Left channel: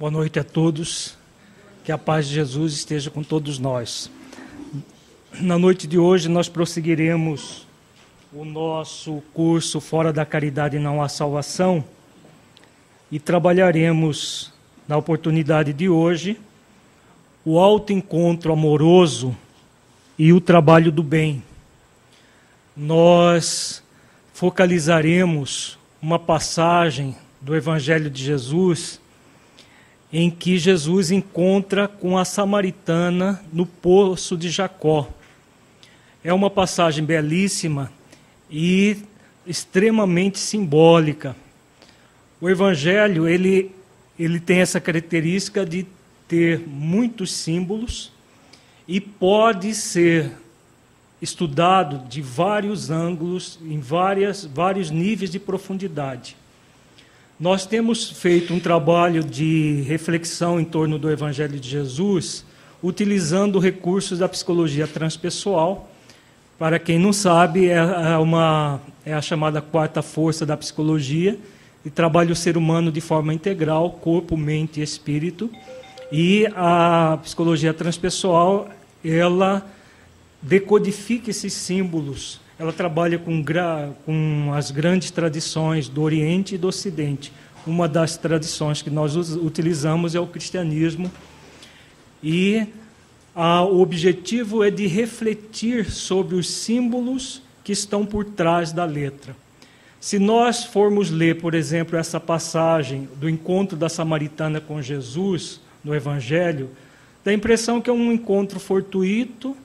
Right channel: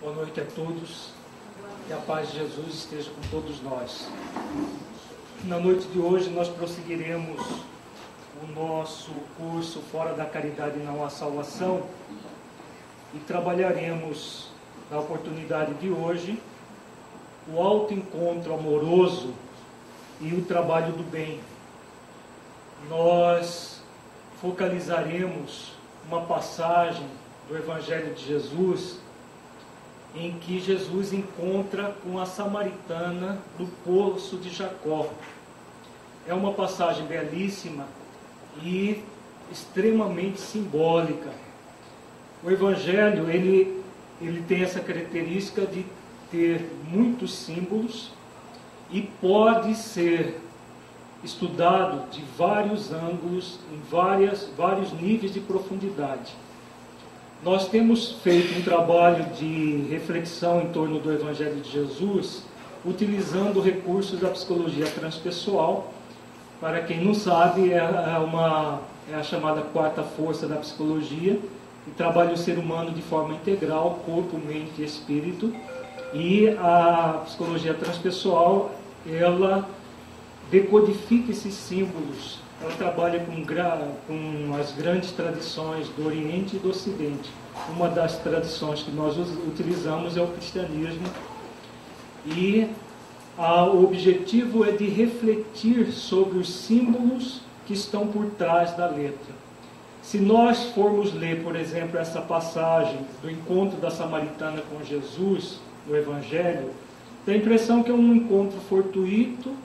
Boa noite a todos, que a paz de Jesus esteja com todos nós. Na noite de hoje nós prosseguiremos o nosso curso Fora da Caridade Não Há Salvação e trabalharemos na oportunidade de hoje o autoencontro amoroso e o trabalho do bem. Nós focalizaremos uma passagem do Evangelho de Jesus em que Jesus encontra com a samaritana no poço de Jacó. É uma passagem belíssima e extremamente simbólica. O Evangelho, ele tem essa característica de ter muitos símbolos e pode ser estudado de vários ângulos, em vários níveis de profundidade. Nós temos feito um trabalho de reflexão em torno do Evangelho de Jesus, utilizando recursos da psicologia transpessoal. Para quem não sabe, é a chamada quarta força da psicologia, e trabalha o ser humano de forma integral, corpo, mente e espírito. E a psicologia transpessoal, ela decodifica esses símbolos. Ela trabalha com as grandes tradições do Oriente e do Ocidente. Uma das tradições que nós utilizamos é o cristianismo. E o objetivo é de refletir sobre os símbolos que estão por trás da letra. Se nós formos ler, por exemplo, essa passagem do encontro da samaritana com Jesus, no Evangelho, dá a impressão que é um encontro fortuito,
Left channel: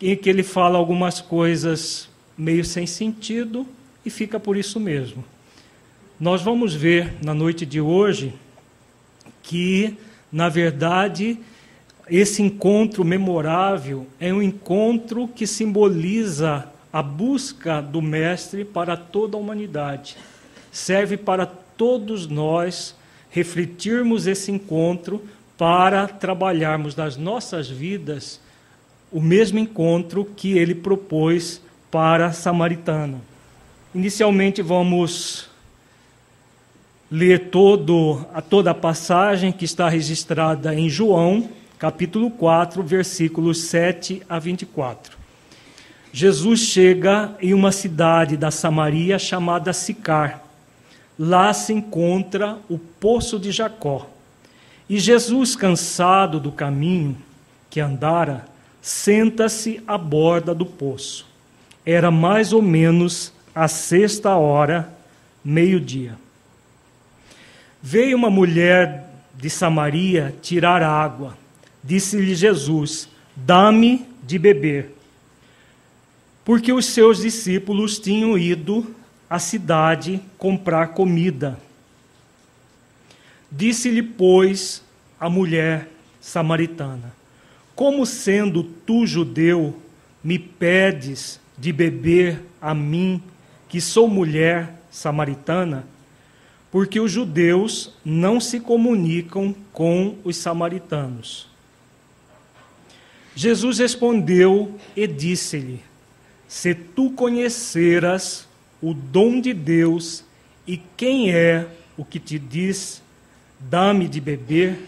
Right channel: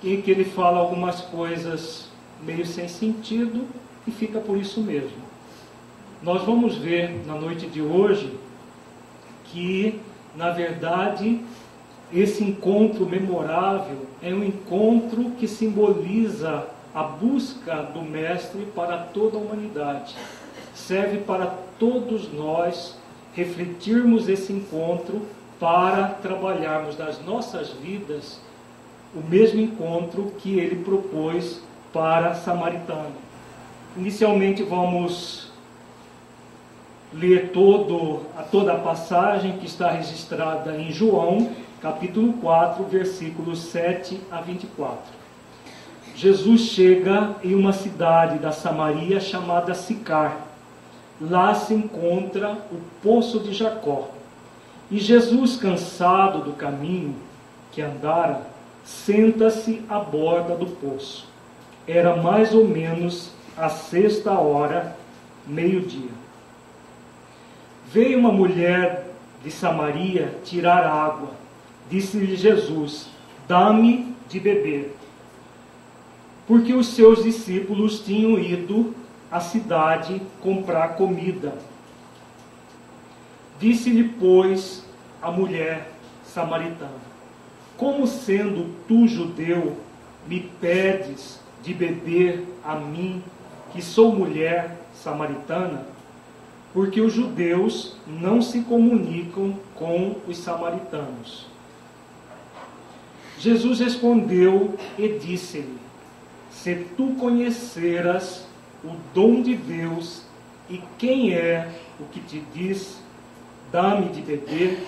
em que ele fala algumas coisas meio sem sentido e fica por isso mesmo. Nós vamos ver na noite de hoje que, na verdade, esse encontro memorável é um encontro que simboliza a busca do Mestre para toda a humanidade. Serve para todos nós refletirmos esse encontro para trabalharmos nas nossas vidas o mesmo encontro que ele propôs para a samaritana. Inicialmente vamos ler toda a passagem que está registrada em João, capítulo 4, versículos 7 a 24. Jesus chega em uma cidade da Samaria chamada Sicar. Lá se encontra o poço de Jacó. E Jesus, cansado do caminho que andara, senta-se à borda do poço. Era mais ou menos a 6ª, meio-dia. Veio uma mulher de Samaria tirar água. Disse-lhe Jesus: dá-me de beber. Porque os seus discípulos tinham ido à cidade comprar comida. Disse-lhe, pois, a mulher samaritana: como sendo tu judeu, me pedes de beber a mim, que sou mulher samaritana? Porque os judeus não se comunicam com os samaritanos. Jesus respondeu e disse-lhe: se tu conheceras o dom de Deus e quem é o que te diz, dá-me de beber,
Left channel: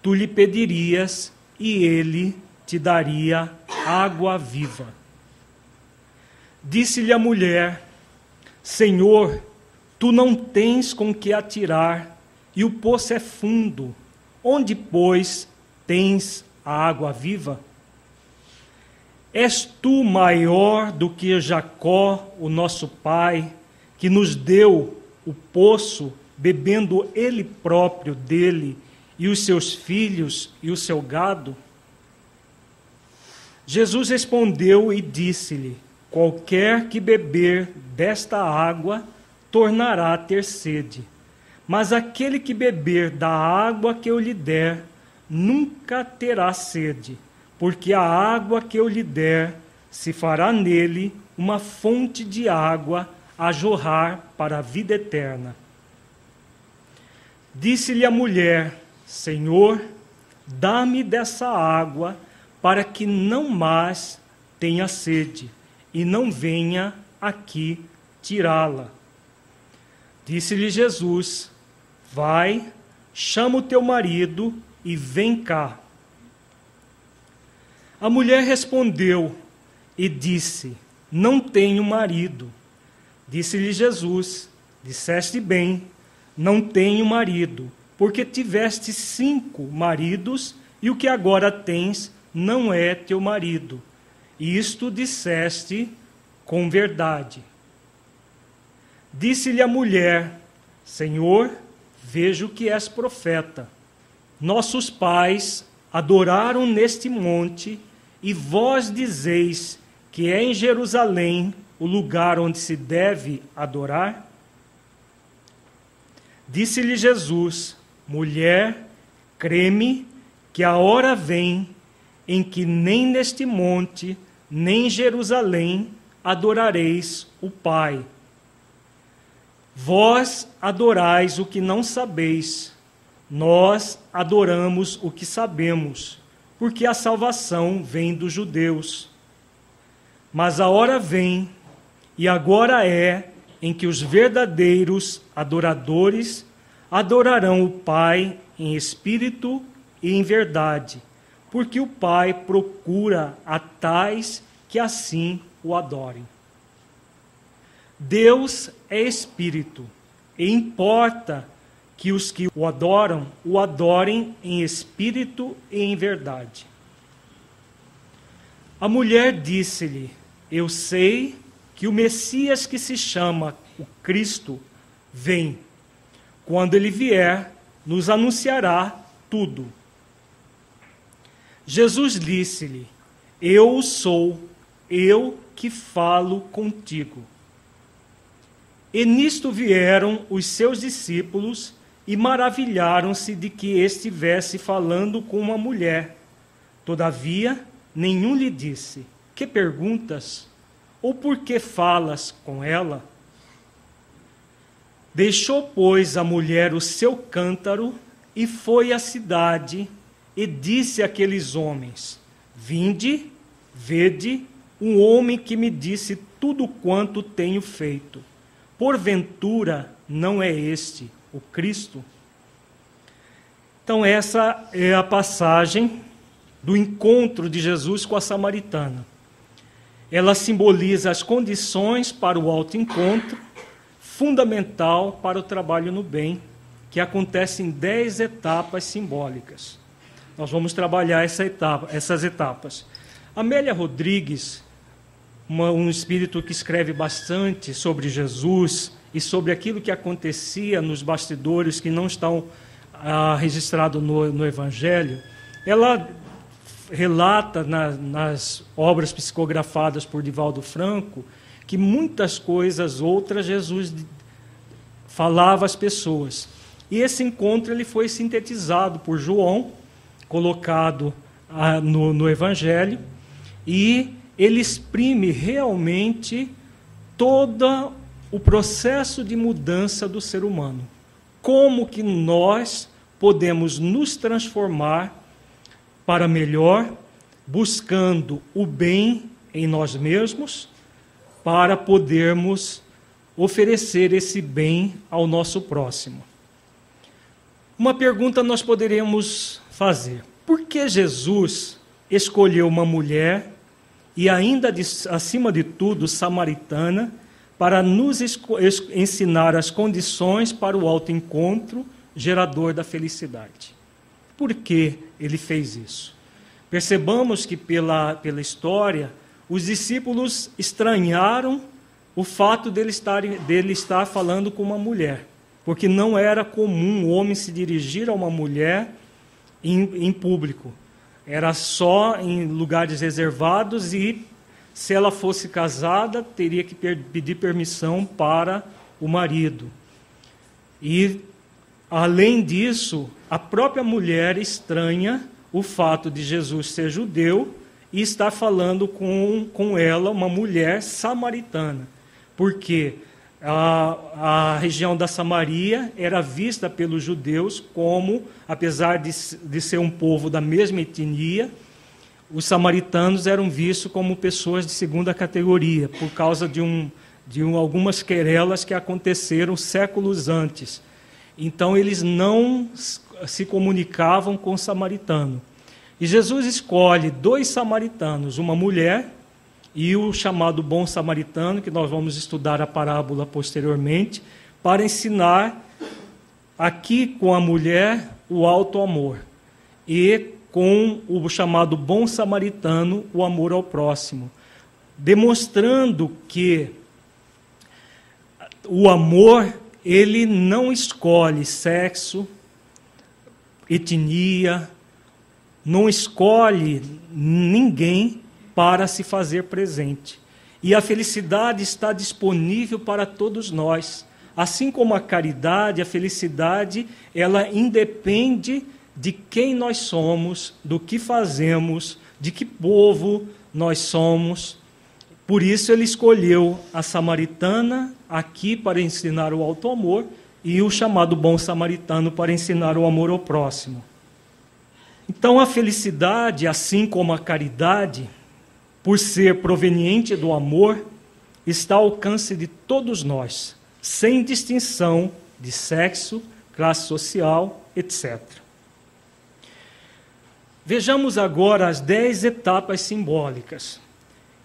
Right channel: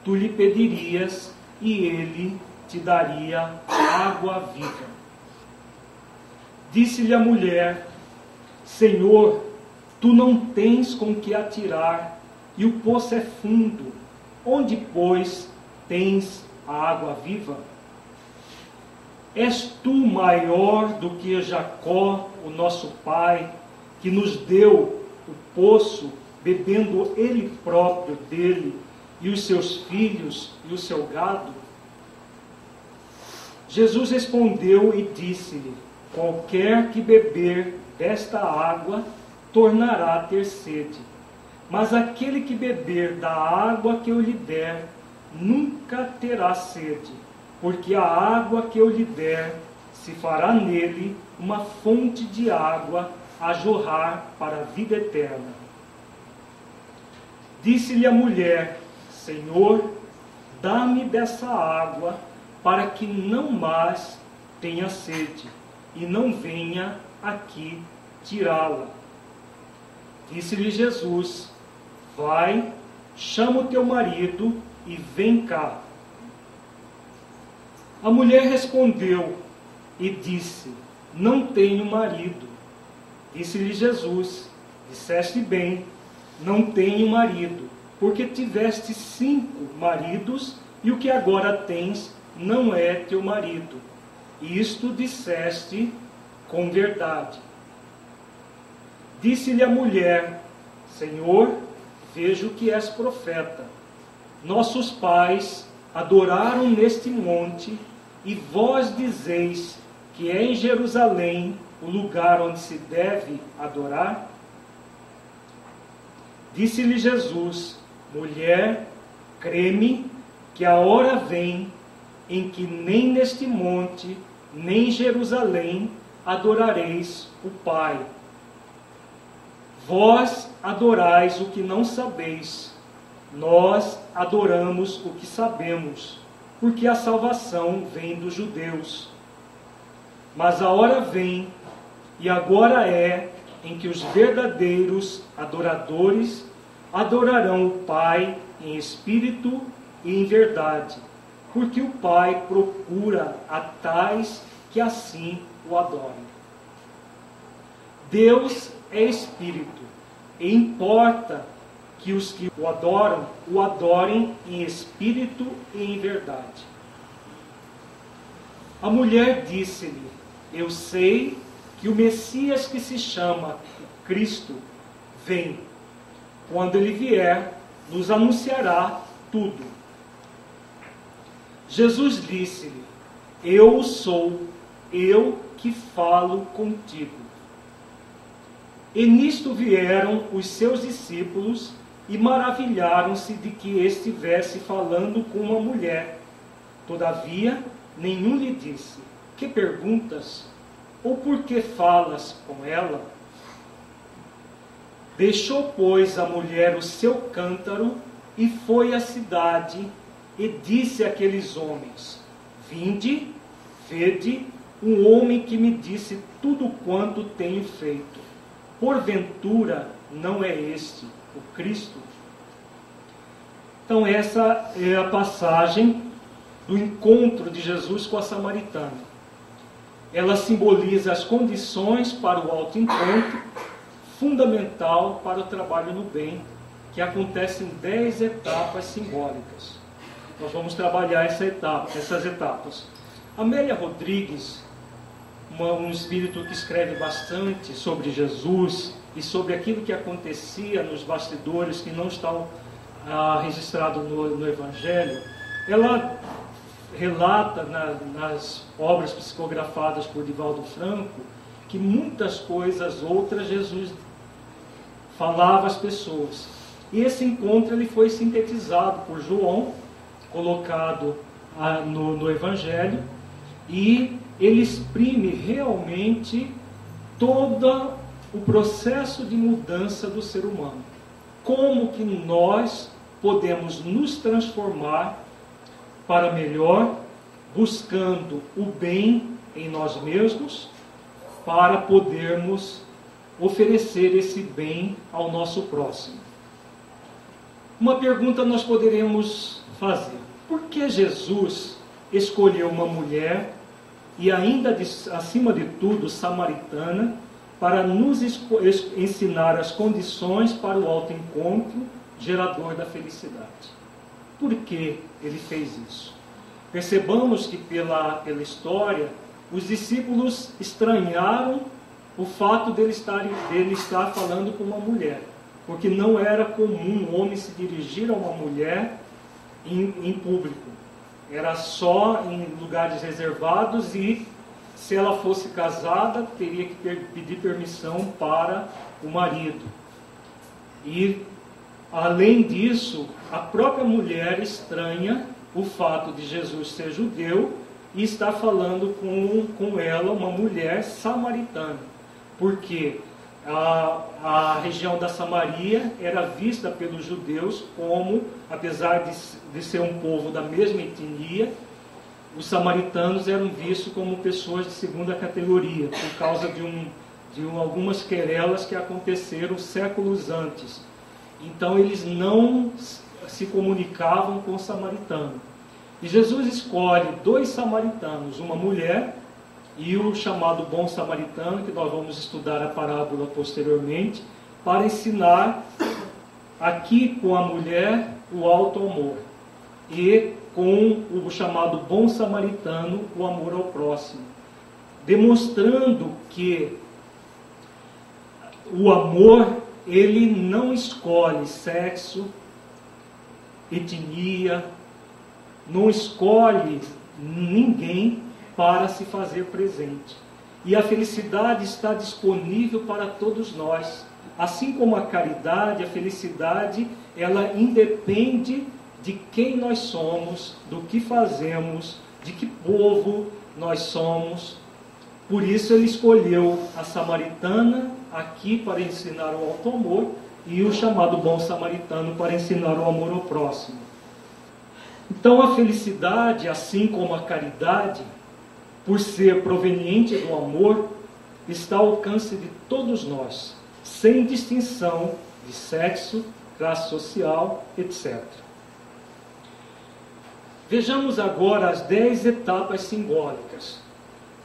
tu lhe pedirias e ele te daria água viva. Disse-lhe a mulher: Senhor, tu não tens com que atirar, e o poço é fundo. Onde, pois, tens a água viva? És tu maior do que Jacó, o nosso pai, que nos deu o poço, bebendo ele próprio dele, e os seus filhos e o seu gado? Jesus respondeu e disse-lhe: qualquer que beber desta água tornará a ter sede, mas aquele que beber da água que eu lhe der nunca terá sede, porque a água que eu lhe der se fará nele uma fonte de água a jorrar para a vida eterna. Disse-lhe a mulher: Senhor, dá-me dessa água, para que não mais tenha sede, e não venha aqui tirá-la. Disse-lhe Jesus: vai, chama o teu marido e vem cá. A mulher respondeu e disse: não tenho marido. Disse-lhe Jesus: disseste bem, não tenho marido, porque tiveste 5 maridos, e o que agora tens não é teu marido. Isto disseste com verdade. Disse-lhe a mulher: Senhor, vejo que és profeta. Nossos pais adoraram neste monte, e vós dizeis que é em Jerusalém o lugar onde se deve adorar? Disse-lhe Jesus: mulher, crê-me que a hora vem em que nem neste monte, nem em Jerusalém adorareis o Pai. Vós adorais o que não sabeis, nós adoramos o que sabemos, porque a salvação vem dos judeus. Mas a hora vem, e agora é, em que os verdadeiros adoradores adorarão o Pai em espírito e em verdade, porque o Pai procura a tais que assim o adorem. Deus é espírito, e importa que os que o adorem em espírito e em verdade. A mulher disse-lhe: eu sei que o Messias, que se chama o Cristo, vem. Quando ele vier, nos anunciará tudo. Jesus disse-lhe: eu sou, eu que falo contigo. E nisto vieram os seus discípulos e maravilharam-se de que estivesse falando com uma mulher. Todavia, nenhum lhe disse: que perguntas? Ou por que falas com ela? Deixou, pois, a mulher o seu cântaro e foi à cidade e disse àqueles homens: vinde, vede, um homem que me disse tudo quanto tenho feito. Porventura não é este o Cristo? Então essa é a passagem do encontro de Jesus com a samaritana. Ela simboliza as condições para o autoencontro, fundamental para o trabalho no bem, que acontece em 10 etapas simbólicas. Nós vamos trabalhar essas etapas. Amélia Rodrigues, um espírito que escreve bastante sobre Jesus e sobre aquilo que acontecia nos bastidores que não estão registrados no Evangelho, ela relata nas obras psicografadas por Divaldo Franco que muitas coisas outras Jesus falava às pessoas. E esse encontro ele foi sintetizado por João, colocado no Evangelho, e ele exprime realmente todo o processo de mudança do ser humano. Como que nós podemos nos transformar para melhor, buscando o bem em nós mesmos, para podermos oferecer esse bem ao nosso próximo. Uma pergunta nós poderíamos fazer: por que Jesus escolheu uma mulher, e ainda acima de tudo samaritana, para nos ensinar as condições para o autoencontro gerador da felicidade? Por que ele fez isso? Percebamos que pela história, os discípulos estranharam o fato dele estar falando com uma mulher, porque não era comum o homem se dirigir a uma mulher em público. Era só em lugares reservados, e se ela fosse casada, teria que pedir permissão para o marido. E, além disso, a própria mulher estranha o fato de Jesus ser judeu e estar falando com ela, uma mulher samaritana. Porque a região da Samaria era vista pelos judeus como, apesar de ser um povo da mesma etnia, os samaritanos eram vistos como pessoas de segunda categoria, por causa de algumas querelas que aconteceram séculos antes. Então eles não se comunicavam com o samaritano. E Jesus escolhe 2 samaritanos, uma mulher e o chamado bom samaritano, que nós vamos estudar a parábola posteriormente, para ensinar aqui com a mulher o alto amor e com o chamado bom samaritano o amor ao próximo, demonstrando que o amor, ele não escolhe sexo, etnia, não escolhe ninguém para se fazer presente. E a felicidade está disponível para todos nós. Assim como a caridade, a felicidade, ela independe de quem nós somos, do que fazemos, de que povo nós somos. Por isso ele escolheu a samaritana aqui para ensinar o alto amor e o chamado bom samaritano para ensinar o amor ao próximo. Então a felicidade, assim como a caridade, por ser proveniente do amor, está ao alcance de todos nós, sem distinção de sexo, classe social, etc. Vejamos agora as 10 etapas simbólicas.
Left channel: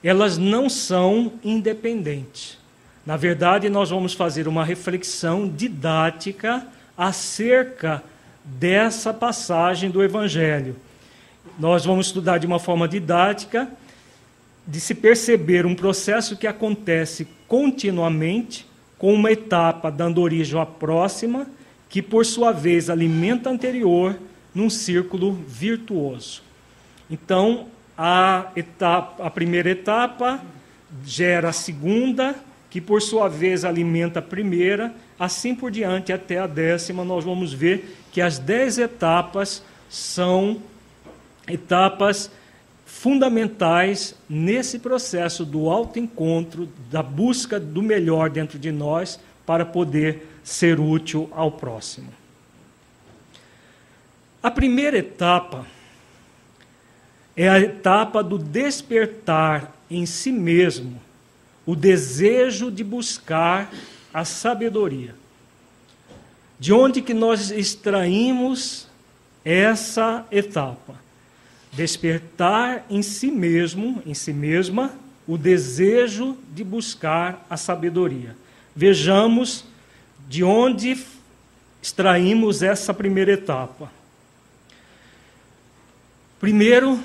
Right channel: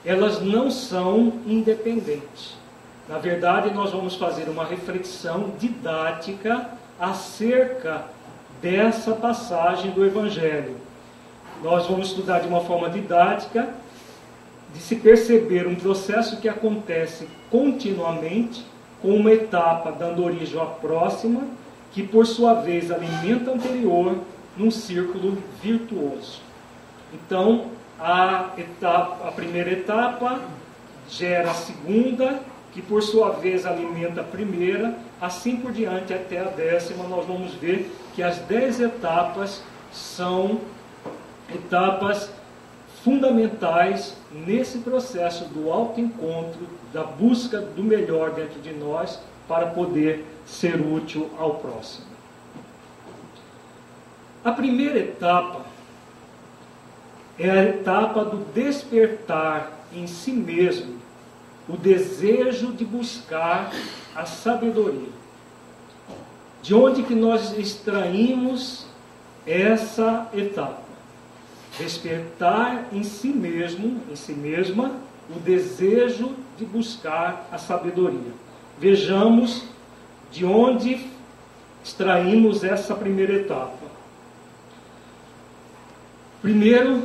Elas não são independentes. Na verdade, nós vamos fazer uma reflexão didática acerca dessa passagem do Evangelho. Nós vamos estudar de uma forma didática, de se perceber um processo que acontece continuamente, com uma etapa dando origem à próxima, que por sua vez alimenta a anterior num círculo virtuoso. Então, a primeira etapa gera a segunda, que por sua vez alimenta a primeira, assim por diante até a 10ª. Nós vamos ver que as 10 etapas são etapas fundamentais nesse processo do autoencontro, da busca do melhor dentro de nós para poder ser útil ao próximo. A primeira etapa é a etapa do despertar em si mesmo, o desejo de buscar a sabedoria. De onde que nós extraímos essa etapa? Despertar em si mesmo, em si mesma, o desejo de buscar a sabedoria. Vejamos de onde extraímos essa primeira etapa. Primeiro,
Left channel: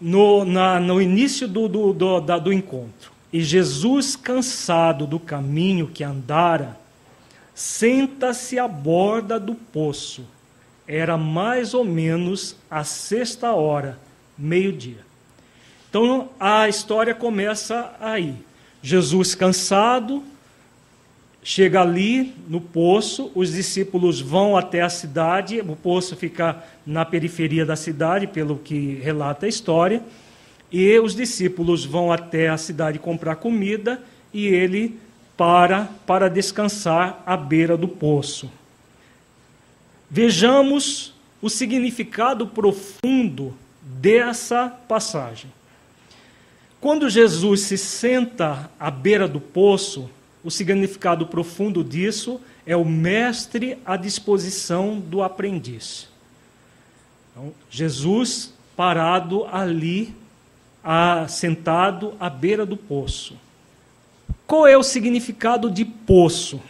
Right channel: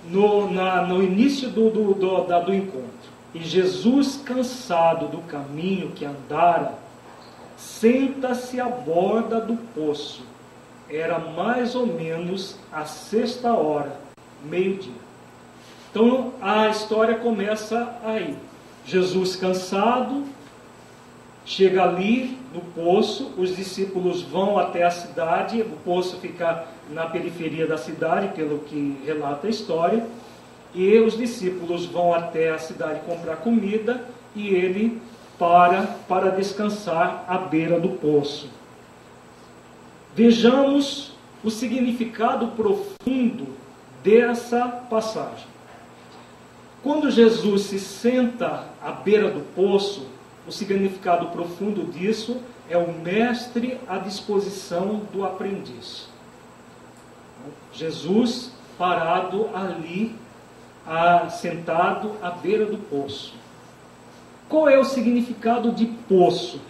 no início do encontro. E Jesus, cansado do caminho que andara, senta-se à borda do poço. Era mais ou menos a 6ª, meio-dia. Então a história começa aí. Jesus, cansado, chega ali no poço, os discípulos vão até a cidade, o poço fica na periferia da cidade, pelo que relata a história, e os discípulos vão até a cidade comprar comida e ele para descansar à beira do poço. Vejamos o significado profundo dessa passagem. Quando Jesus se senta à beira do poço, o significado profundo disso é o mestre à disposição do aprendiz. Então, Jesus parado ali, sentado à beira do poço. Qual é o significado de poço?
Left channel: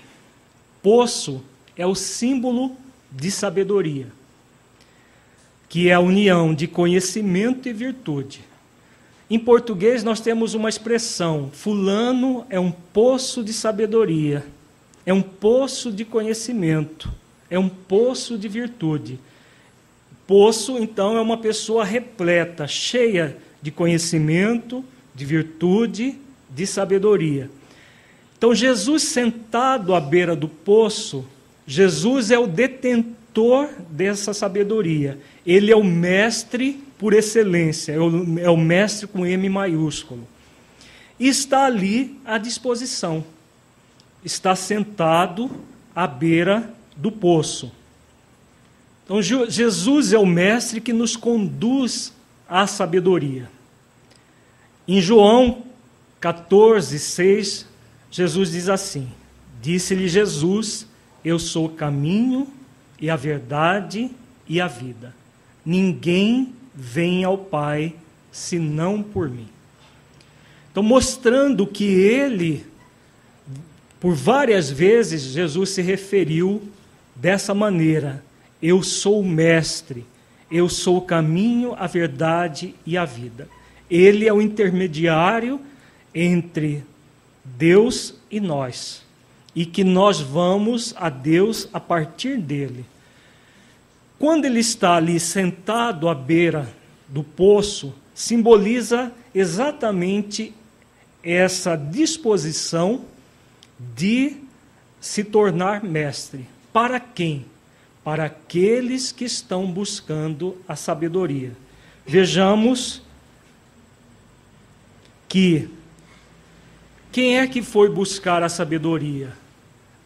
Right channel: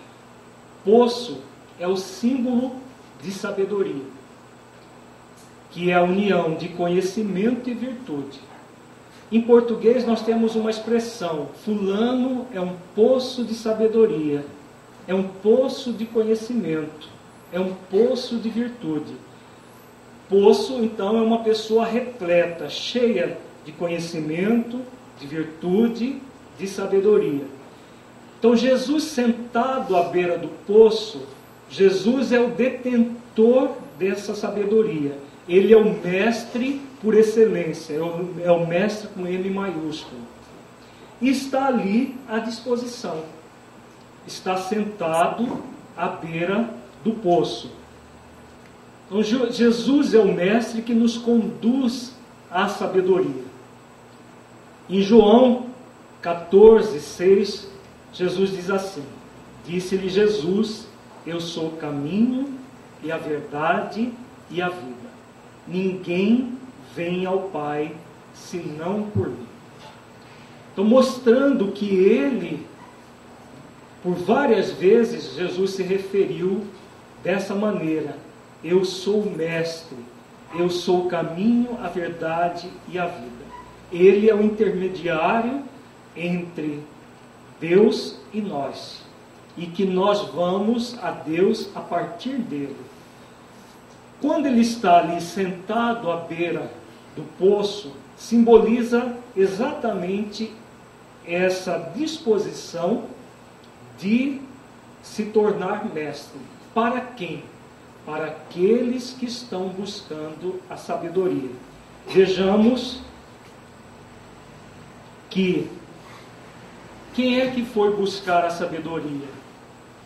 Poço é o símbolo de sabedoria, que é a união de conhecimento e virtude. Em português nós temos uma expressão: fulano é um poço de sabedoria, é um poço de conhecimento, é um poço de virtude. Poço, então, é uma pessoa repleta, cheia de conhecimento, de virtude, de sabedoria. Então, Jesus sentado à beira do poço, Jesus é o detentor dessa sabedoria. Ele é o mestre por excelência, é o mestre com M maiúsculo. E está ali à disposição. Está sentado à beira do poço. Então, Jesus é o mestre que nos conduz à sabedoria. Em João 14, 6, Jesus diz assim: disse-lhe Jesus: eu sou o caminho e a verdade e a vida. Ninguém vem ao Pai senão por mim. Então, mostrando que ele, por várias vezes, Jesus se referiu dessa maneira: eu sou o mestre, eu sou o caminho, a verdade e a vida. Ele é o intermediário entre Deus e nós, e que nós vamos a Deus a partir dele. Quando ele está ali sentado à beira do poço, simboliza exatamente essa disposição de se tornar mestre. Para quem? Para aqueles que estão buscando a sabedoria. Vejamos que quem é que foi buscar a sabedoria?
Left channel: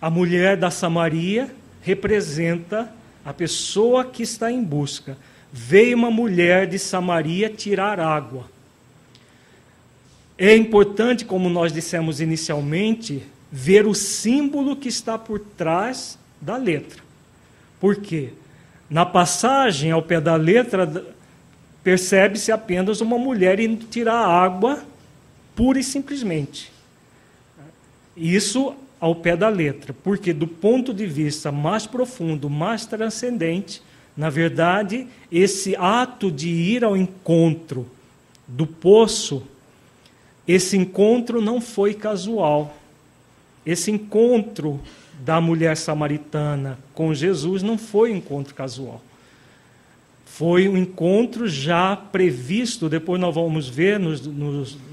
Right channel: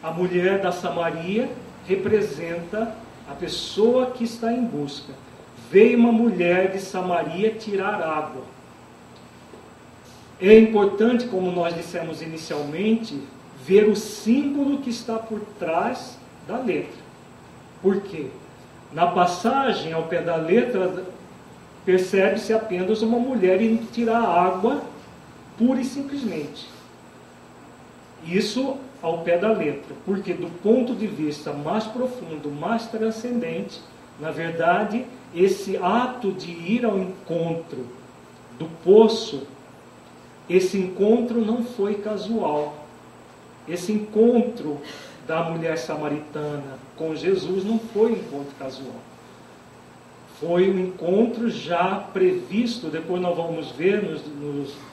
A mulher da Samaria representa a pessoa que está em busca. Veio uma mulher de Samaria tirar água. É importante, como nós dissemos inicialmente, ver o símbolo que está por trás da letra. Por quê? Na passagem ao pé da letra, percebe-se apenas uma mulher indo tirar água, pura e simplesmente. Isso ao pé da letra, porque do ponto de vista mais profundo, mais transcendente, na verdade, esse ato de ir ao encontro do poço, esse encontro não foi casual. Esse encontro da mulher samaritana com Jesus não foi um encontro casual. Foi um encontro já previsto, depois nós vamos ver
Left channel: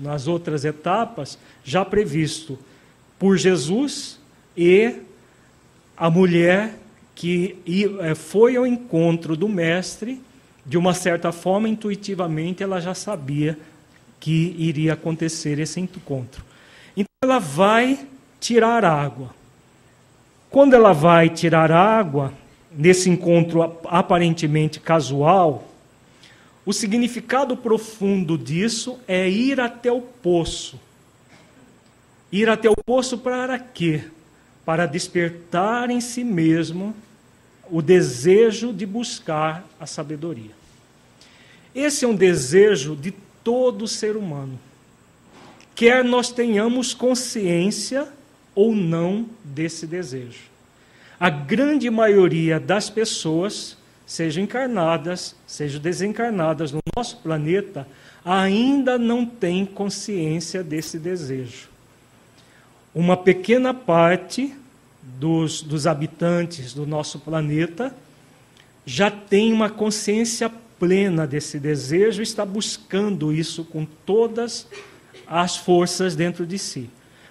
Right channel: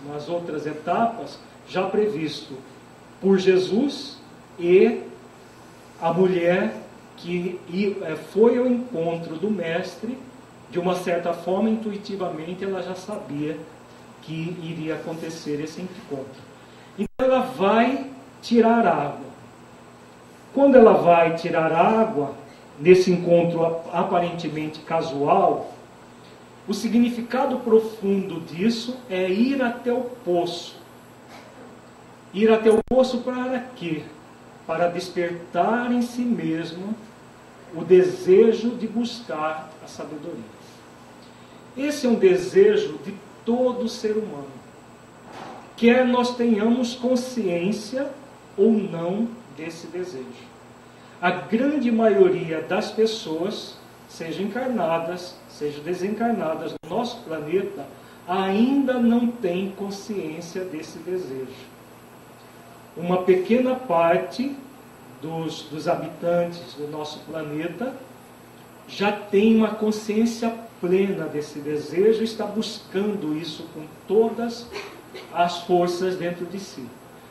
nas outras etapas, já previsto por Jesus e a mulher que foi ao encontro do mestre. De uma certa forma, intuitivamente, ela já sabia que iria acontecer esse encontro. Então ela vai tirar água. Quando ela vai tirar água, nesse encontro aparentemente casual, o significado profundo disso é ir até o poço. Ir até o poço para quê? Para despertar em si mesmo o desejo de buscar a sabedoria. Esse é um desejo de todo ser humano. Quer nós tenhamos consciência ou não desse desejo. A grande maioria das pessoas, sejam encarnadas, sejam desencarnadas no nosso planeta, ainda não tem consciência desse desejo. Uma pequena parte dos habitantes do nosso planeta já tem uma consciência plena desse desejo e está buscando isso com todas as forças dentro de si.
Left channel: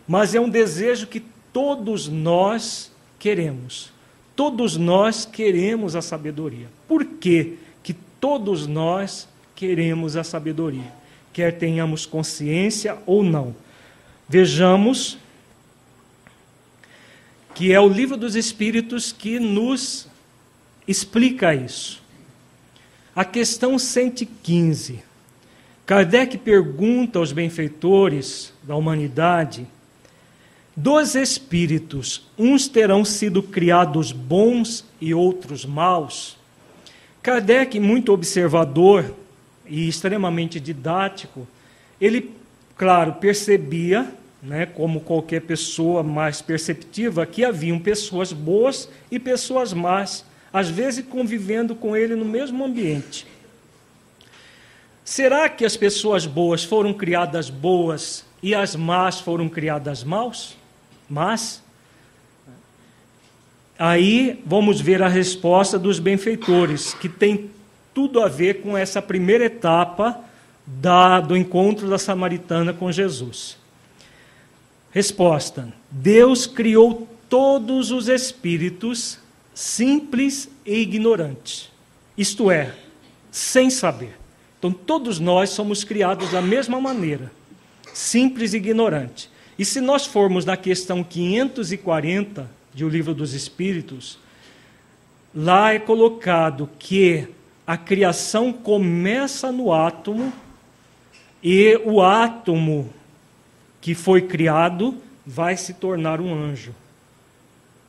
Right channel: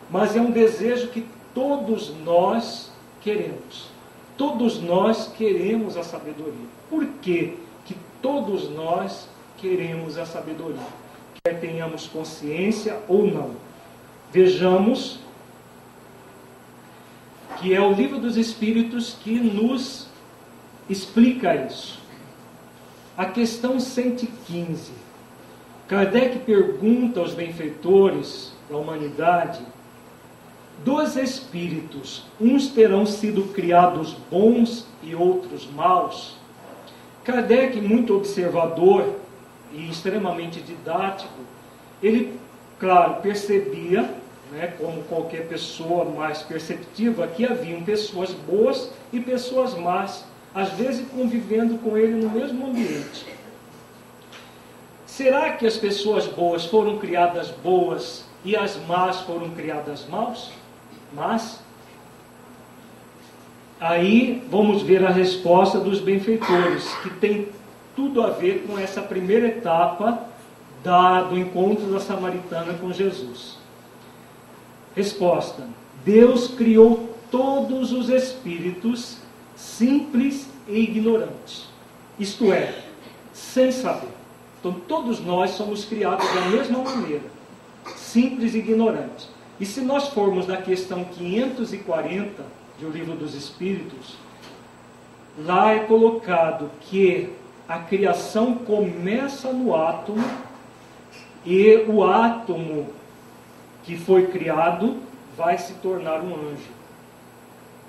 Mas é um desejo que todos nós queremos. Todos nós queremos a sabedoria. Por que que todos nós queremos a sabedoria? Quer tenhamos consciência ou não. Vejamos que é o Livro dos Espíritos que nos explica isso. A questão 115. Kardec pergunta aos benfeitores da humanidade: dos espíritos, uns terão sido criados bons e outros maus? Kardec, muito observador e extremamente didático, ele, claro, percebia, como qualquer pessoa mais perceptiva, que haviam pessoas boas e pessoas más, às vezes convivendo com ele no mesmo ambiente. Será que as pessoas boas foram criadas boas e as más foram criadas maus? Mas aí vamos ver a resposta dos benfeitores, que tem tudo a ver com essa primeira etapa do encontro da samaritana com Jesus. Resposta: Deus criou todos os espíritos simples e ignorantes, isto é, sem saber. Então todos nós somos criados da mesma maneira, simples e ignorantes. E se nós formos na questão 540 de O Livro dos Espíritos, lá é colocado que a criação começa no átomo e o átomo que foi criado vai se tornar um anjo.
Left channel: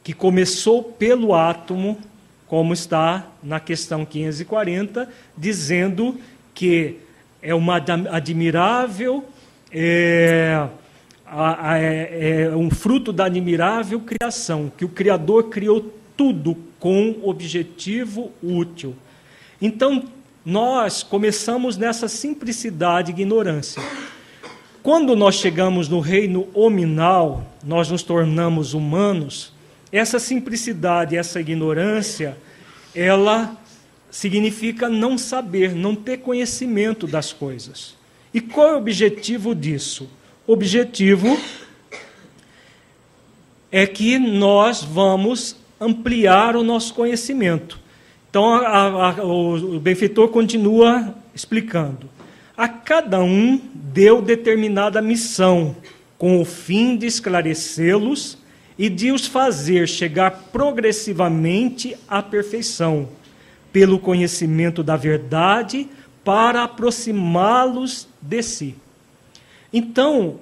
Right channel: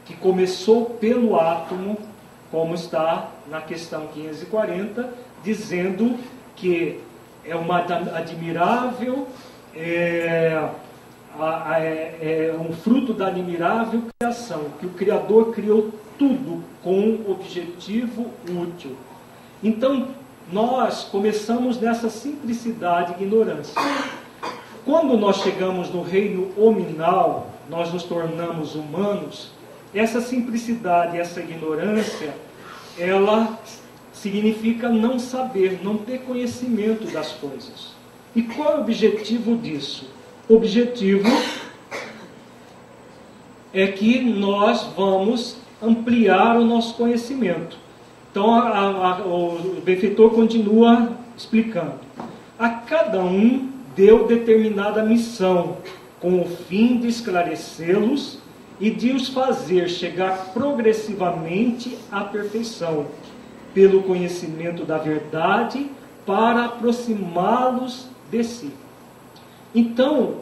que começou pelo átomo, como está na questão 540, dizendo que é uma admirável, um fruto da admirável criação, que o Criador criou tudo com objetivo útil. Então, nós começamos nessa simplicidade e ignorância. Quando nós chegamos no reino hominal, nós nos tornamos humanos, essa simplicidade, essa ignorância, ela significa não saber, não ter conhecimento das coisas. E qual é o objetivo disso? O objetivo é que nós vamos ampliar o nosso conhecimento. Então, o benfeitor continua explicando. A cada um deu determinada missão, com o fim de esclarecê-los e de os fazer chegar progressivamente à perfeição, pelo conhecimento da verdade, para aproximá-los de si. Então,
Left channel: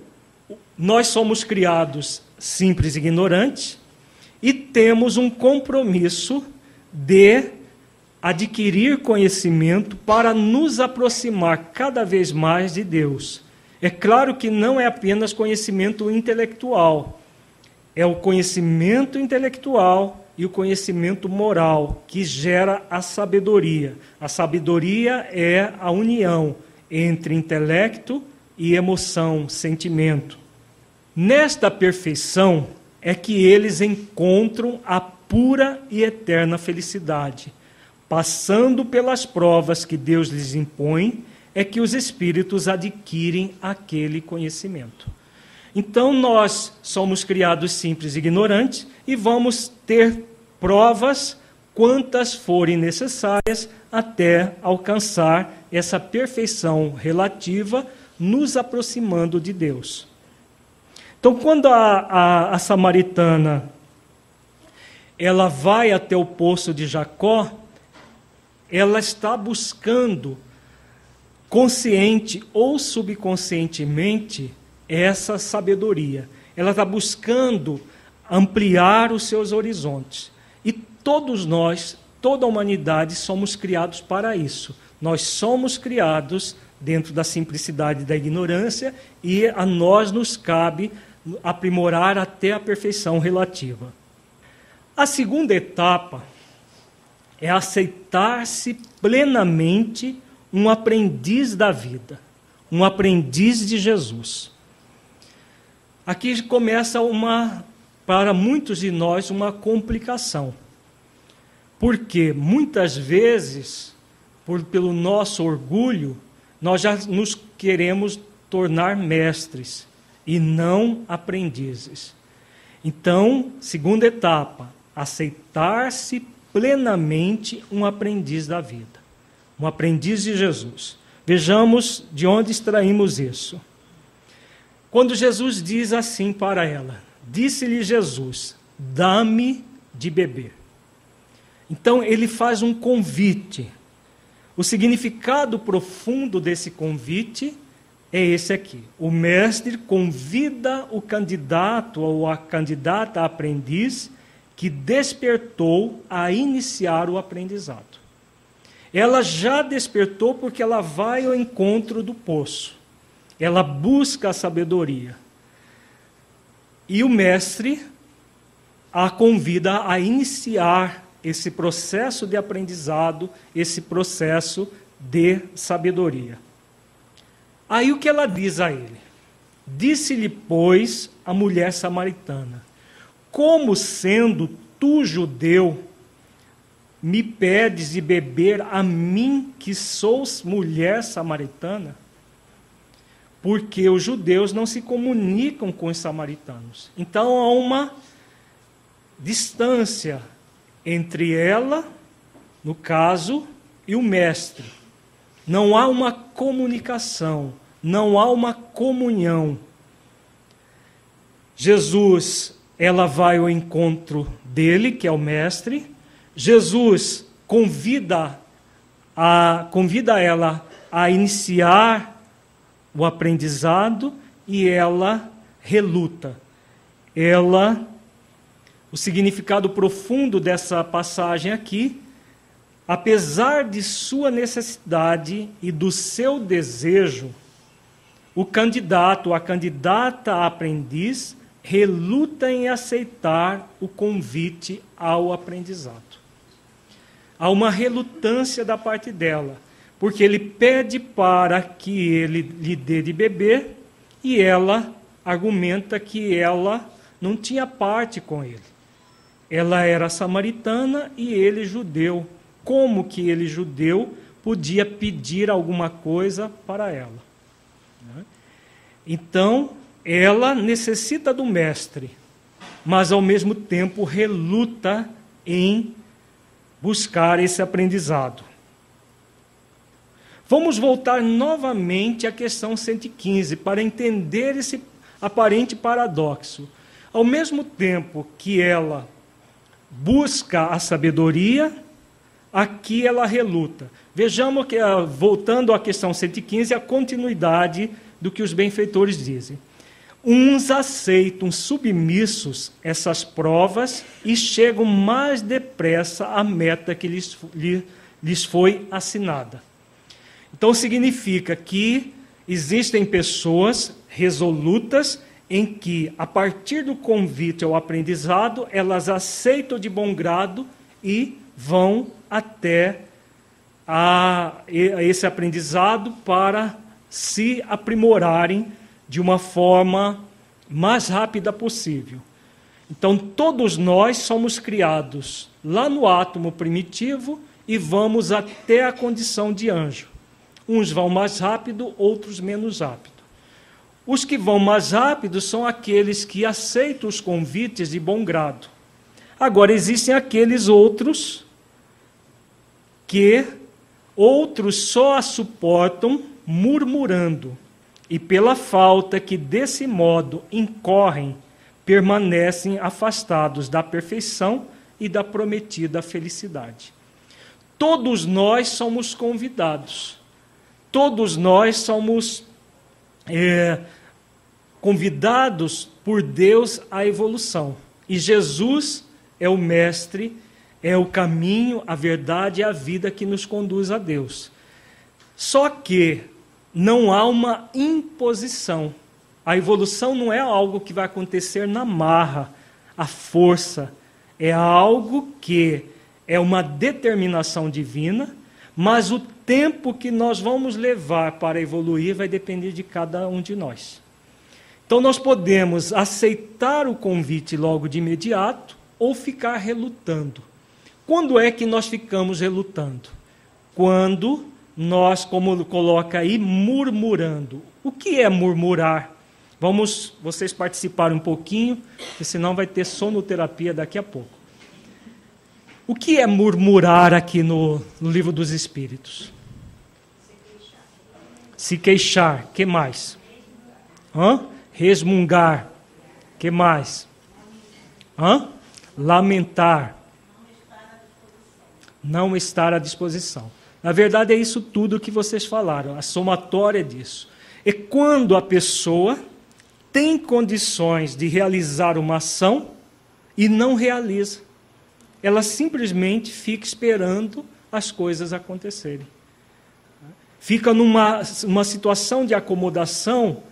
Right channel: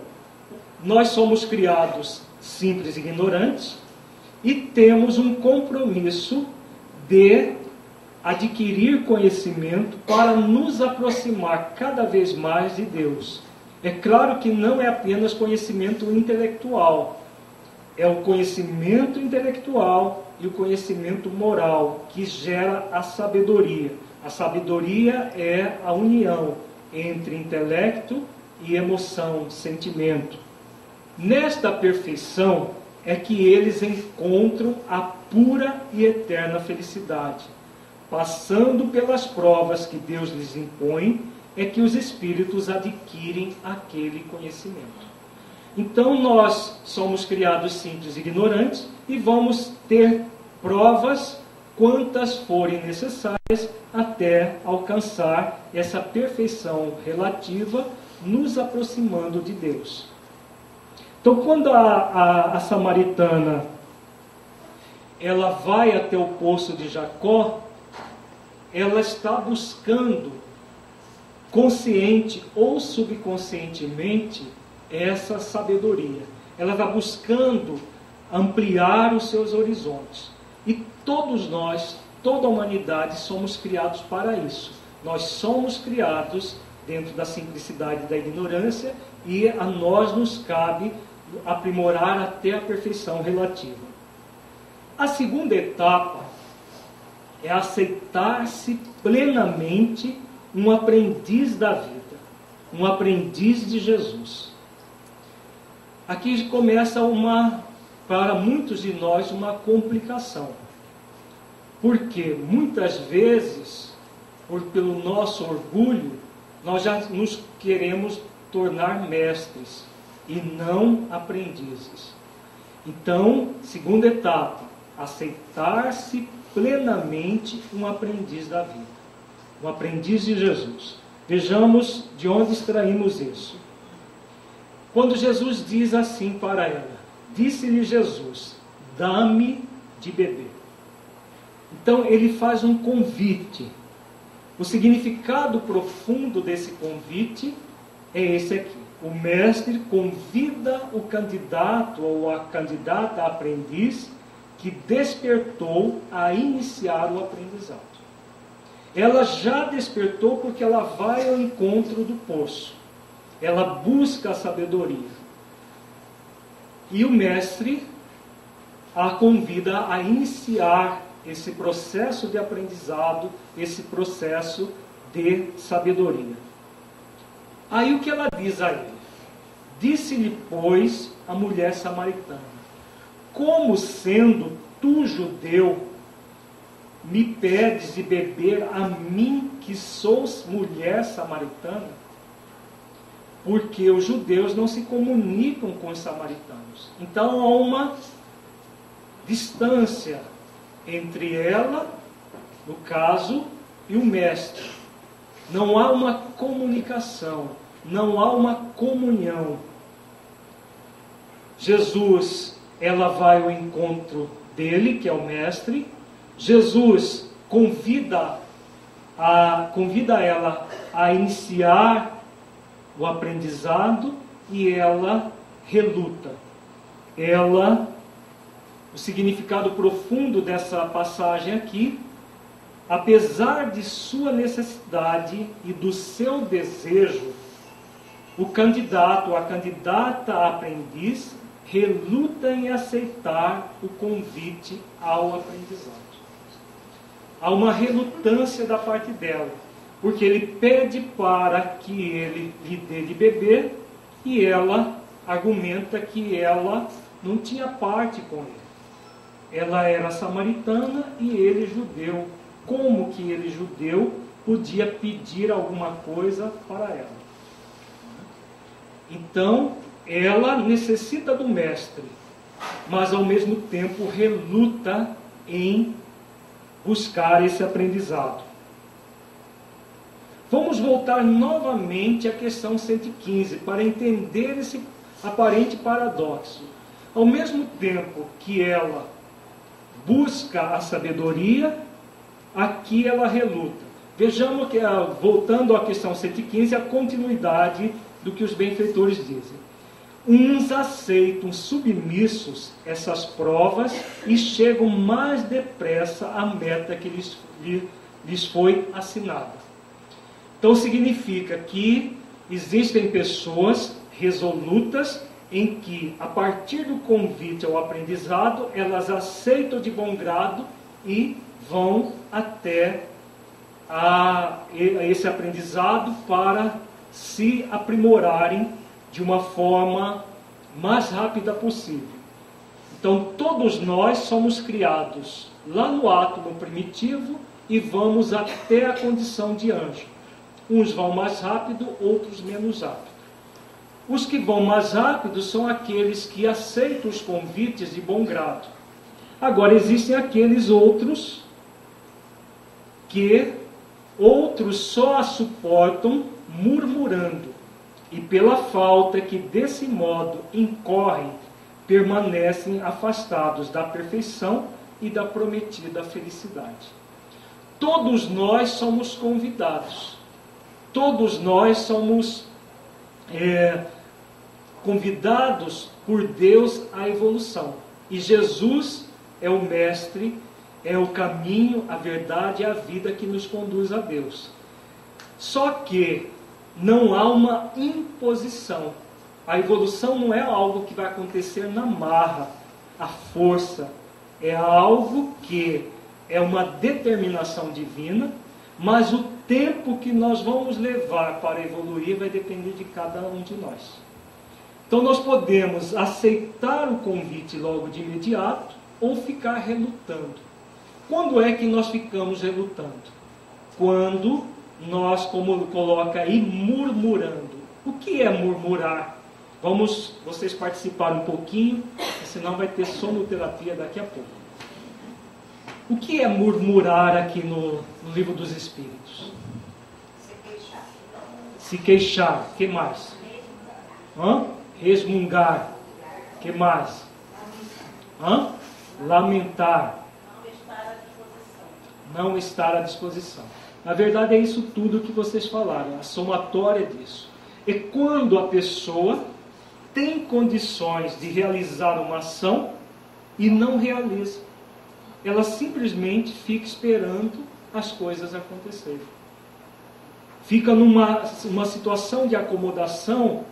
nós somos criados simples e ignorantes e temos um compromisso de adquirir conhecimento para nos aproximar cada vez mais de Deus. É claro que não é apenas conhecimento intelectual, é o conhecimento intelectual e o conhecimento moral que gera a sabedoria. A sabedoria é a união entre intelecto e emoção, sentimento. Nesta perfeição é que eles encontram a pura e eterna felicidade. Passando pelas provas que Deus lhes impõe, é que os espíritos adquirem aquele conhecimento. Então nós somos criados simples e ignorantes e vamos ter provas quantas forem necessárias até alcançar essa perfeição relativa, nos aproximando de Deus. Então, quando a samaritana ela vai até o poço de Jacó, ela está buscando, consciente ou subconscientemente, essa sabedoria. Ela está buscando ampliar os seus horizontes. E todos nós, toda a humanidade, somos criados para isso. Nós somos criados dentro da simplicidade e da ignorância, e a nós nos cabe aprimorar até a perfeição relativa. A segunda etapa é aceitar-se plenamente um aprendiz da vida, um aprendiz de Jesus. Aqui começa para muitos de nós, uma complicação. Porque muitas vezes, pelo nosso orgulho, nós já nos queremos tornar mestres e não aprendizes. Então, segunda etapa, aceitar-se plenamente um aprendiz da vida, um aprendiz de Jesus. Vejamos de onde extraímos isso. Quando Jesus diz assim para ela, disse-lhe Jesus, dá-me de beber. Então ele faz um convite. O significado profundo desse convite é esse aqui. O mestre convida o candidato ou a candidata a aprendiz que despertou a iniciar o aprendizado. Ela já despertou porque ela vai ao encontro do poço. Ela busca a sabedoria. E o mestre a convida a iniciar esse processo de aprendizado, esse processo de sabedoria. Aí o que ela diz a ele? Disse-lhe, pois, a mulher samaritana, como sendo tu judeu, me pedes de beber a mim, que sou mulher samaritana? Porque os judeus não se comunicam com os samaritanos. Então há uma distância entre ela, no caso, e o mestre. Não há uma comunicação, não há uma comunhão. Jesus, ela vai ao encontro dele, que é o mestre. Jesus convida ela a iniciar o aprendizado e ela reluta. Ela o significado profundo dessa passagem aqui, apesar de sua necessidade e do seu desejo, o candidato, a candidata a aprendiz, reluta em aceitar o convite ao aprendizado. Há uma relutância da parte dela, porque ele pede para que ele lhe dê de beber e ela argumenta que ela não tinha parte com ele. Ela era samaritana e ele judeu. Como que ele, judeu, podia pedir alguma coisa para ela? Então, ela necessita do mestre, mas ao mesmo tempo reluta em buscar esse aprendizado. Vamos voltar novamente à questão 115 para entender esse aparente paradoxo. Ao mesmo tempo que ela busca a sabedoria, aqui ela reluta. Vejamos que, voltando à questão 115, a continuidade do que os benfeitores dizem. Uns aceitam submissos essas provas e chegam mais depressa à meta que lhes foi assinada. Então significa que existem pessoas resolutas em que, a partir do convite ao aprendizado, elas aceitam de bom grado e vão até esse aprendizado para se aprimorarem de uma forma mais rápida possível. Então, todos nós somos criados lá no átomo primitivo e vamos até a condição de anjo. Uns vão mais rápido, outros menos rápido. Os que vão mais rápido são aqueles que aceitam os convites de bom grado. Agora, existem aqueles outros que outros só a suportam murmurando, e pela falta que desse modo incorrem, permanecem afastados da perfeição e da prometida felicidade. Todos nós somos convidados. Todos nós somos convidados por Deus à evolução. E Jesus é o mestre, é o caminho, a verdade e a vida que nos conduz a Deus. Só que não há uma imposição. A evolução não é algo que vai acontecer na marra, à força. É algo que é uma determinação divina, mas o tempo que nós vamos levar para evoluir vai depender de cada um de nós. Então nós podemos aceitar o convite logo de imediato ou ficar relutando. Quando é que nós ficamos relutando? Quando nós, como coloca aí, murmurando. O que é murmurar? Vamos, vocês participarem um pouquinho, porque senão vai ter sonoterapia daqui a pouco. O que é murmurar aqui no Livro dos Espíritos? Se queixar. Que mais? Resmungar. Que mais? Lamentar. Não estar à disposição. Na verdade é isso tudo que vocês falaram, a somatória disso. É quando a pessoa tem condições de realizar uma ação e não realiza. Ela simplesmente fica esperando as coisas acontecerem. Fica numa situação de acomodação.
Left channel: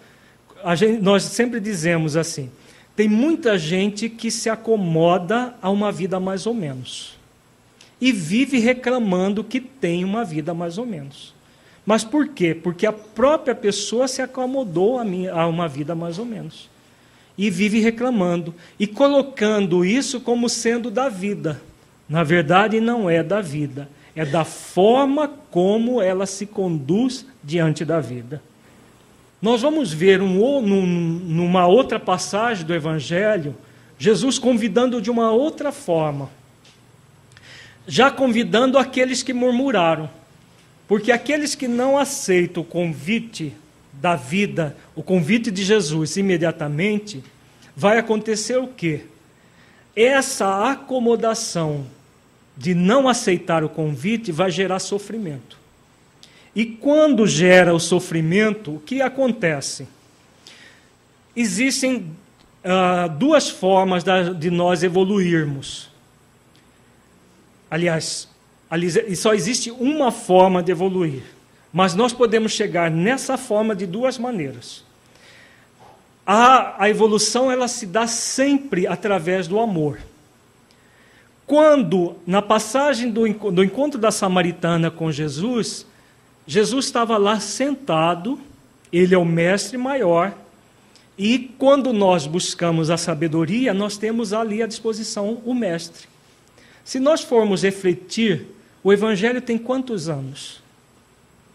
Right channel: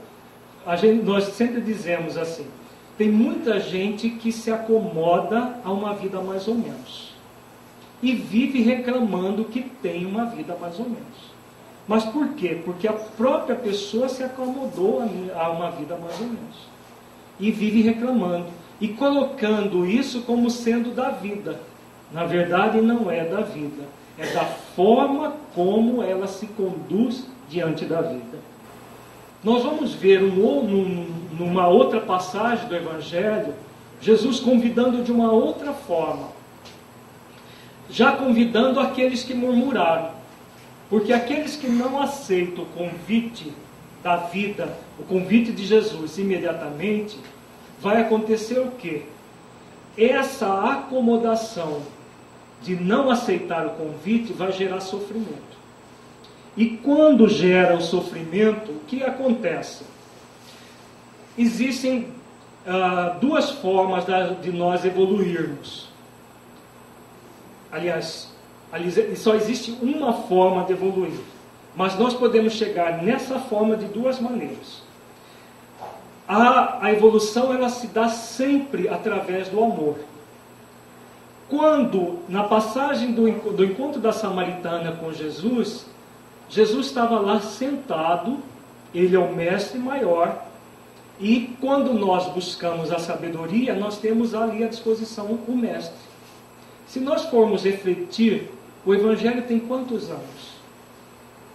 Nós sempre dizemos assim, tem muita gente que se acomoda a uma vida mais ou menos. E vive reclamando que tem uma vida mais ou menos. Mas por quê? Porque a própria pessoa se acomodou a uma vida mais ou menos. E vive reclamando. E colocando isso como sendo da vida. Na verdade, não é da vida. É da forma como ela se conduz diante da vida. Nós vamos ver numa outra passagem do Evangelho, Jesus convidando de uma outra forma. Já convidando aqueles que murmuraram. Porque aqueles que não aceitam o convite da vida, o convite de Jesus imediatamente, vai acontecer o quê? Essa acomodação de não aceitar o convite vai gerar sofrimento. E quando gera o sofrimento, o que acontece? Existem duas formas de nós evoluirmos. Aliás, só existe uma forma de evoluir, mas nós podemos chegar nessa forma de duas maneiras. A evolução, ela se dá sempre através do amor. Quando, na passagem do encontro da samaritana com Jesus, Jesus estava lá sentado, ele é o mestre maior, e quando nós buscamos a sabedoria, nós temos ali à disposição o mestre. Se nós formos refletir, o Evangelho tem quantos anos?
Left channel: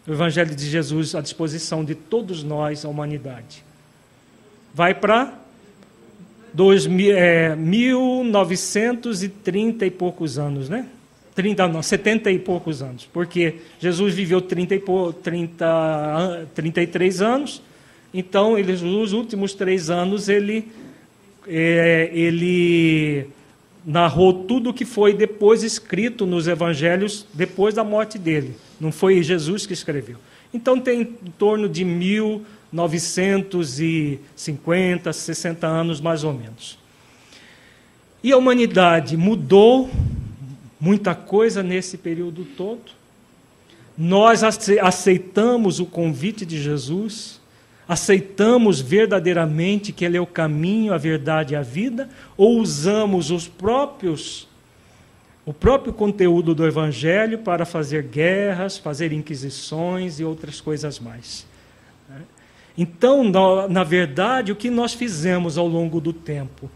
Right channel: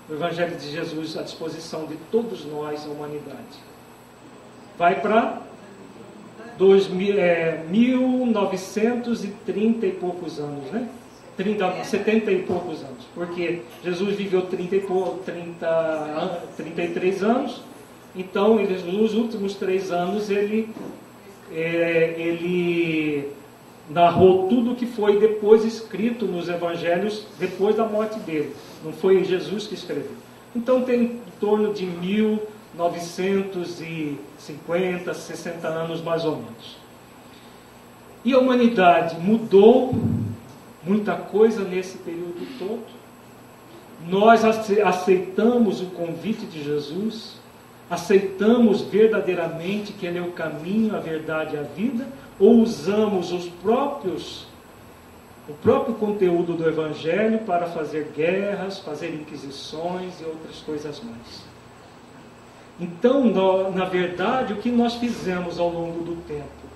O Evangelho de Jesus à disposição de todos nós, a humanidade. Vai para 1930 e poucos anos, né? 70 e poucos anos, porque Jesus viveu 33 anos, então nos últimos 3 anos ele narrou tudo o que foi depois escrito nos evangelhos, depois da morte dele, não foi Jesus que escreveu. Então tem em torno de 1950, 60 anos mais ou menos. E a humanidade mudou muita coisa nesse período todo. Nós aceitamos o convite de Jesus, aceitamos verdadeiramente que Ele é o caminho, a verdade e a vida, ou usamos o próprio conteúdo do Evangelho para fazer guerras, fazer inquisições e outras coisas mais. Então, na verdade, o que nós fizemos ao longo do tempo?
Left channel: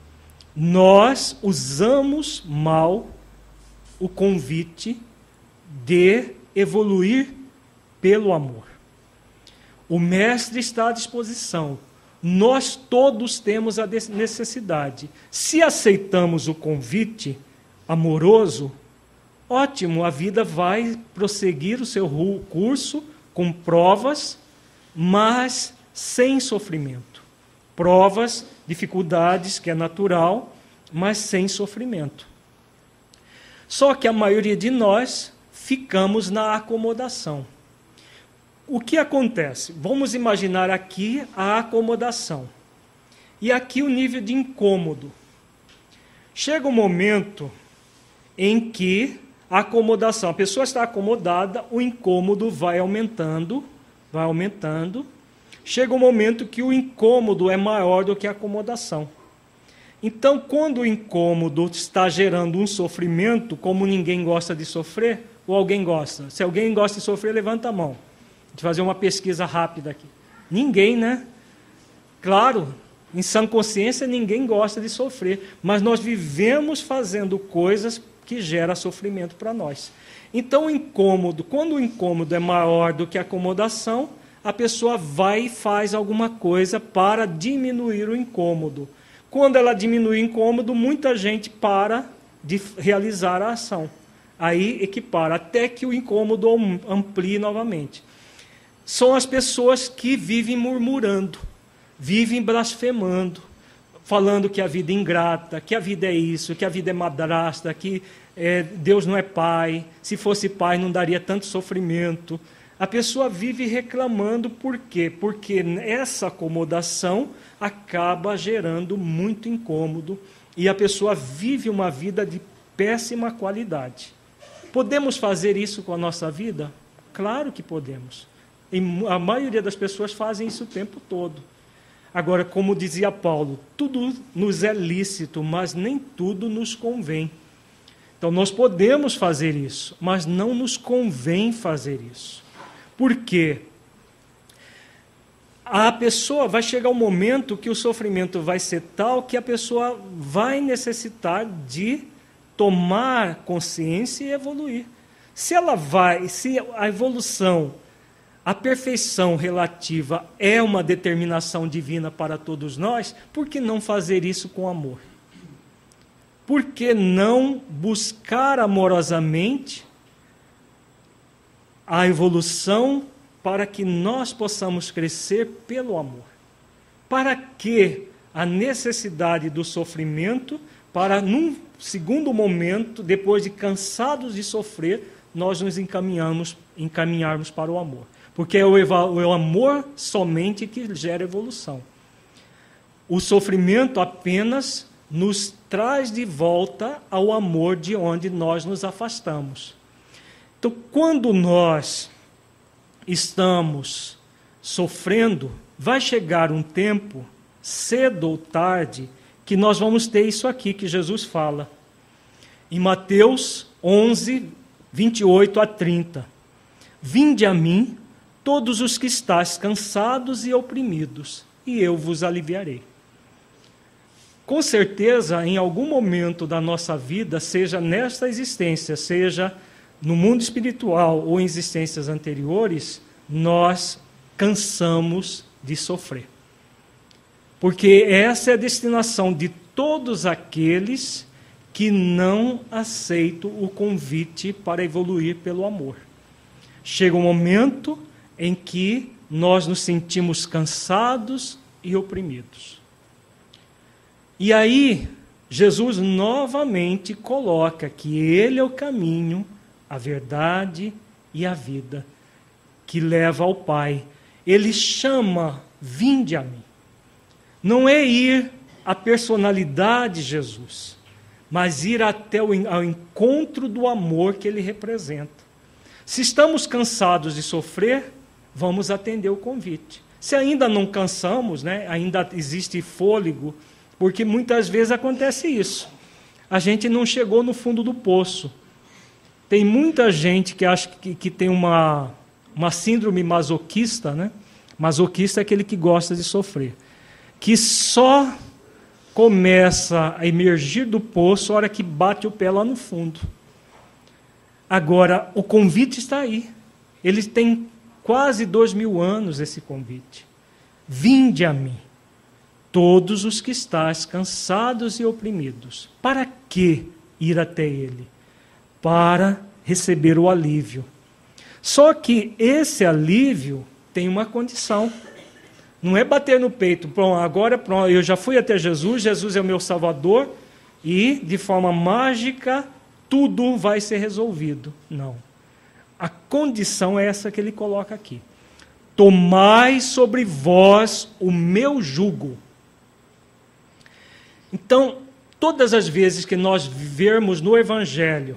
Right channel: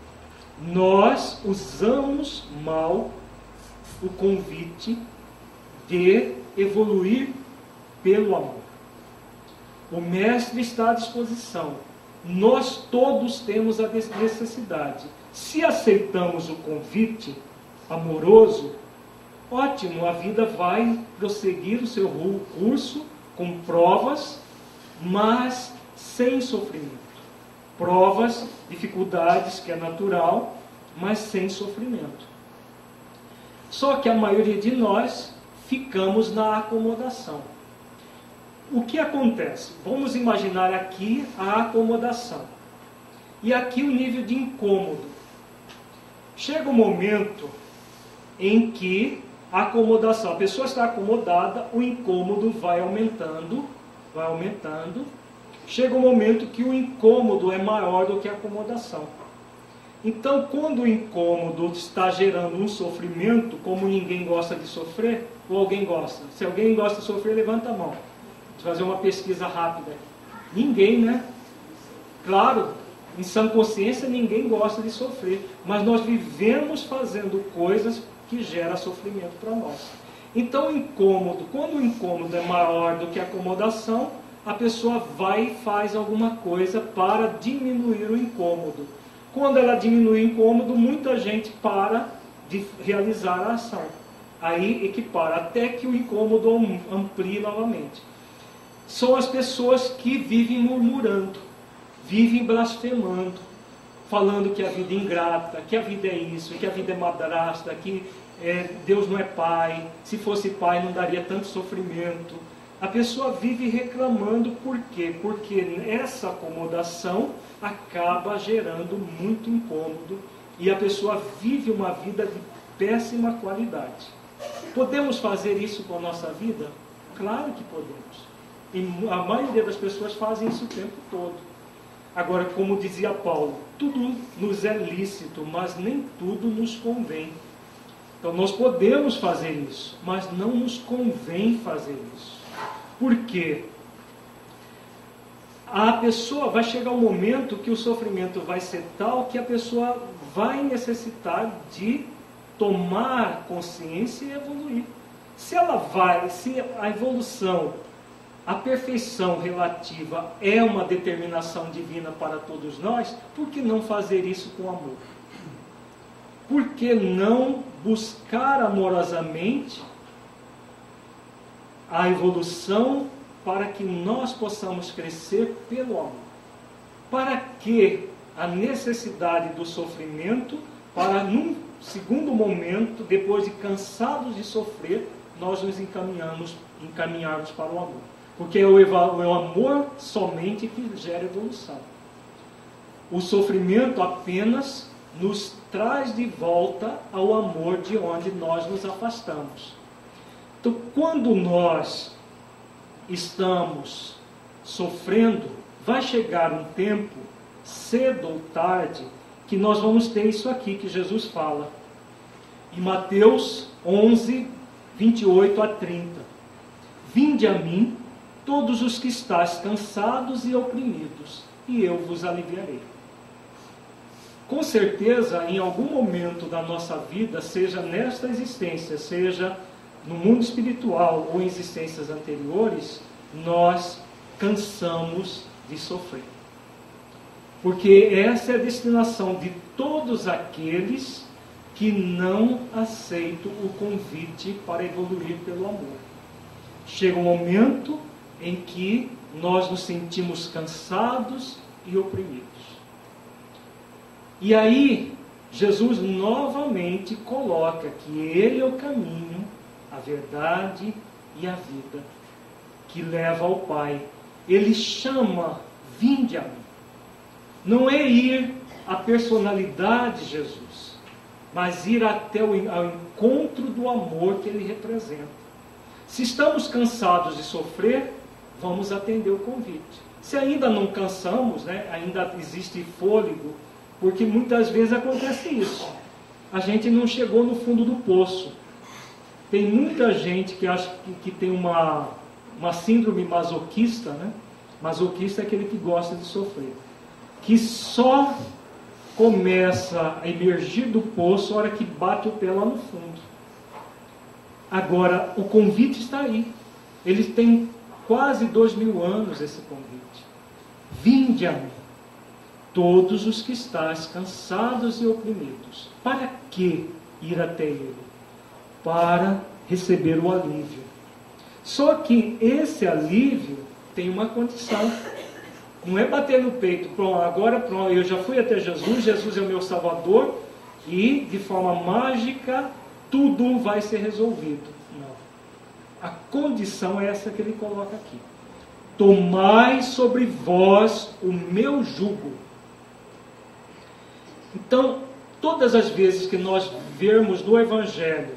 Nós usamos mal o convite de evoluir pelo amor. O Mestre está à disposição. Nós todos temos a necessidade. Se aceitamos o convite amoroso, ótimo, a vida vai prosseguir o seu curso com provas, mas sem sofrimento. Provas, dificuldades, que é natural, mas sem sofrimento. Só que a maioria de nós ficamos na acomodação. O que acontece? Vamos imaginar aqui a acomodação. E aqui o nível de incômodo. Chega um momento em que a acomodação, a pessoa está acomodada, o incômodo vai aumentando. Chega um momento que o incômodo é maior do que a acomodação. Então, quando o incômodo está gerando um sofrimento, como ninguém gosta de sofrer, ou alguém gosta? Se alguém gosta de sofrer, levanta a mão. Vou fazer uma pesquisa rápida aqui. Ninguém, né? Claro, em sã consciência, ninguém gosta de sofrer, mas nós vivemos fazendo coisas que geram sofrimento para nós. Então, o incômodo, quando o incômodo é maior do que a acomodação, a pessoa vai e faz alguma coisa para diminuir o incômodo. Quando ela diminui o incômodo, muita gente para de realizar a ação. Aí equipara, até que o incômodo amplie novamente. São as pessoas que vivem murmurando, vivem blasfemando, falando que a vida é ingrata, que a vida é isso, que a vida é madrasta, que Deus não é pai, se fosse pai não daria tanto sofrimento. A pessoa vive reclamando, por quê? Porque essa acomodação acaba gerando muito incômodo e a pessoa vive uma vida de péssima qualidade. Podemos fazer isso com a nossa vida? Claro que podemos. E a maioria das pessoas fazem isso o tempo todo. Agora, como dizia Paulo, tudo nos é lícito, mas nem tudo nos convém. Então, nós podemos fazer isso, mas não nos convém fazer isso. Por quê? A pessoa vai chegar um momento que o sofrimento vai ser tal que a pessoa vai necessitar de tomar consciência e evoluir. Se a evolução, a perfeição relativa é uma determinação divina para todos nós, por que não fazer isso com amor? Por que não buscar amorosamente a evolução para que nós possamos crescer pelo amor? Para que a necessidade do sofrimento, para num segundo momento, depois de cansados de sofrer, nós nos encaminharmos para o amor. Porque é o amor somente que gera evolução. o sofrimento apenas nos traz de volta ao amor de onde nós nos afastamos. Então, quando nós estamos sofrendo, vai chegar um tempo, cedo ou tarde, que nós vamos ter isso aqui que Jesus fala. Em Mateus 11, 28 a 30. Vinde a mim, todos os que estáis cansados e oprimidos, e eu vos aliviarei. Com certeza, em algum momento da nossa vida, seja nesta existência, seja no mundo espiritual ou em existências anteriores, nós cansamos de sofrer. Porque essa é a destinação de todos aqueles que não aceitam o convite para evoluir pelo amor. Chega um momento em que nós nos sentimos cansados e oprimidos. E aí, Jesus novamente coloca que Ele é o caminho, a verdade e a vida, que leva ao Pai. Ele chama, vinde a mim. Não é ir à personalidade de Jesus, mas ir até ao encontro do amor que Ele representa. Se estamos cansados de sofrer, vamos atender o convite. Se ainda não cansamos, ainda existe fôlego, porque muitas vezes acontece isso. A gente não chegou no fundo do poço. Tem muita gente que acha que tem uma síndrome masoquista, né? Masoquista é aquele que gosta de sofrer, que só começa a emergir do poço a hora que bate o pé lá no fundo. Agora, o convite está aí. Ele tem quase 2000 anos, esse convite. Vinde a mim, todos os que estáis cansados e oprimidos. Para que ir até Ele? Para receber o alívio. Só que esse alívio tem uma condição. Não é bater no peito, pronto, agora pronto, eu já fui até Jesus, Jesus é o meu Salvador, e de forma mágica tudo vai ser resolvido. Não. A condição é essa que ele coloca aqui. Tomai sobre vós o meu jugo. Então, todas as vezes que nós virmos no Evangelho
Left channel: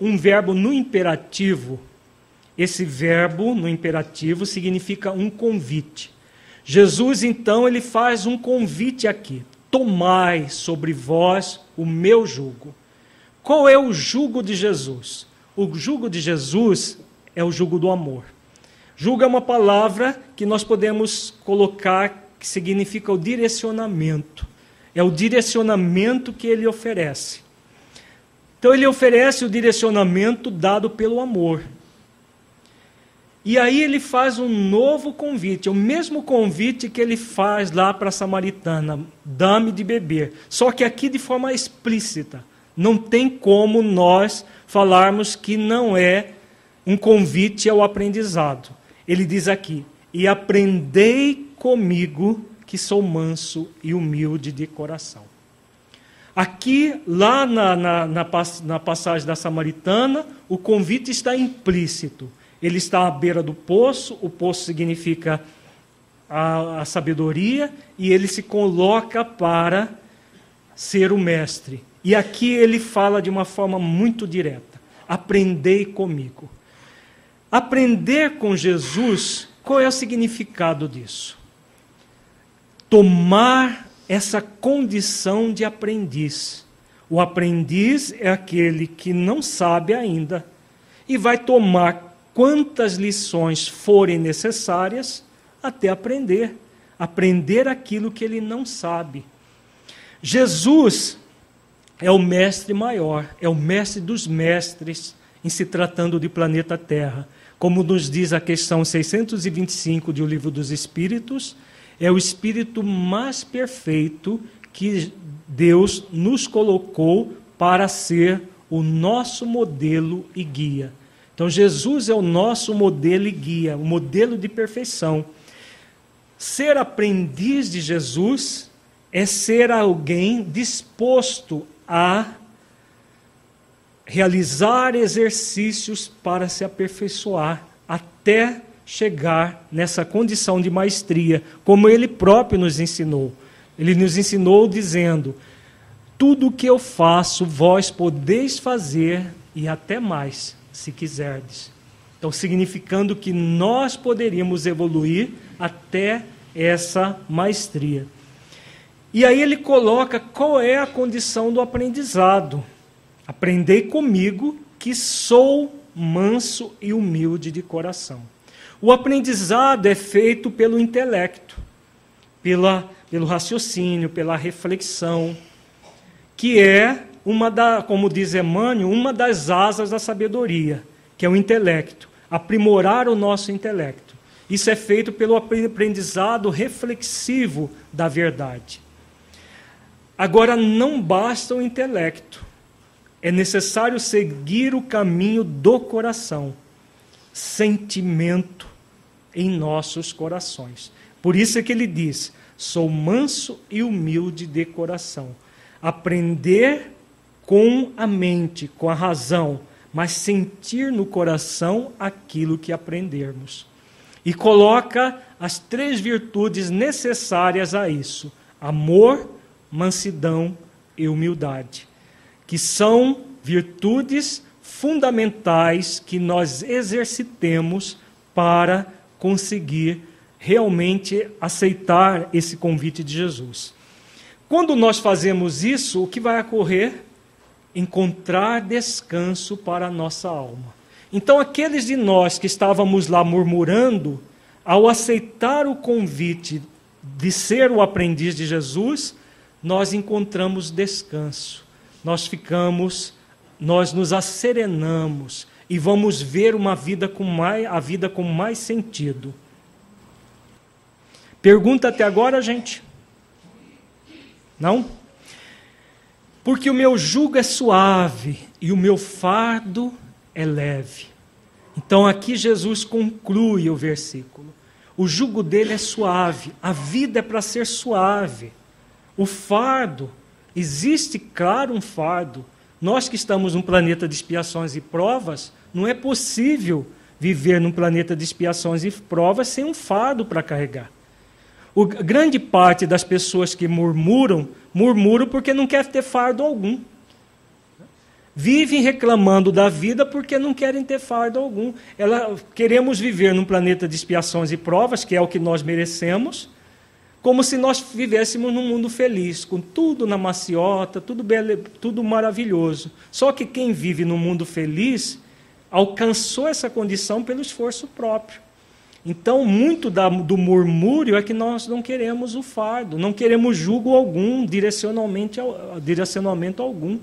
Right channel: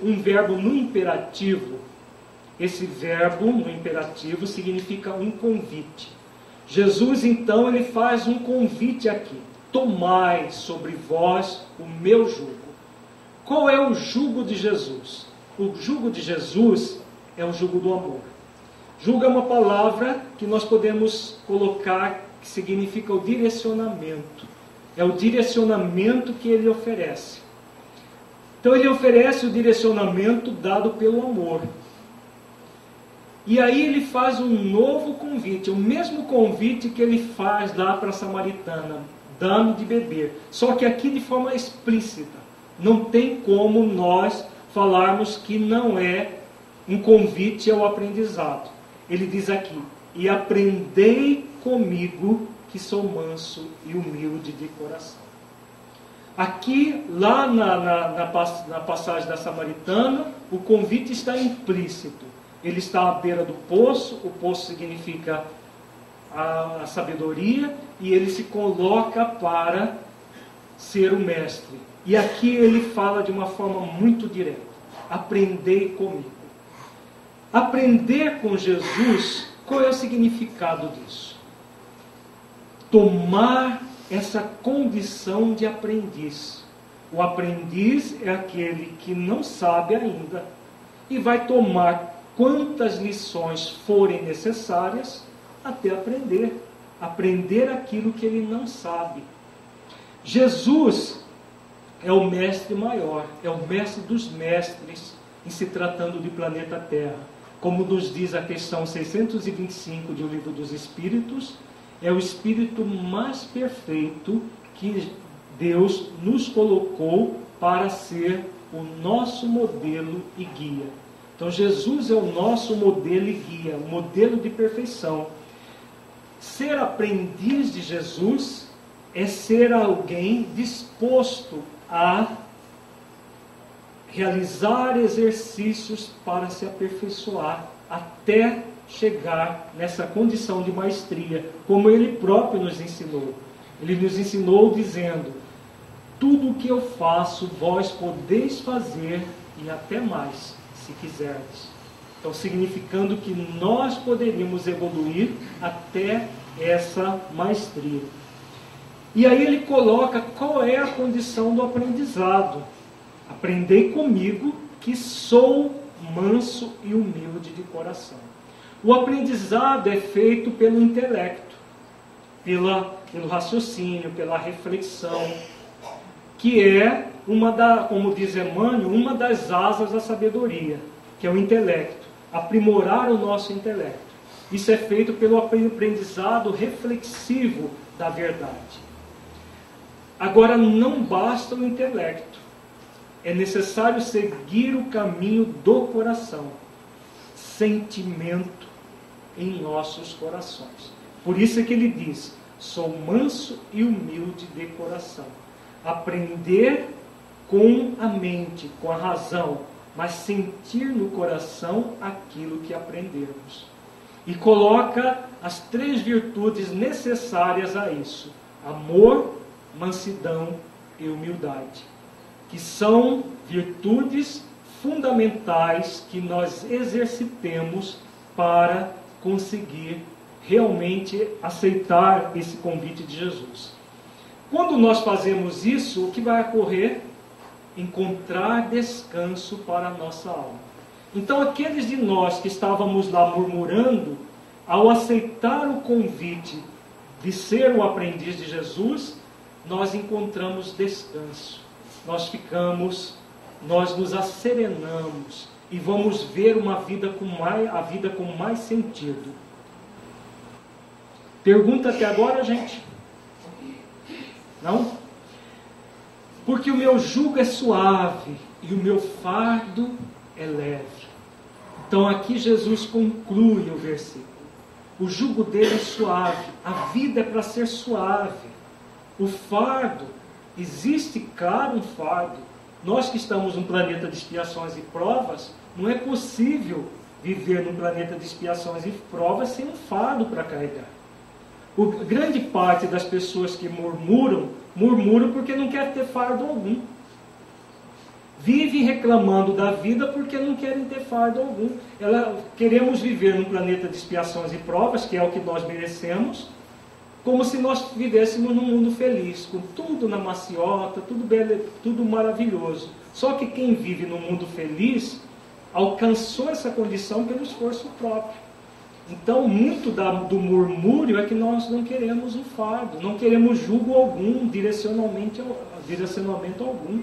um verbo no imperativo, esse verbo no imperativo significa um convite. Jesus, então, ele faz um convite aqui. Tomai sobre vós o meu jugo. Qual é o jugo de Jesus? O jugo de Jesus é o jugo do amor. Jugo é uma palavra que nós podemos colocar que significa o direcionamento. É o direcionamento que ele oferece. Então ele oferece o direcionamento dado pelo amor. E aí ele faz um novo convite, o mesmo convite que ele faz lá para a samaritana, dá-me de beber. Só que aqui de forma explícita. Não tem como nós falarmos que não é um convite ao aprendizado. Ele diz aqui, e aprendei comigo que sou manso e humilde de coração. Aqui, lá na passagem da samaritana, o convite está implícito. Ele está à beira do poço, o poço significa a sabedoria, e ele se coloca para ser o mestre. E aqui ele fala de uma forma muito direta, aprendei comigo. Aprender com Jesus, qual é o significado disso? Tomar essa condição de aprendiz. O aprendiz é aquele que não sabe ainda e vai tomar quantas lições forem necessárias até aprender. Aprender aquilo que ele não sabe. Jesus é o mestre maior, é o mestre dos mestres em se tratando de planeta Terra. Como nos diz a questão 625 de O Livro dos Espíritos, é o espírito mais perfeito que Deus nos colocou para ser o nosso modelo e guia. Então Jesus é o nosso modelo e guia, o modelo de perfeição. Ser aprendiz de Jesus é ser alguém disposto a realizar exercícios para se aperfeiçoar até chegar nessa condição de maestria, como ele próprio nos ensinou. Ele nos ensinou dizendo: tudo o que eu faço, vós podeis fazer, e até mais, se quiserdes. Então, significando que nós poderíamos evoluir até essa maestria. E aí ele coloca qual é a condição do aprendizado. Aprendei comigo, que sou manso e humilde de coração. O aprendizado é feito pelo intelecto, pelo raciocínio, pela reflexão, que é como diz Emmanuel, uma das asas da sabedoria, que é o intelecto, aprimorar o nosso intelecto. Isso é feito pelo aprendizado reflexivo da verdade. Agora, não basta o intelecto, é necessário seguir o caminho do coração, sentimento em nossos corações. Por isso é que ele diz: sou manso e humilde de coração. Aprender com a mente, com a razão, mas sentir no coração aquilo que aprendermos. E coloca as 3 virtudes necessárias a isso: amor, mansidão e humildade, que são virtudes fundamentais que nós exercitemos para conseguir realmente aceitar esse convite de Jesus. Quando nós fazemos isso, o que vai ocorrer? Encontrar descanso para a nossa alma. Então, aqueles de nós que estávamos lá murmurando, ao aceitar o convite de ser o aprendiz de Jesus, nós encontramos descanso. Nós nos asserenamos e vamos ver a vida com mais sentido. Pergunta até agora, gente? Não? Porque o meu jugo é suave e o meu fardo é leve. Então aqui Jesus conclui o versículo. O jugo dele é suave, a vida é para ser suave. O fardo, existe claro um fardo. Nós que estamos num planeta de expiações e provas, não é possível viver num planeta de expiações e provas sem um fardo para carregar. Grande parte das pessoas que murmuram porque não quer ter fardo algum. Vivem reclamando da vida porque não querem ter fardo algum. Queremos viver num planeta de expiações e provas, que é o que nós merecemos, como se nós vivêssemos num mundo feliz, com tudo na maciota, tudo maravilhoso. Só que quem vive num mundo feliz alcançou essa condição pelo esforço próprio. Então, muito do murmúrio é que nós não queremos o fardo, não queremos jugo algum, direcionamento algum.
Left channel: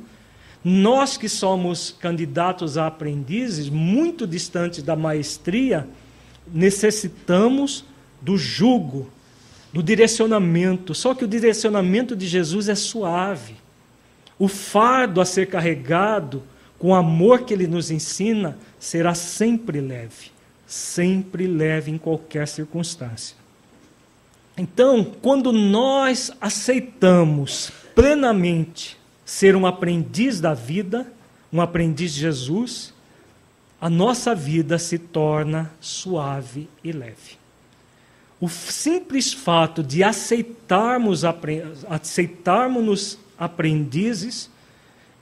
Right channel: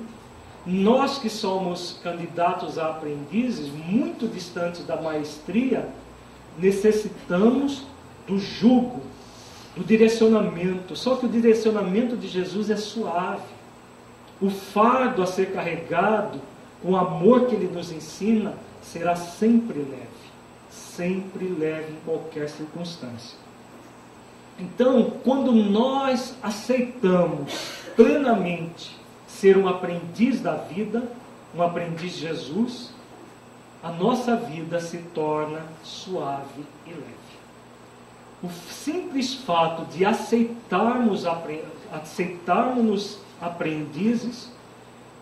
Nós que somos candidatos a aprendizes, muito distantes da maestria, necessitamos do jugo, do direcionamento. Só que o direcionamento de Jesus é suave. O fardo a ser carregado, com o amor que ele nos ensina, será sempre leve. Sempre leve em qualquer circunstância. Então, quando nós aceitamos plenamente ser um aprendiz da vida, um aprendiz de Jesus, a nossa vida se torna suave e leve. O simples fato de aceitarmos aprendizes,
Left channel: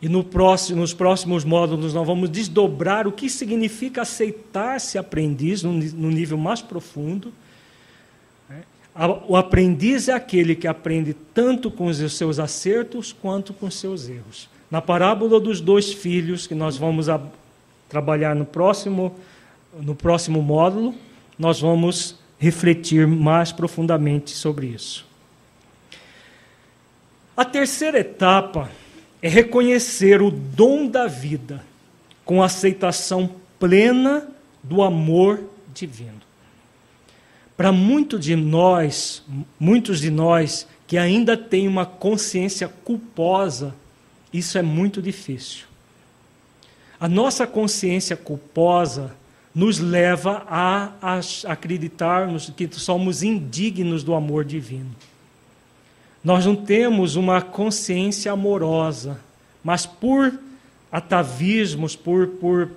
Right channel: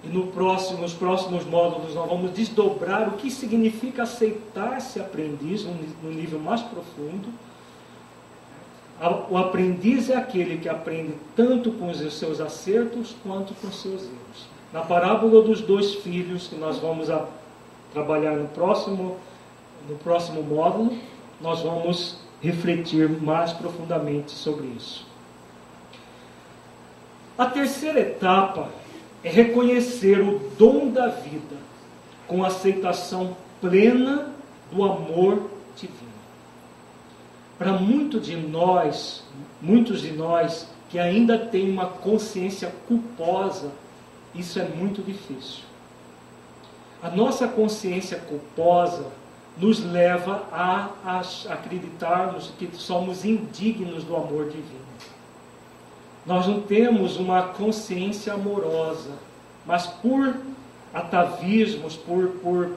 e nos próximos módulos nós vamos desdobrar o que significa aceitar-se aprendiz no nível mais profundo. O aprendiz é aquele que aprende tanto com os seus acertos quanto com os seus erros. Na parábola dos 2 filhos, que nós vamos trabalhar no próximo módulo, nós vamos refletir mais profundamente sobre isso. A terceira etapa é reconhecer o dom da vida com aceitação plena do amor divino. Para muitos de nós que ainda têm uma consciência culposa, isso é muito difícil. A nossa consciência culposa nos leva a acreditarmos que somos indignos do amor divino. Nós não temos uma consciência amorosa, mas por atavismos, por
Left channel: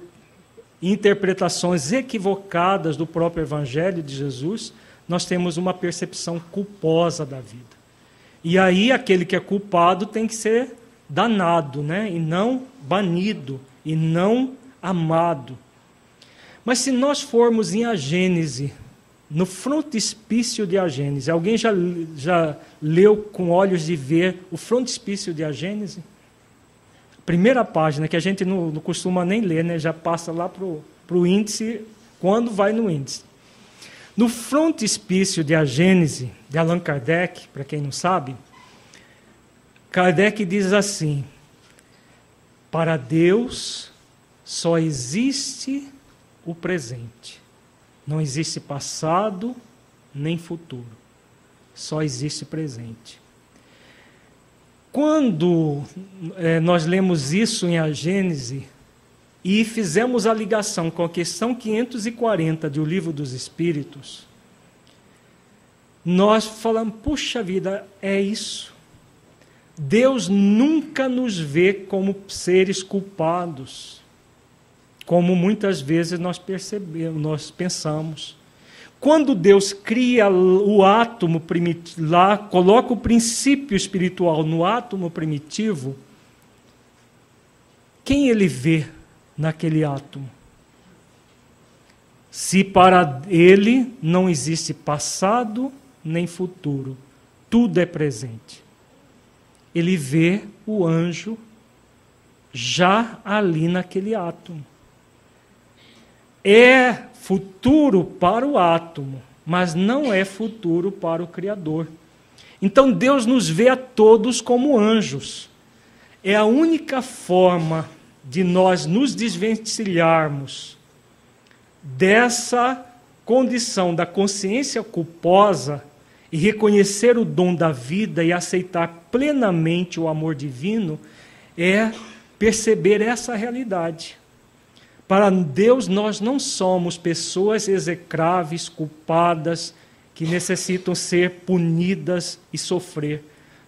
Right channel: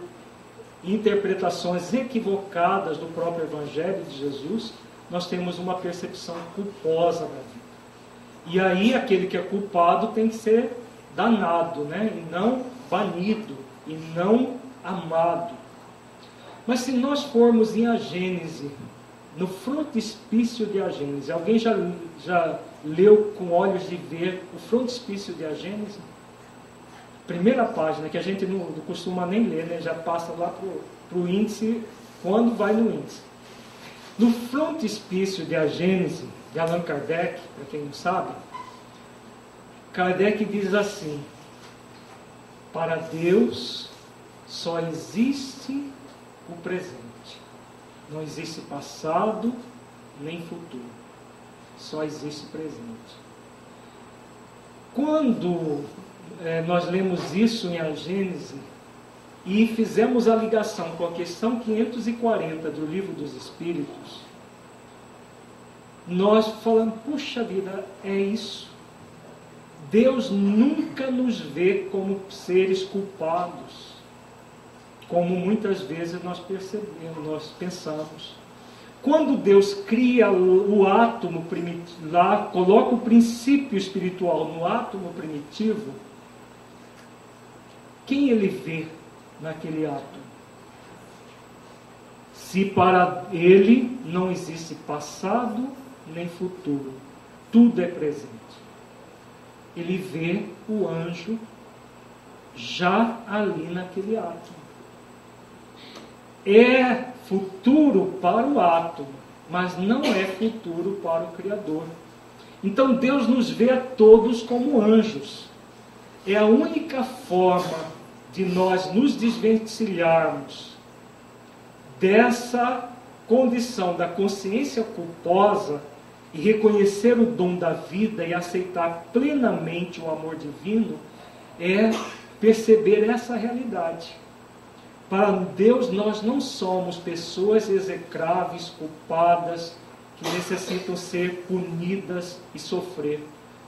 e interpretações equivocadas do próprio Evangelho de Jesus, nós temos uma percepção culposa da vida. E aí aquele que é culpado tem que ser danado, né? E não banido, e não amado. Mas se nós formos em A Gênese, no frontispício de A Gênese, alguém já leu com olhos de ver o frontispício de A Gênese? Primeira página, que a gente não costuma nem ler, né? Já passa lá para o índice, quando vai no índice. No frontispício de A Gênese, de Allan Kardec, para quem não sabe, Kardec diz assim: para Deus só existe o presente. Não existe passado nem futuro. Só existe presente. Quando nós lemos isso em A Gênese e fizemos a ligação com a questão 540 do Livro dos Espíritos, nós falamos, puxa vida, é isso. Deus nunca nos vê como seres culpados, como muitas vezes nós pensamos. Quando Deus cria o átomo primitivo, lá coloca o princípio espiritual no átomo primitivo, quem ele vê naquele átomo? Se para ele não existe passado nem futuro, tudo é presente. Ele vê o anjo já ali naquele átomo. É futuro para o átomo, mas não é futuro para o Criador. Então Deus nos vê a todos como anjos. É a única forma de nós nos desvencilharmos dessa condição da consciência culposa e reconhecer o dom da vida e aceitar plenamente o amor divino, é perceber essa realidade. Para Deus, nós não somos pessoas execráveis, culpadas, que necessitam ser punidas e sofrer.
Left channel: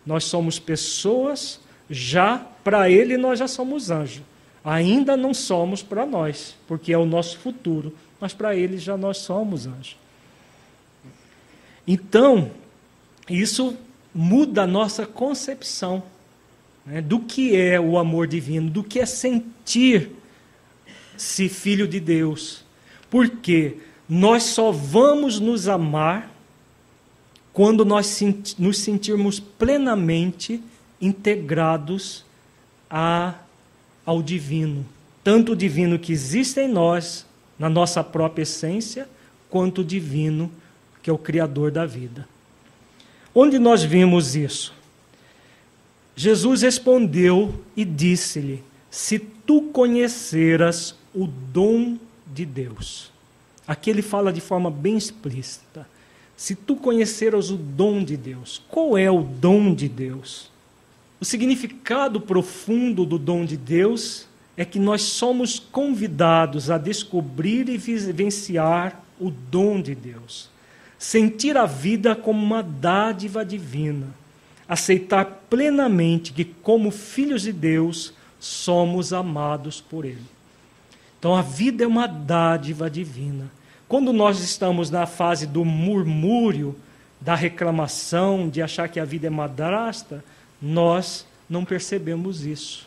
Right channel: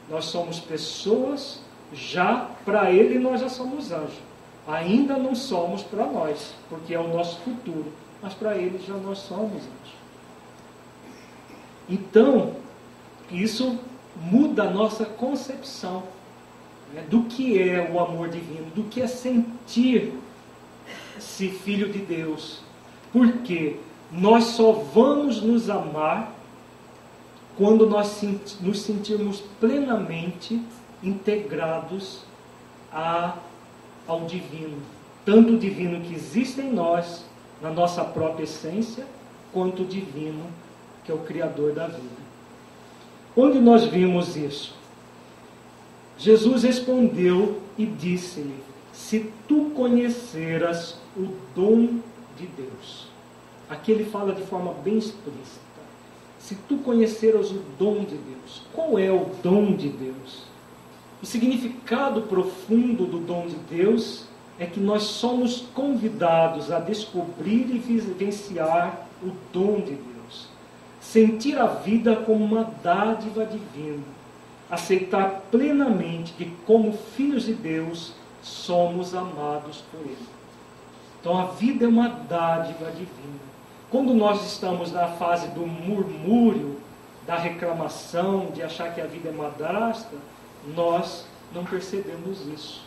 Nós somos pessoas, para Ele nós já somos anjos. Ainda não somos para nós, porque é o nosso futuro, mas para Ele já nós somos anjos. Então, isso muda a nossa concepção, né, do que é o amor divino, do que é sentir-se filho de Deus. Porque nós só vamos nos amar quando nós nos sentirmos plenamente integrados ao divino. Tanto o divino que existe em nós, na nossa própria essência, quanto o divino que é o Criador da vida. Onde nós vimos isso? Jesus respondeu e disse-lhe: se tu conheceras o dom de Deus. Aqui ele fala de forma bem explícita. Se tu conheceras o dom de Deus. Qual é o dom de Deus? O significado profundo do dom de Deus é que nós somos convidados a descobrir e vivenciar o dom de Deus. Sentir a vida como uma dádiva divina. Aceitar plenamente que, como filhos de Deus, somos amados por Ele. Então, a vida é uma dádiva divina. Quando nós estamos na fase do murmúrio, da reclamação, de achar que a vida é madrasta, nós não percebemos isso.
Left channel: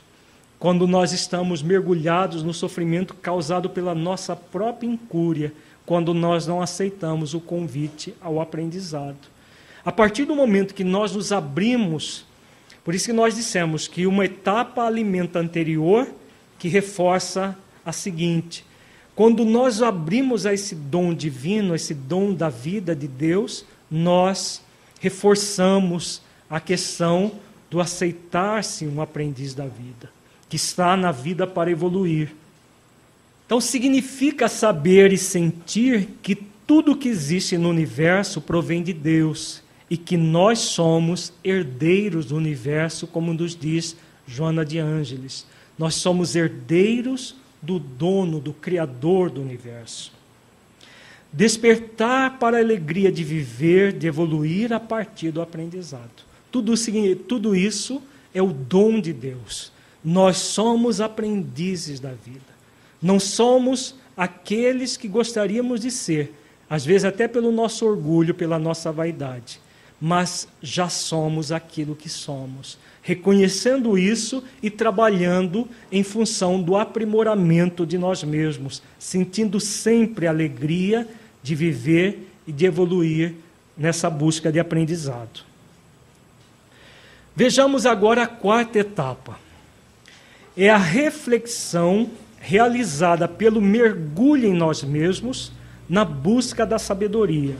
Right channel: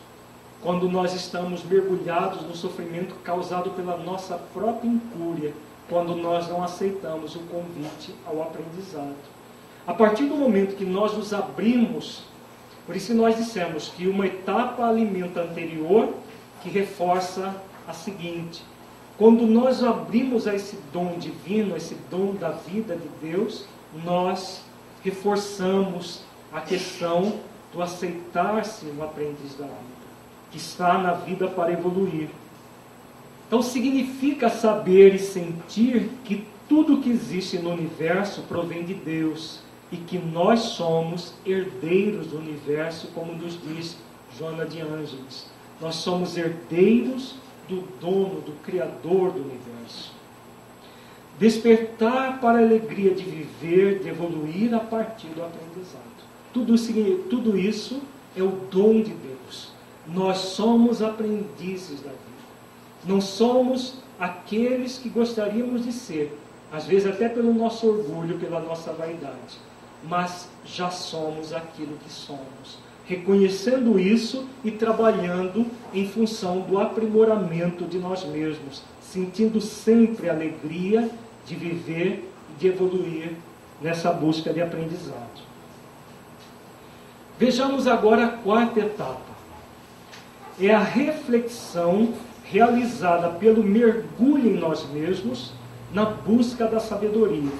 Quando nós estamos mergulhados no sofrimento causado pela nossa própria incúria, quando nós não aceitamos o convite ao aprendizado. A partir do momento que nós nos abrimos, por isso que nós dissemos que uma etapa alimenta a anterior, que reforça a seguinte. Quando nós abrimos a esse dom divino, esse dom da vida de Deus, nós reforçamos a questão do aceitar-se um aprendiz da vida, que está na vida para evoluir. Então significa saber e sentir que tudo que existe no universo provém de Deus e que nós somos herdeiros do universo, como nos diz Joana de Ângeles. Nós somos herdeiros do dono, do Criador do universo. Despertar para a alegria de viver, de evoluir a partir do aprendizado. Tudo isso é o dom de Deus. Nós somos aprendizes da vida. Não somos aqueles que gostaríamos de ser, às vezes até pelo nosso orgulho, pela nossa vaidade, mas já somos aquilo que somos, reconhecendo isso e trabalhando em função do aprimoramento de nós mesmos, sentindo sempre a alegria de viver e de evoluir nessa busca de aprendizado. Vejamos agora a quarta etapa. É a reflexão realizada pelo mergulho em nós mesmos na busca da sabedoria,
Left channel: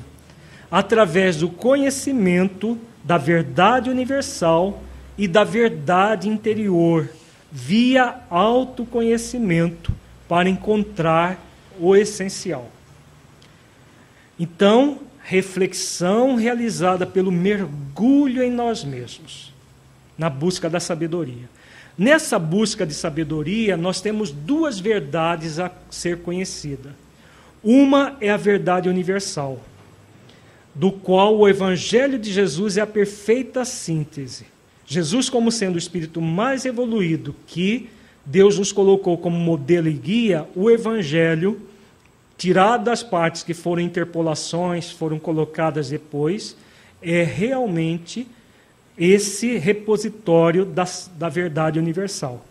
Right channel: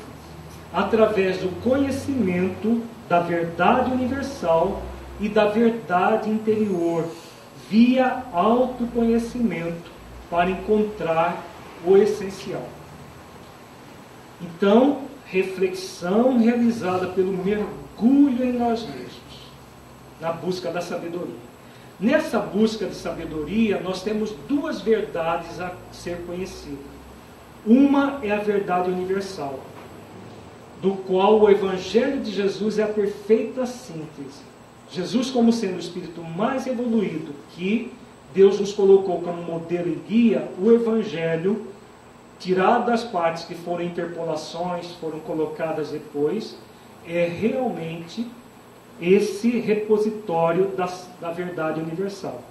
através do conhecimento da verdade universal e da verdade interior, via autoconhecimento, para encontrar o essencial. Então, reflexão realizada pelo mergulho em nós mesmos, na busca da sabedoria. Nessa busca de sabedoria, nós temos duas verdades a ser conhecida. Uma é a verdade universal, do qual o Evangelho de Jesus é a perfeita síntese. Jesus, como sendo o espírito mais evoluído que Deus nos colocou como modelo e guia, o Evangelho, tirado das partes que foram interpolações, foram colocadas depois, é realmente esse repositório da verdade universal.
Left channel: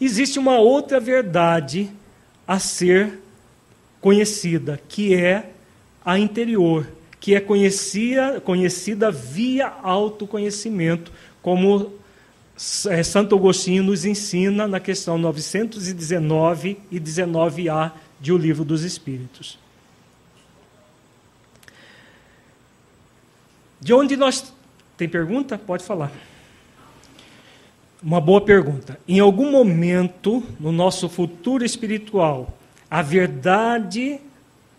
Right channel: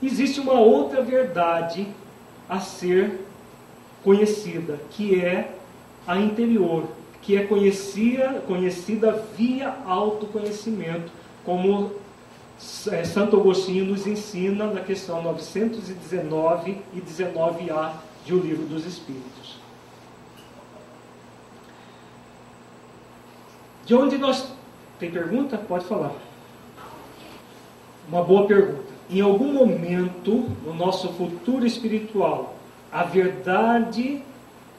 Existe uma outra verdade a ser conhecida, que é a interior, que é conhecida via autoconhecimento, como Santo Agostinho nos ensina na questão 919 e 19a de O Livro dos Espíritos. De onde nós... Tem pergunta? Pode falar. Uma boa pergunta. Em algum momento, no nosso futuro espiritual, a verdade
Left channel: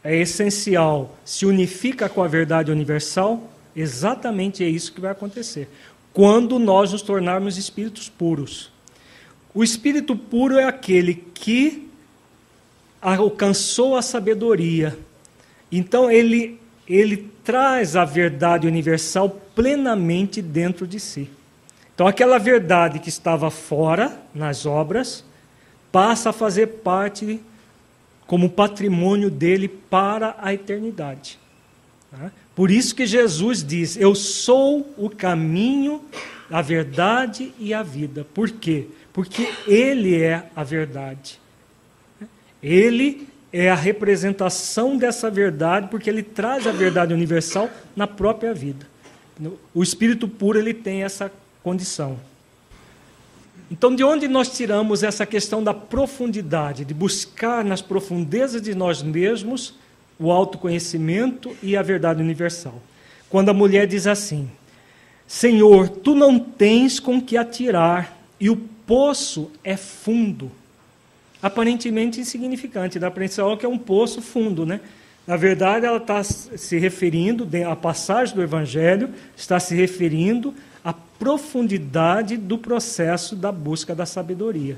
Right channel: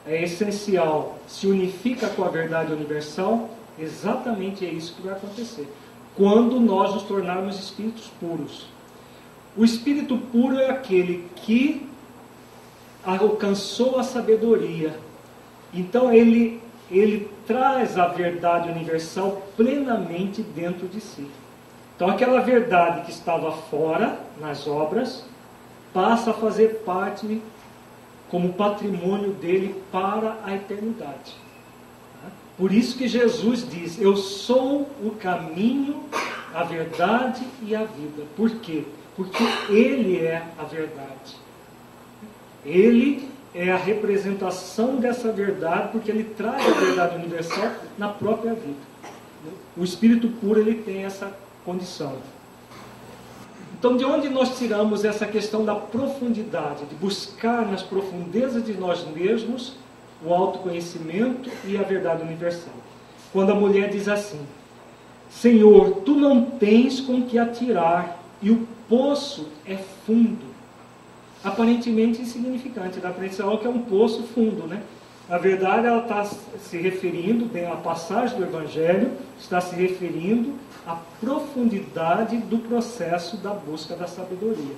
é essencial, se unifica com a verdade universal? Exatamente é isso que vai acontecer, quando nós nos tornarmos espíritos puros. O espírito puro é aquele que alcançou a sabedoria. Então ele traz a verdade universal plenamente dentro de si. Então aquela verdade que estava fora, nas obras, passa a fazer parte como patrimônio dele para a eternidade. Por isso que Jesus diz: eu sou o caminho, a verdade e a vida. Por quê? Porque ele é a verdade. Ele é a representação dessa verdade, porque ele traz a verdade universal na própria vida. O espírito puro, ele tem essa condição. Então, de onde nós tiramos essa questão da profundidade, de buscar nas profundezas de nós mesmos o autoconhecimento e a verdade universal? Quando a mulher diz assim: Senhor, tu não tens com que atirar, e o poço é fundo. Aparentemente insignificante, dá para pensar que é um poço fundo, né? Na verdade, ela está se referindo, a passagem do Evangelho está se referindo à profundidade do processo da busca da sabedoria.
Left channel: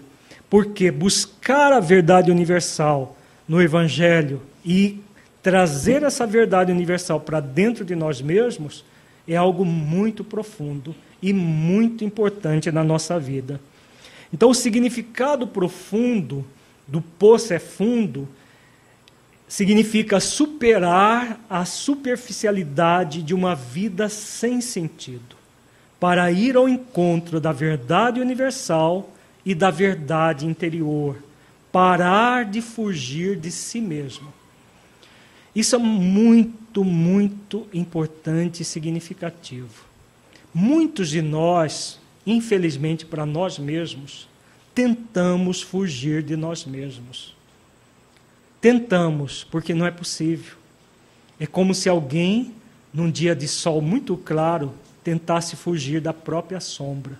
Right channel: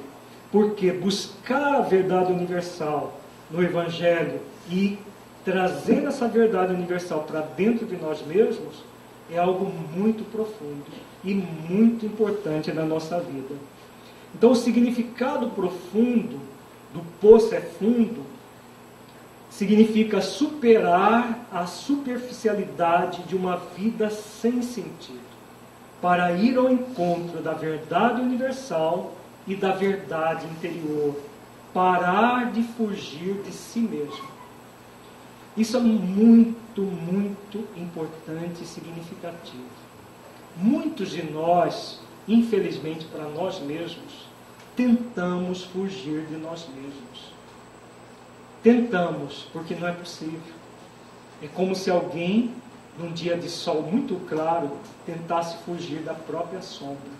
Porque buscar a verdade universal no Evangelho e trazer essa verdade universal para dentro de nós mesmos é algo muito profundo e muito importante na nossa vida. Então, o significado profundo do poço é fundo significa superar a superficialidade de uma vida sem sentido, para ir ao encontro da verdade universal e da verdade interior, parar de fugir de si mesmo. Isso é muito, muito importante e significativo. Muitos de nós, infelizmente para nós mesmos, tentamos fugir de nós mesmos. Tentamos, porque não é possível. É como se alguém, num dia de sol muito claro, tentasse fugir da própria sombra.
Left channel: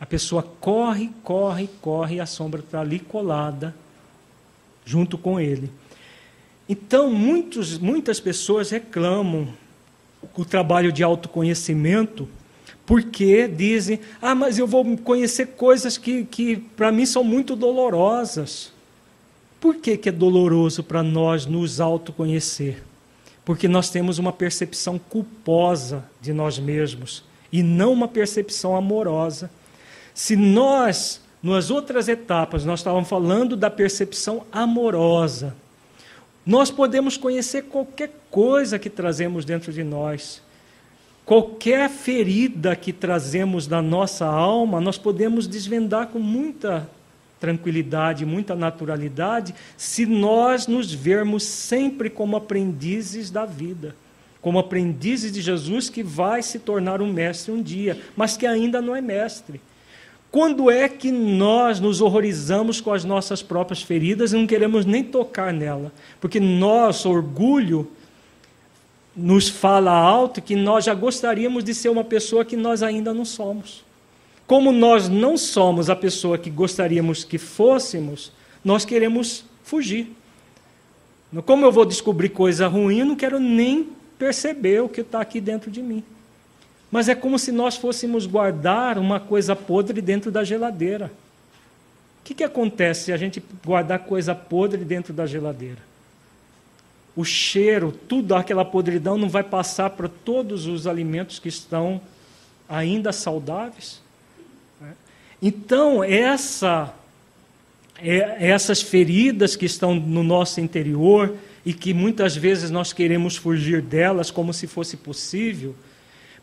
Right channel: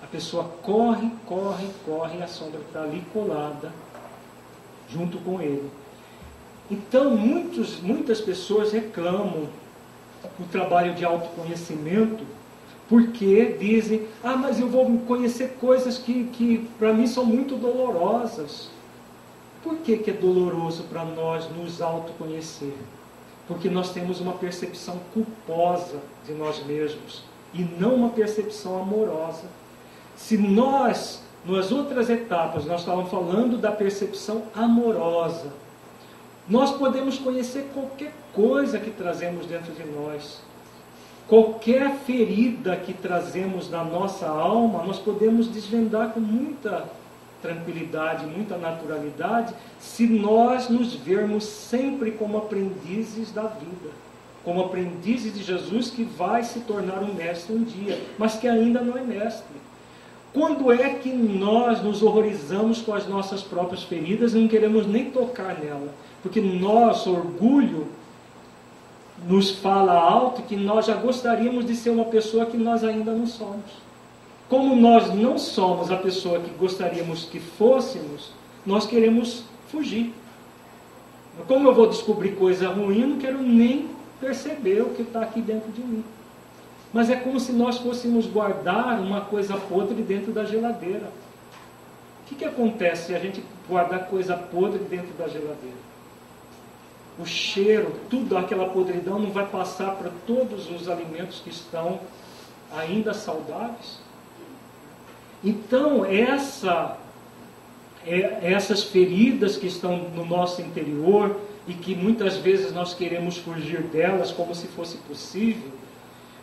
A pessoa corre, corre, corre, e a sombra está ali colada, junto com ele. Então, muitas pessoas reclamam o trabalho de autoconhecimento, porque dizem: mas eu vou conhecer coisas que para mim são muito dolorosas. Por que é doloroso para nós nos autoconhecer? Porque nós temos uma percepção culposa de nós mesmos, e não uma percepção amorosa. Se nós nas outras etapas, nós estávamos falando da percepção amorosa. Nós podemos conhecer qualquer coisa que trazemos dentro de nós. Qualquer ferida que trazemos da nossa alma, nós podemos desvendar com muita tranquilidade, muita naturalidade, se nós nos vermos sempre como aprendizes da vida, como aprendizes de Jesus, que vai se tornar um mestre um dia, mas que ainda não é mestre. Quando é que nós nos horrorizamos com as nossas próprias feridas e não queremos nem tocar nela? Porque nosso orgulho nos fala alto que nós já gostaríamos de ser uma pessoa que nós ainda não somos. Como nós não somos a pessoa que gostaríamos que fôssemos, nós queremos fugir. Como eu vou descobrir coisa ruim, eu não quero nem perceber o que está aqui dentro de mim. Mas é como se nós fôssemos guardar uma coisa podre dentro da geladeira. O que acontece se a gente guardar coisa podre dentro da geladeira? O cheiro, tudo aquela podridão não vai passar para todos os alimentos que estão ainda saudáveis? Então, essas feridas que estão no nosso interior e que muitas vezes nós queremos fugir delas como se fosse possível,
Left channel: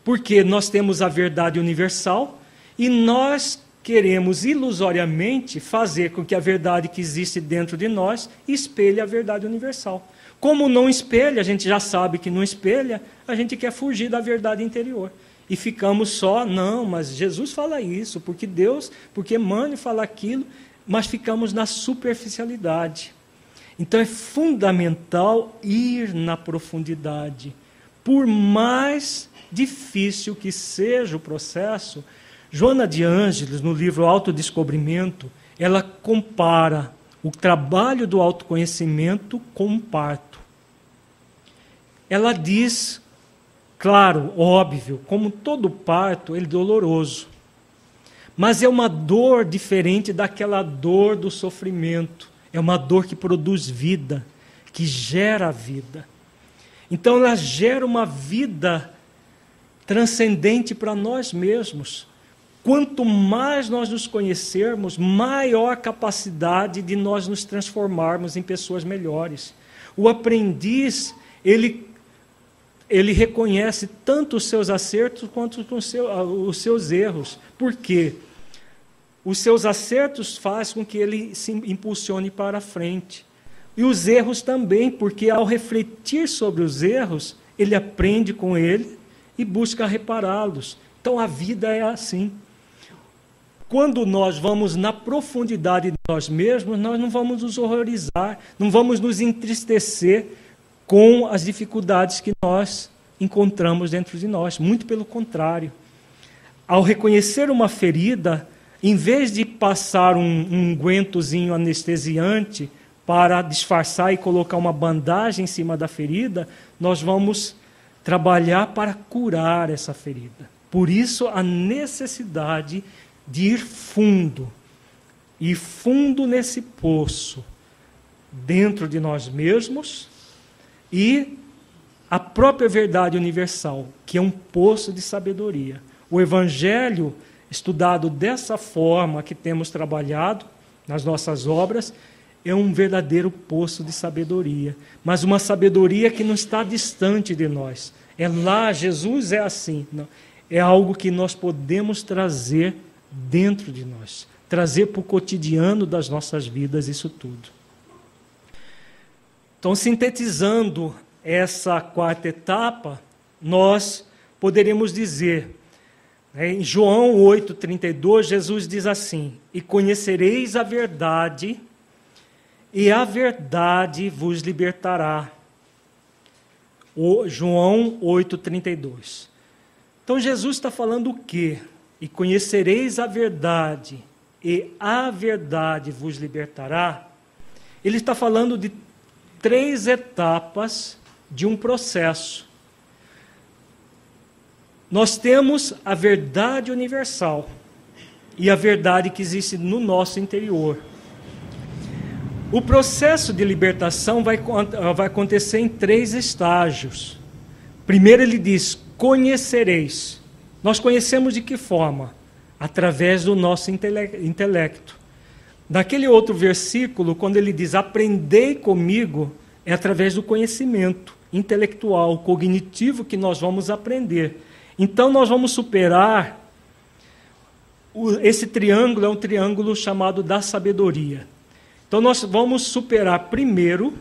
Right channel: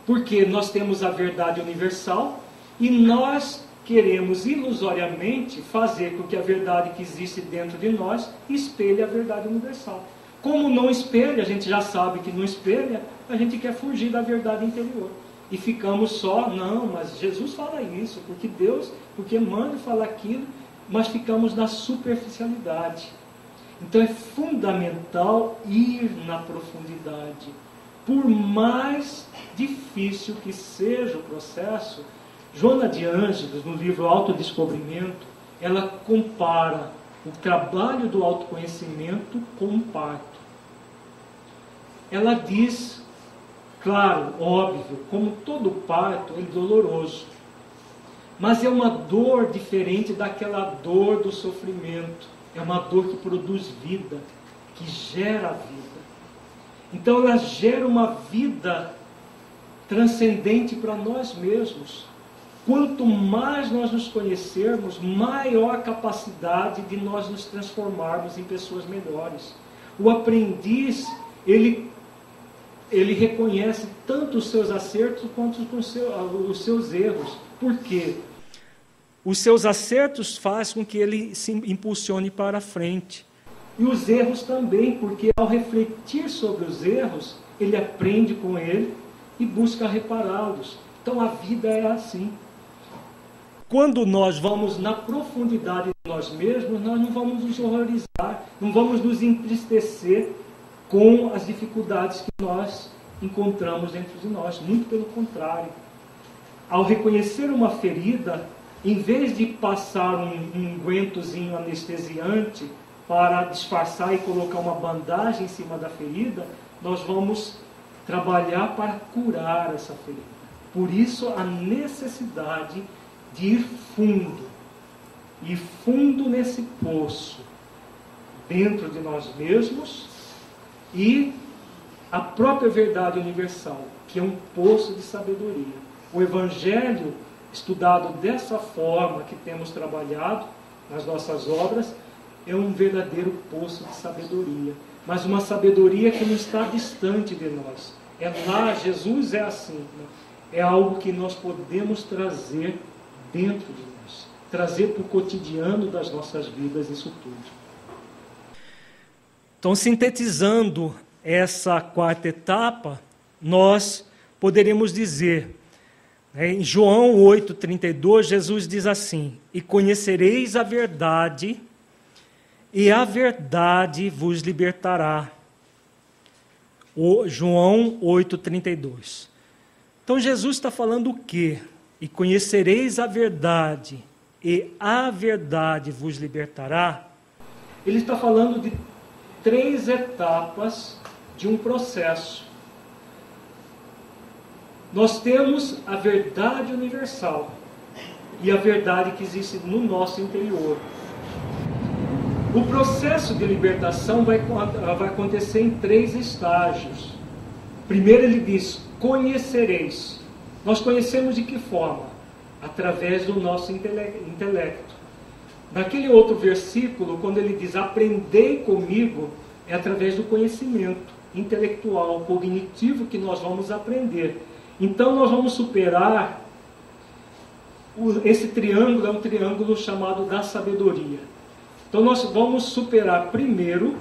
porque nós temos a verdade universal e nós queremos ilusoriamente fazer com que a verdade que existe dentro de nós espelhe a verdade universal. Como não espelha, a gente já sabe que não espelha, a gente quer fugir da verdade interior. E ficamos só, não, mas Jesus fala isso, porque Deus, porque Emmanuel fala aquilo, mas ficamos na superficialidade. Então é fundamental ir na profundidade. Por mais difícil que seja o processo, Joana de Ângeles, no livro Autodescobrimento, ela compara o trabalho do autoconhecimento com um parto. Ela diz, claro, óbvio, como todo parto, ele é doloroso. Mas é uma dor diferente daquela dor do sofrimento. É uma dor que produz vida, que gera vida. Então ela gera uma vida transcendente para nós mesmos. Quanto mais nós nos conhecermos, maior capacidade de nós nos transformarmos em pessoas melhores. O aprendiz, ele reconhece tanto os seus acertos quanto os seus erros. Por quê? Os seus acertos fazem com que ele se impulsione para a frente. E os erros também, porque ao refletir sobre os erros, ele aprende com ele e busca repará-los. Então a vida é assim. Quando nós vamos na profundidade de nós mesmos, nós não vamos nos horrorizar, não vamos nos entristecer com as dificuldades que nós encontramos dentro de nós. Muito pelo contrário. Ao reconhecer uma ferida, em vez de passar um ungüentozinho anestesiante para disfarçar e colocar uma bandagem em cima da ferida, nós vamos trabalhar para curar essa ferida. Por isso, a necessidade de ir fundo nesse poço, dentro de nós mesmos, e a própria verdade universal, que é um poço de sabedoria. O Evangelho, estudado dessa forma que temos trabalhado nas nossas obras, é um verdadeiro poço de sabedoria, mas uma sabedoria que não está distante de nós. É lá, Jesus é assim, não? É algo que nós podemos trazer dentro de nós, trazer para o cotidiano das nossas vidas, isso tudo. Então, sintetizando essa quarta etapa, nós poderemos dizer, em João 8,32, Jesus diz assim: e conhecereis a verdade, e a verdade vos libertará. João 8,32. Então Jesus está falando o quê? E conhecereis a verdade, e a verdade vos libertará. Ele está falando de 3 etapas de um processo. Nós temos a verdade universal e a verdade que existe no nosso interior. O processo de libertação vai acontecer em 3 estágios. Primeiro ele diz, conhecereis. Nós conhecemos de que forma? através do nosso intelecto. Naquele outro versículo, quando ele diz, aprendei comigo, é através do conhecimento intelectual, cognitivo que nós vamos aprender. Então nós vamos superar, esse triângulo é um triângulo chamado da sabedoria. Então nós vamos superar primeiro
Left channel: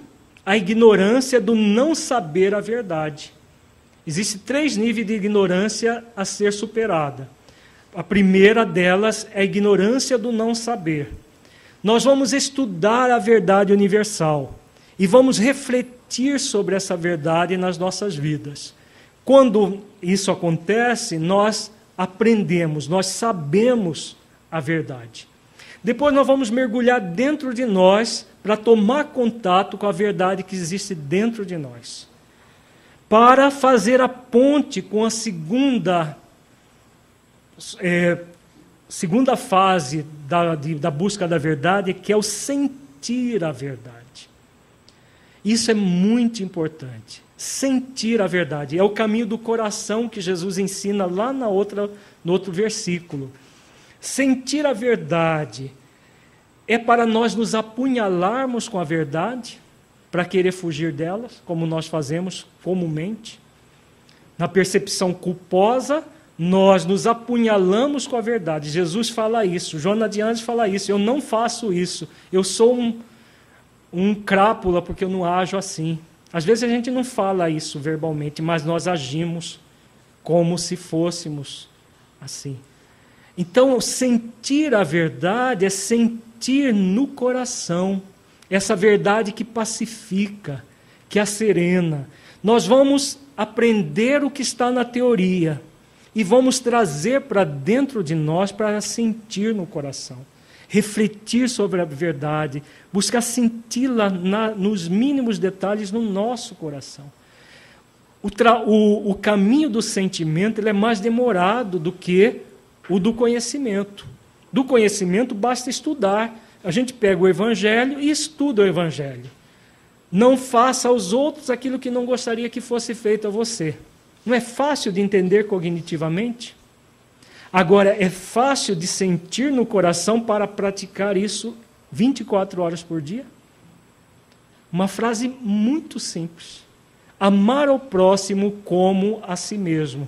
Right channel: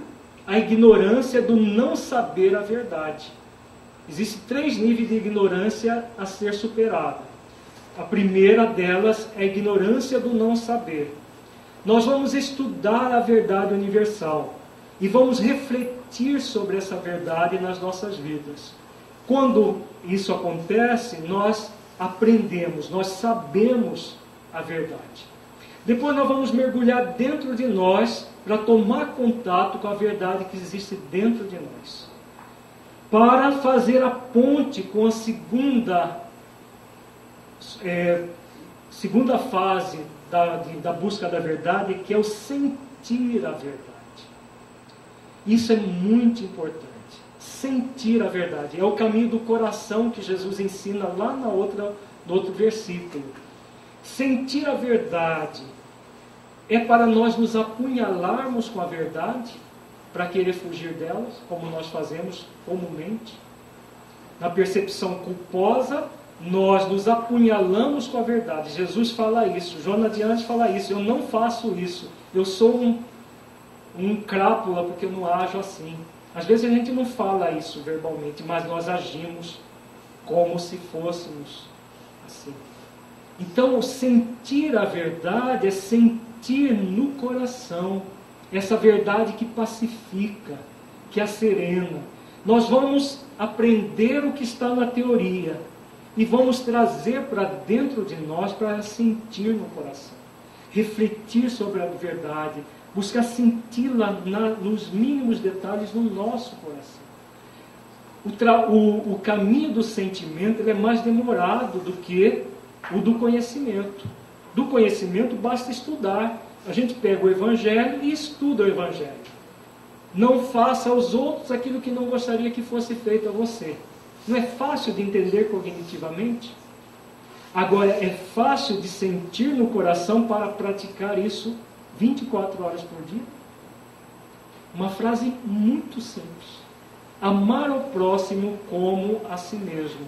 a ignorância do não saber a verdade. Existem 3 níveis de ignorância a ser superada. A primeira delas é a ignorância do não saber. Nós vamos estudar a verdade universal e vamos refletir sobre essa verdade nas nossas vidas. Quando isso acontece, nós aprendemos, nós sabemos a verdade. Depois nós vamos mergulhar dentro de nós para tomar contato com a verdade que existe dentro de nós, para fazer a ponte com a segunda fase da busca da verdade, que é o sentir a verdade. Isso é muito importante. Sentir a verdade. É o caminho do coração que Jesus ensina lá no outro versículo. Sentir a verdade é para nós nos apunhalarmos com a verdade, para querer fugir delas, como nós fazemos comumente. Na percepção culposa, nós nos apunhalamos com a verdade. Jesus fala isso, Jonas de Anjos fala isso. Eu não faço isso, eu sou um crápula porque eu não ajo assim. Às vezes a gente não fala isso verbalmente, mas nós agimos como se fôssemos assim. Então, sentir a verdade é sentir no coração essa verdade que pacifica, que acerena. Nós vamos aprender o que está na teoria e vamos trazer para dentro de nós para sentir no coração, refletir sobre a verdade, buscar senti-la nos mínimos detalhes no nosso coração. O caminho do sentimento ele é mais demorado do que o do conhecimento. Do conhecimento basta estudar. A gente pega o Evangelho e estuda o Evangelho. Não faça aos outros aquilo que não gostaria que fosse feito a você. Não é fácil de entender cognitivamente? Agora, é fácil de sentir no coração para praticar isso 24 horas por dia? Uma frase muito simples. Amar o próximo como a si mesmo.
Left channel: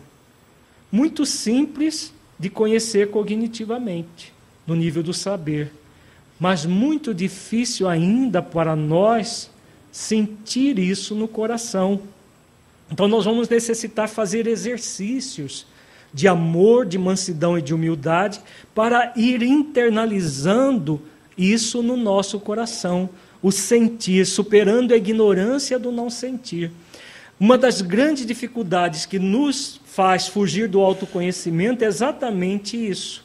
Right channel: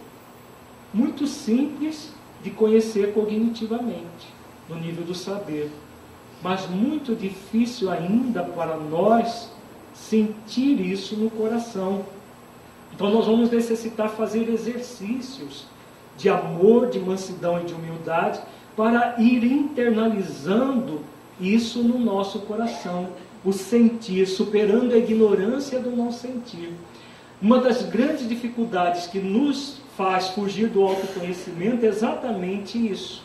Muito simples de conhecer cognitivamente, no nível do saber. Mas muito difícil ainda para nós sentir isso no coração. Então nós vamos necessitar fazer exercícios de amor, de mansidão e de humildade para ir internalizando isso no nosso coração, o sentir, superando a ignorância do não sentir. Uma das grandes dificuldades que nos faz fugir do autoconhecimento é exatamente isso.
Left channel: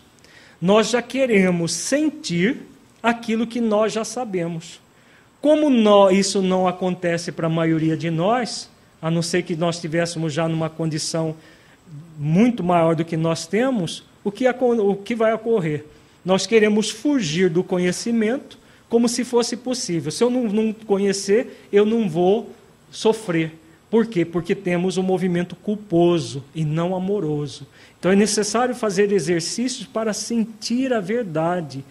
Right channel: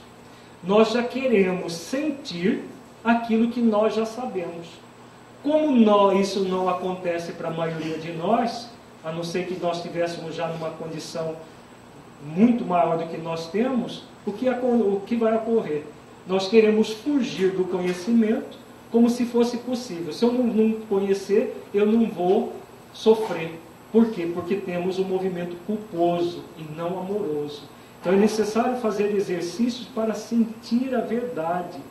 Nós já queremos sentir aquilo que nós já sabemos. Como isso não acontece para a maioria de nós, a não ser que nós estivéssemos já numa condição muito maior do que nós temos, o que vai ocorrer? Nós queremos fugir do conhecimento como se fosse possível. Se eu não conhecer, eu não vou sofrer. Por quê? Porque temos um movimento culposo e não amoroso. Então é necessário fazer exercícios para sentir a verdade.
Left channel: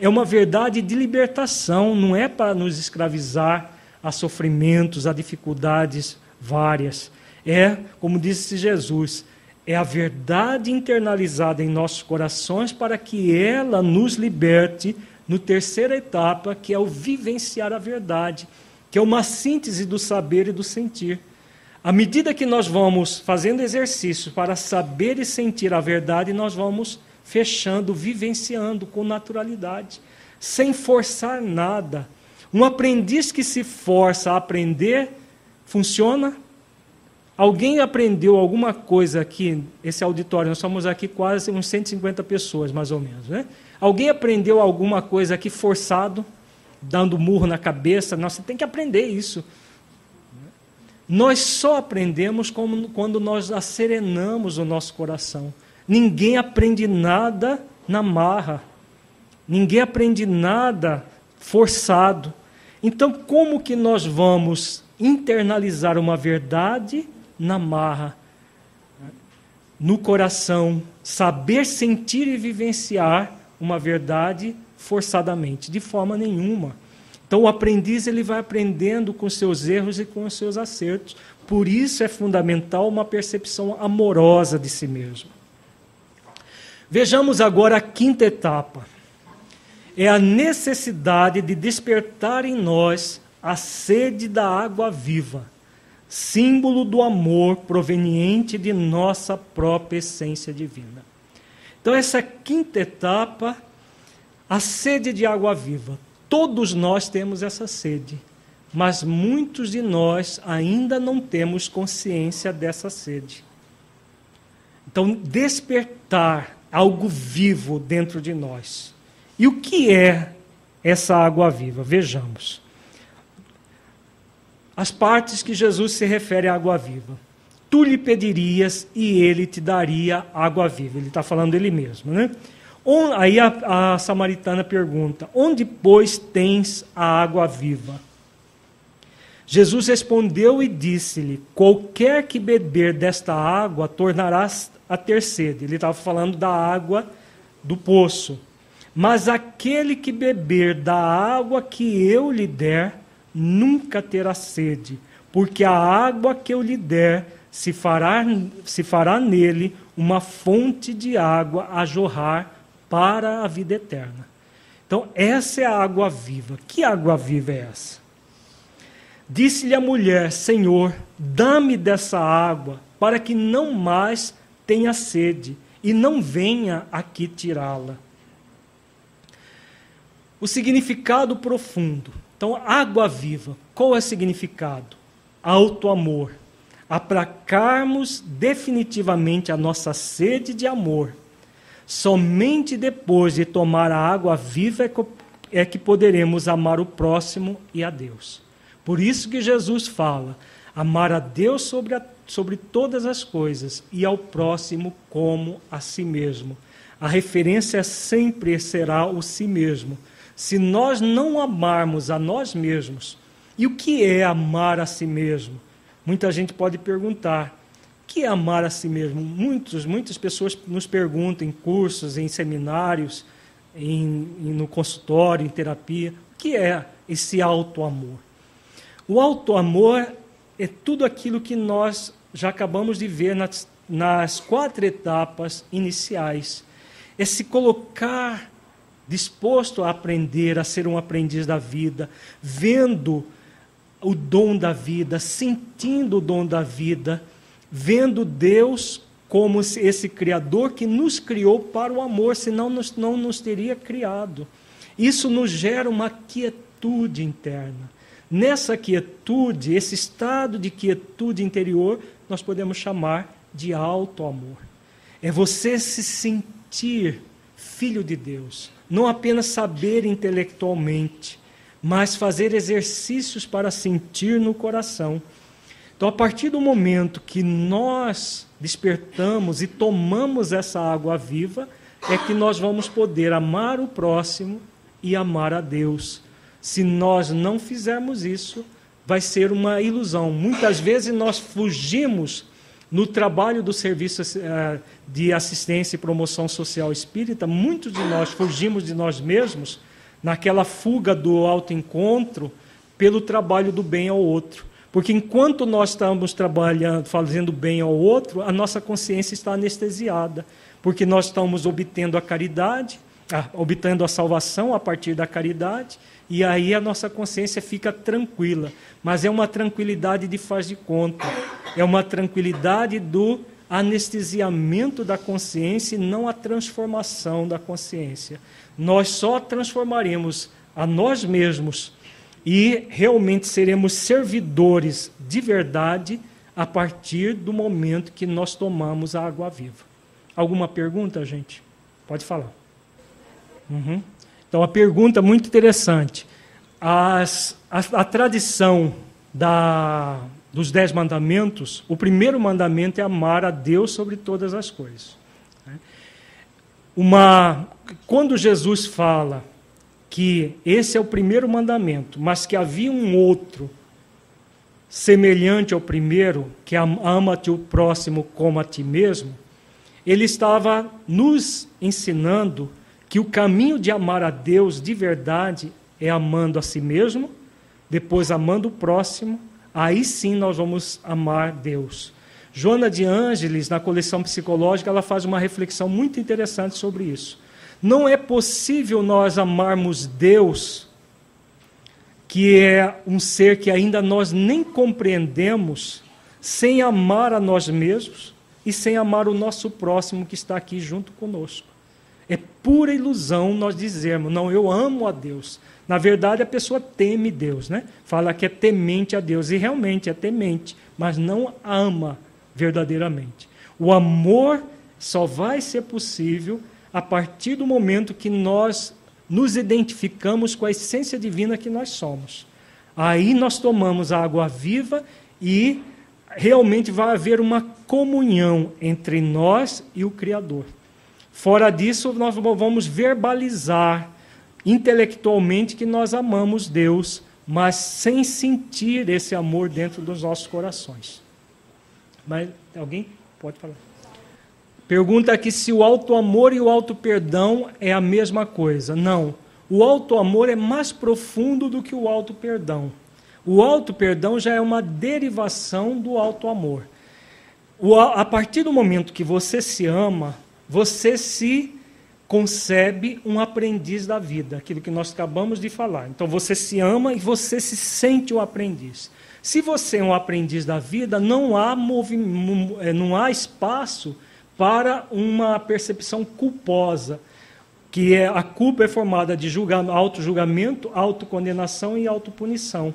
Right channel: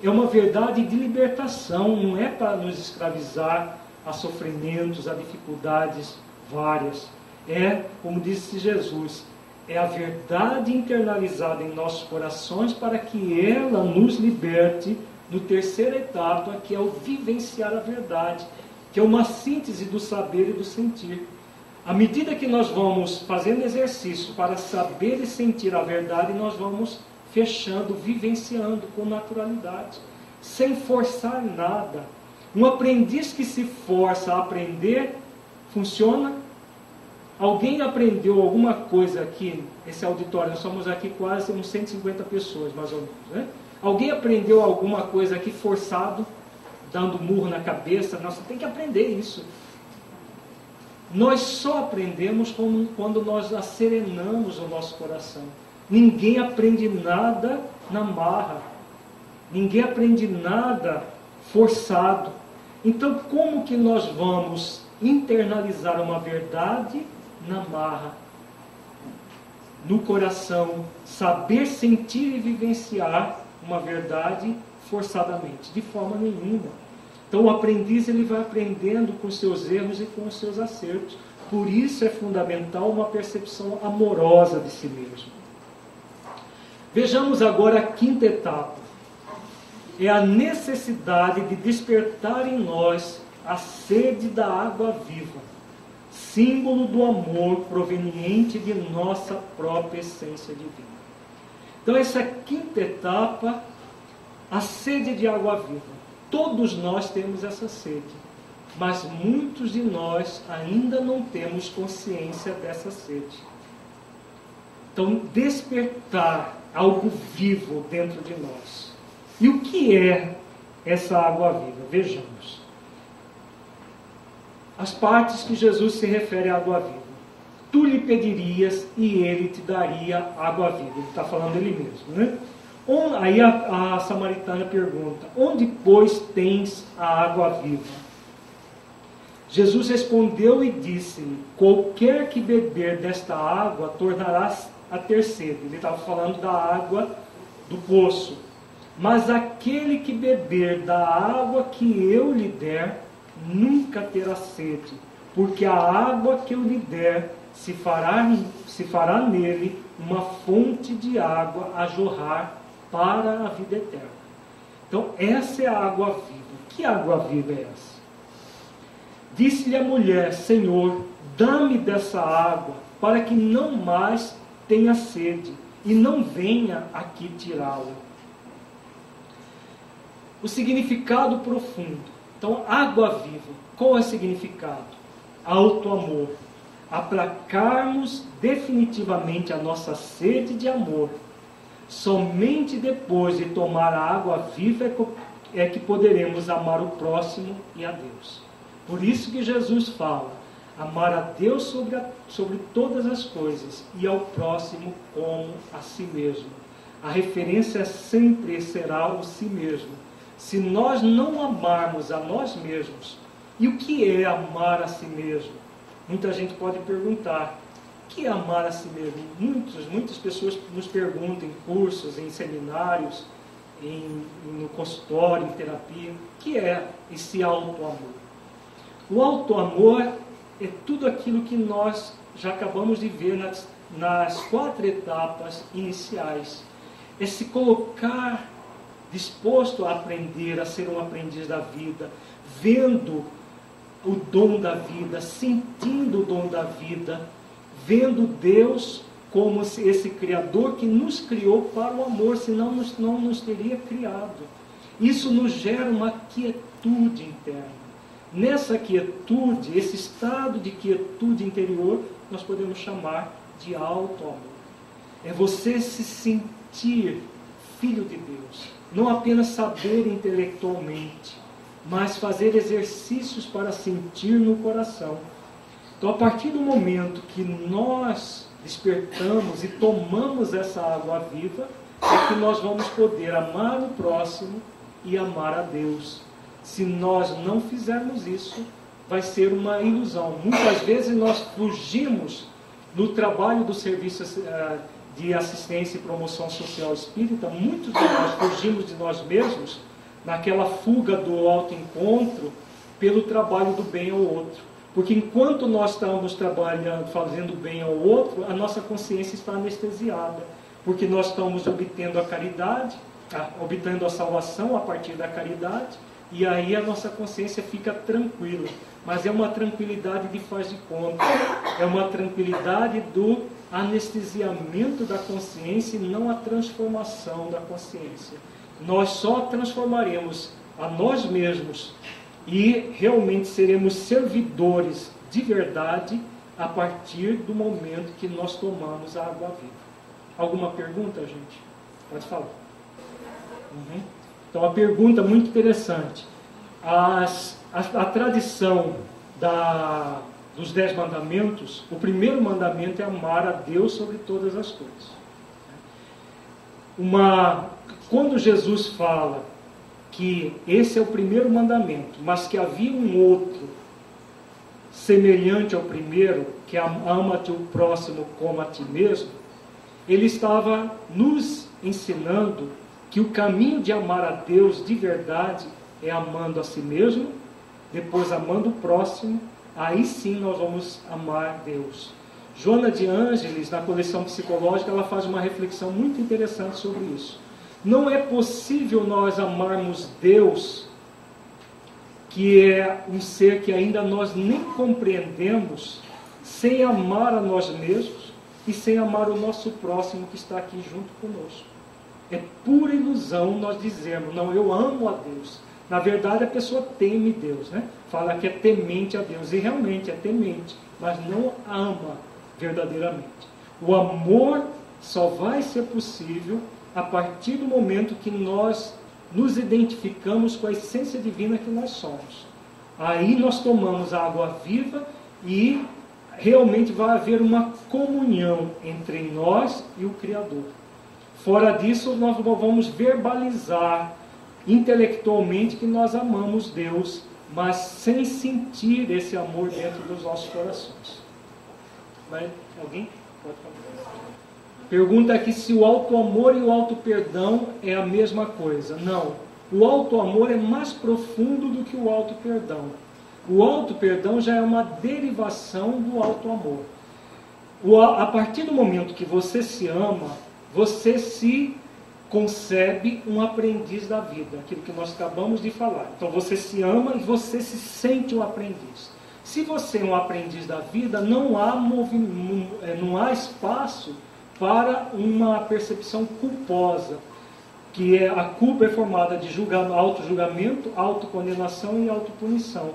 É uma verdade de libertação, não é para nos escravizar a sofrimentos, a dificuldades várias. É, como disse Jesus, é a verdade internalizada em nossos corações para que ela nos liberte no terceira etapa, que é o vivenciar a verdade, que é uma síntese do saber e do sentir. À medida que nós vamos fazendo exercício para saber e sentir a verdade, nós vamos fechando, vivenciando com naturalidade, sem forçar nada. Um aprendiz que se força a aprender, funciona? Alguém aprendeu alguma coisa aqui, esse auditório, nós somos aqui quase uns 150 pessoas, mais ou menos, né? Alguém aprendeu alguma coisa aqui forçado, dando murro na cabeça? Nossa, tem que aprender isso. Nós só aprendemos quando nós acerenamos o nosso coração. Ninguém aprende nada na marra. Ninguém aprende nada forçado. Então, como que nós vamos internalizar uma verdade na marra? no coração, saber sentir e vivenciar uma verdade forçadamente, de forma nenhuma. Então o aprendiz ele vai aprendendo com seus erros e com os seus acertos. Por isso é fundamental uma percepção amorosa de si mesmo. Vejamos agora a quinta etapa. É a necessidade de despertar em nós a sede da água viva, símbolo do amor proveniente de nossa própria essência divina. Então essa quinta etapa, a sede de água viva. Todos nós temos essa sede, mas muitos de nós ainda não temos consciência dessa sede. Então, despertar algo vivo dentro de nós. E o que é essa água viva? Vejamos. As partes que Jesus se refere à água viva. Tu lhe pedirias e ele te daria água viva. Ele está falando dele mesmo, né? Aí a samaritana pergunta, onde, pois, tens a água viva? Jesus respondeu e disse-lhe, qualquer que beber desta água tornarás a ter sede. Ele estava falando da água do poço. Mas aquele que beber da água que eu lhe der, nunca terá sede, porque a água que eu lhe der se fará nele uma fonte de água a jorrar para a vida eterna. Então, essa é a água viva. Que água viva é essa? Disse-lhe a mulher, Senhor, dá-me dessa água, para que não mais tenha sede, e não venha aqui tirá-la. O significado profundo. Então, água viva, qual é o significado? Alto amor. Aplacarmos definitivamente a nossa sede de amor. Somente depois de tomar a água viva é que poderemos amar o próximo e a Deus. Por isso que Jesus fala, amar a Deus sobre todas as coisas e ao próximo como a si mesmo. A referência sempre será o si mesmo. Se nós não amarmos a nós mesmos, e o que é amar a si mesmo? Muita gente pode perguntar, o que é amar a si mesmo? Muitas pessoas nos perguntam em cursos, em seminários, no consultório, em terapia, o que é esse auto-amor? O auto-amor é tudo aquilo que nós já acabamos de ver nas 4 etapas iniciais. É se colocar disposto a aprender, a ser um aprendiz da vida, vendo o dom da vida, sentindo o dom da vida, vendo Deus como esse Criador que nos criou para o amor, senão não nos teria criado. Isso nos gera uma quietude interna. Nessa quietude, esse estado de quietude interior, nós podemos chamar de alto amor. É você se sentir filho de Deus, não apenas saber intelectualmente, mas fazer exercícios para sentir no coração. Então, a partir do momento que nós despertamos e tomamos essa água viva, é que nós vamos poder amar o próximo e amar a Deus. Se nós não fizermos isso, vai ser uma ilusão. Muitas vezes nós fugimos no trabalho do serviço de assistência e promoção social espírita, muitos de nós fugimos de nós mesmos, naquela fuga do autoencontro, pelo trabalho do bem ao outro. Porque enquanto nós estamos trabalhando, fazendo bem ao outro, a nossa consciência está anestesiada, porque nós estamos obtendo a caridade, obtendo a salvação a partir da caridade, e aí a nossa consciência fica tranquila. Mas é uma tranquilidade de faz de conta, é uma tranquilidade do anestesiamento da consciência e não a transformação da consciência. Nós só transformaremos a nós mesmos e realmente seremos servidores de verdade a partir do momento que nós tomamos a água viva. Alguma pergunta, gente? Pode falar. Então, a pergunta muito interessante. A tradição dos 10 mandamentos, o primeiro mandamento é amar a Deus sobre todas as coisas. Quando Jesus fala que esse é o primeiro mandamento, mas que havia um outro semelhante ao primeiro, que ama-te o próximo como a ti mesmo, ele estava nos ensinando que o caminho de amar a Deus de verdade é amando a si mesmo, depois amando o próximo, aí sim nós vamos amar Deus. Joana de Ângeles, na coleção psicológica, ela faz uma reflexão muito interessante sobre isso. Não é possível nós amarmos Deus, que é um ser que ainda nós nem compreendemos, sem amar a nós mesmos e sem amar o nosso próximo que está aqui junto conosco. É pura ilusão nós dizermos, não, eu amo a Deus. Na verdade, a pessoa teme Deus, né? Fala que é temente a Deus, e realmente é temente, mas não ama verdadeiramente. O amor só vai ser possível a partir do momento que nós nos identificamos com a essência divina que nós somos. Aí nós tomamos a água viva e realmente vai haver uma comunhão entre nós e o Criador. Fora disso, nós vamos verbalizar intelectualmente que nós amamos Deus, mas sem sentir esse amor dentro dos nossos corações. Mas alguém pode falar? Pergunta aqui se o auto-amor e o auto-perdão é a mesma coisa. Não. O auto-amor é mais profundo do que o auto-perdão. O auto-perdão já é uma derivação do auto-amor. A partir do momento que você se ama, você se concebe um aprendiz da vida, aquilo que nós acabamos de falar. Então você se ama e você se sente um aprendiz. Se você é um aprendiz da vida, não há espaço para uma percepção culposa, que a culpa é formada de auto-julgamento, autocondenação e autopunição.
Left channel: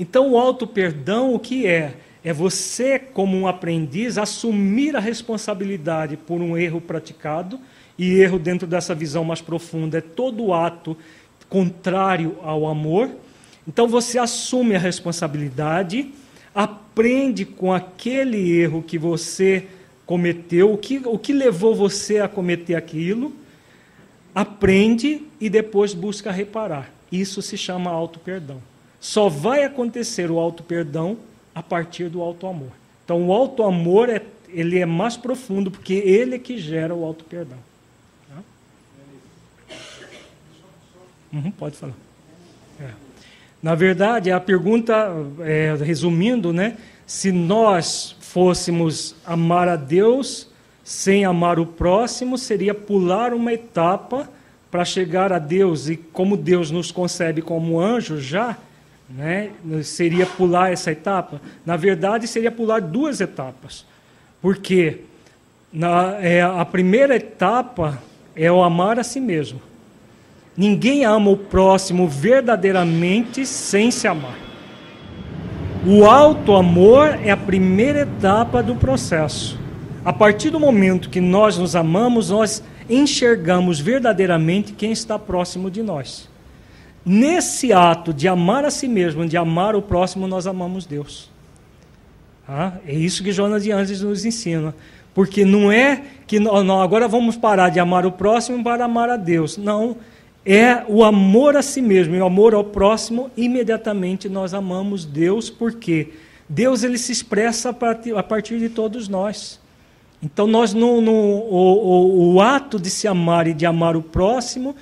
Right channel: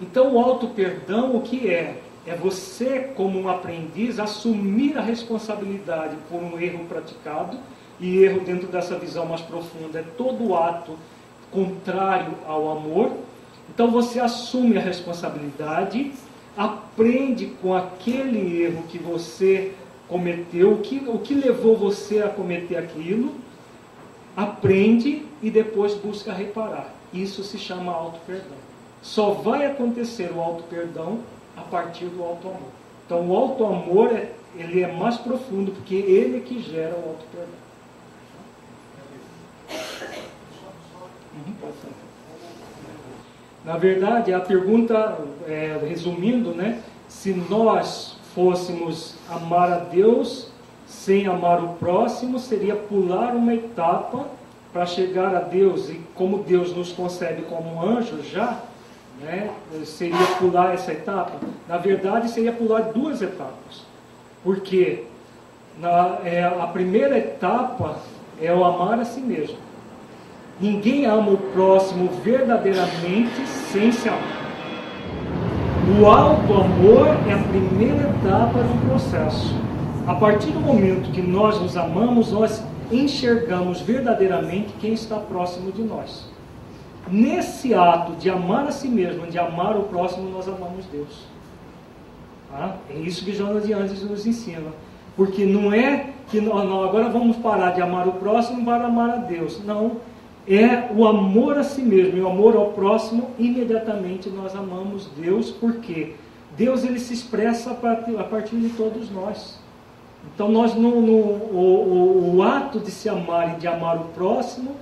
Então o auto-perdão o que é? É você, como um aprendiz, assumir a responsabilidade por um erro praticado, e erro dentro dessa visão mais profunda é todo ato contrário ao amor. Então você assume a responsabilidade, aprende com aquele erro que você cometeu, o que levou você a cometer aquilo, aprende e depois busca reparar. Isso se chama auto-perdão. Só vai acontecer o auto-perdão a partir do auto-amor. Então o auto-amor ele é mais profundo, porque ele é que gera o auto-perdão. Pode falar. Na verdade, a pergunta, resumindo, né, se nós fôssemos amar a Deus sem amar o próximo, seria pular uma etapa para chegar a Deus, e como Deus nos concebe como anjo já, né, seria pular essa etapa. Na verdade, seria pular duas etapas, porque a primeira etapa é o amar a si mesmo. Ninguém ama o próximo verdadeiramente sem se amar. O auto-amor é a primeira etapa do processo. A partir do momento que nós nos amamos, nós enxergamos verdadeiramente quem está próximo de nós. Nesse ato de amar a si mesmo, de amar o próximo, nós amamos Deus. É isso que Joana de Ângeles nos ensina. Porque não é que agora vamos parar de amar o próximo para amar a Deus. Não. É o amor a si mesmo e o amor ao próximo, imediatamente nós amamos Deus, porque Deus ele se expressa a partir de todos nós. Então o ato de se amar e de amar o próximo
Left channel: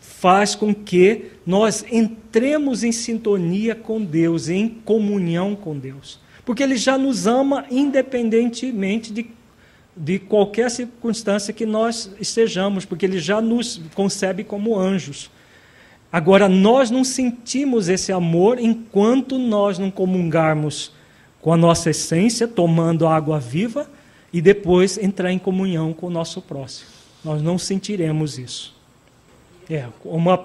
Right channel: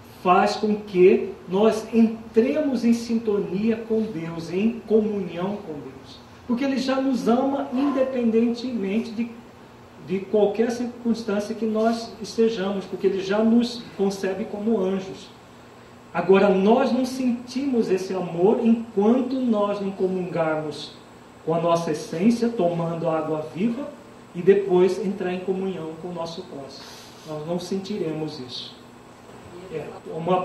faz com que nós entremos em sintonia com Deus, em comunhão com Deus. Porque Ele já nos ama independentemente de qualquer circunstância que nós estejamos, porque Ele já nos concebe como anjos. Agora, nós não sentimos esse amor enquanto nós não comungarmos com a nossa essência, tomando a água viva, e depois entrar em comunhão com o nosso próximo. Nós não sentiremos isso.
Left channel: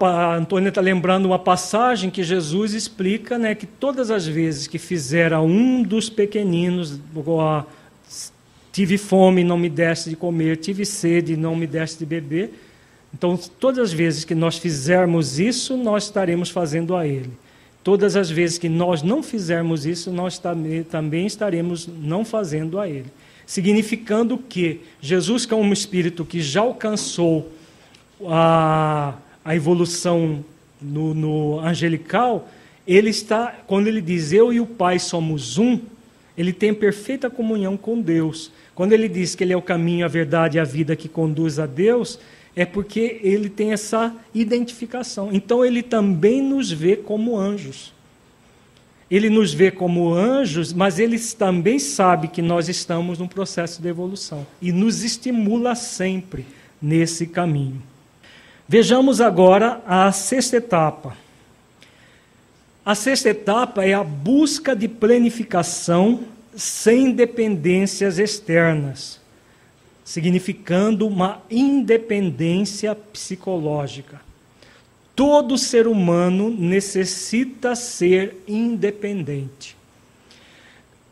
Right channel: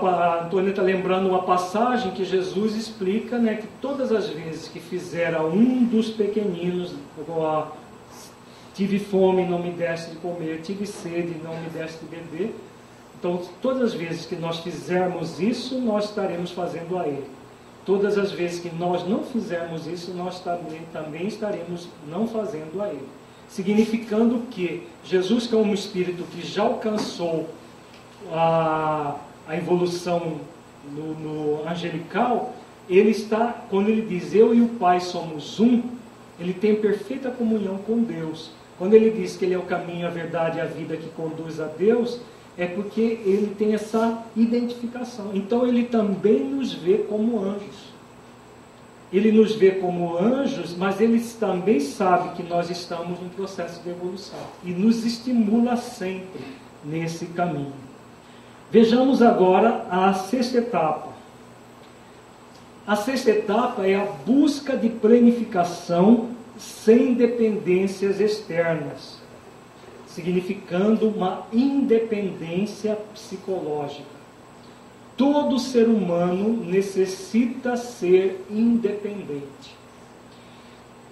A Antônia está lembrando uma passagem que Jesus explica, né, que todas as vezes que fizera um dos pequeninos, tive fome, não me deste de comer, tive sede, não me deste de beber. Então, todas as vezes que nós fizermos isso, nós estaremos fazendo a Ele. Todas as vezes que nós não fizermos isso, nós também estaremos não fazendo a Ele. Significando que Jesus, que é um espírito que já alcançou a evolução no angelical, ele está, quando ele diz eu e o Pai somos um, ele tem perfeita comunhão com Deus. Quando ele diz que ele é o caminho, a verdade e a vida que conduz a Deus, é porque ele tem essa identificação. Então ele também nos vê como anjos. Ele nos vê como anjos, mas ele também sabe que nós estamos num processo de evolução e nos estimula sempre nesse caminho. Vejamos agora a sexta etapa. A sexta etapa é a busca de planificação sem dependências externas, significando uma independência psicológica. Todo ser humano necessita ser independente.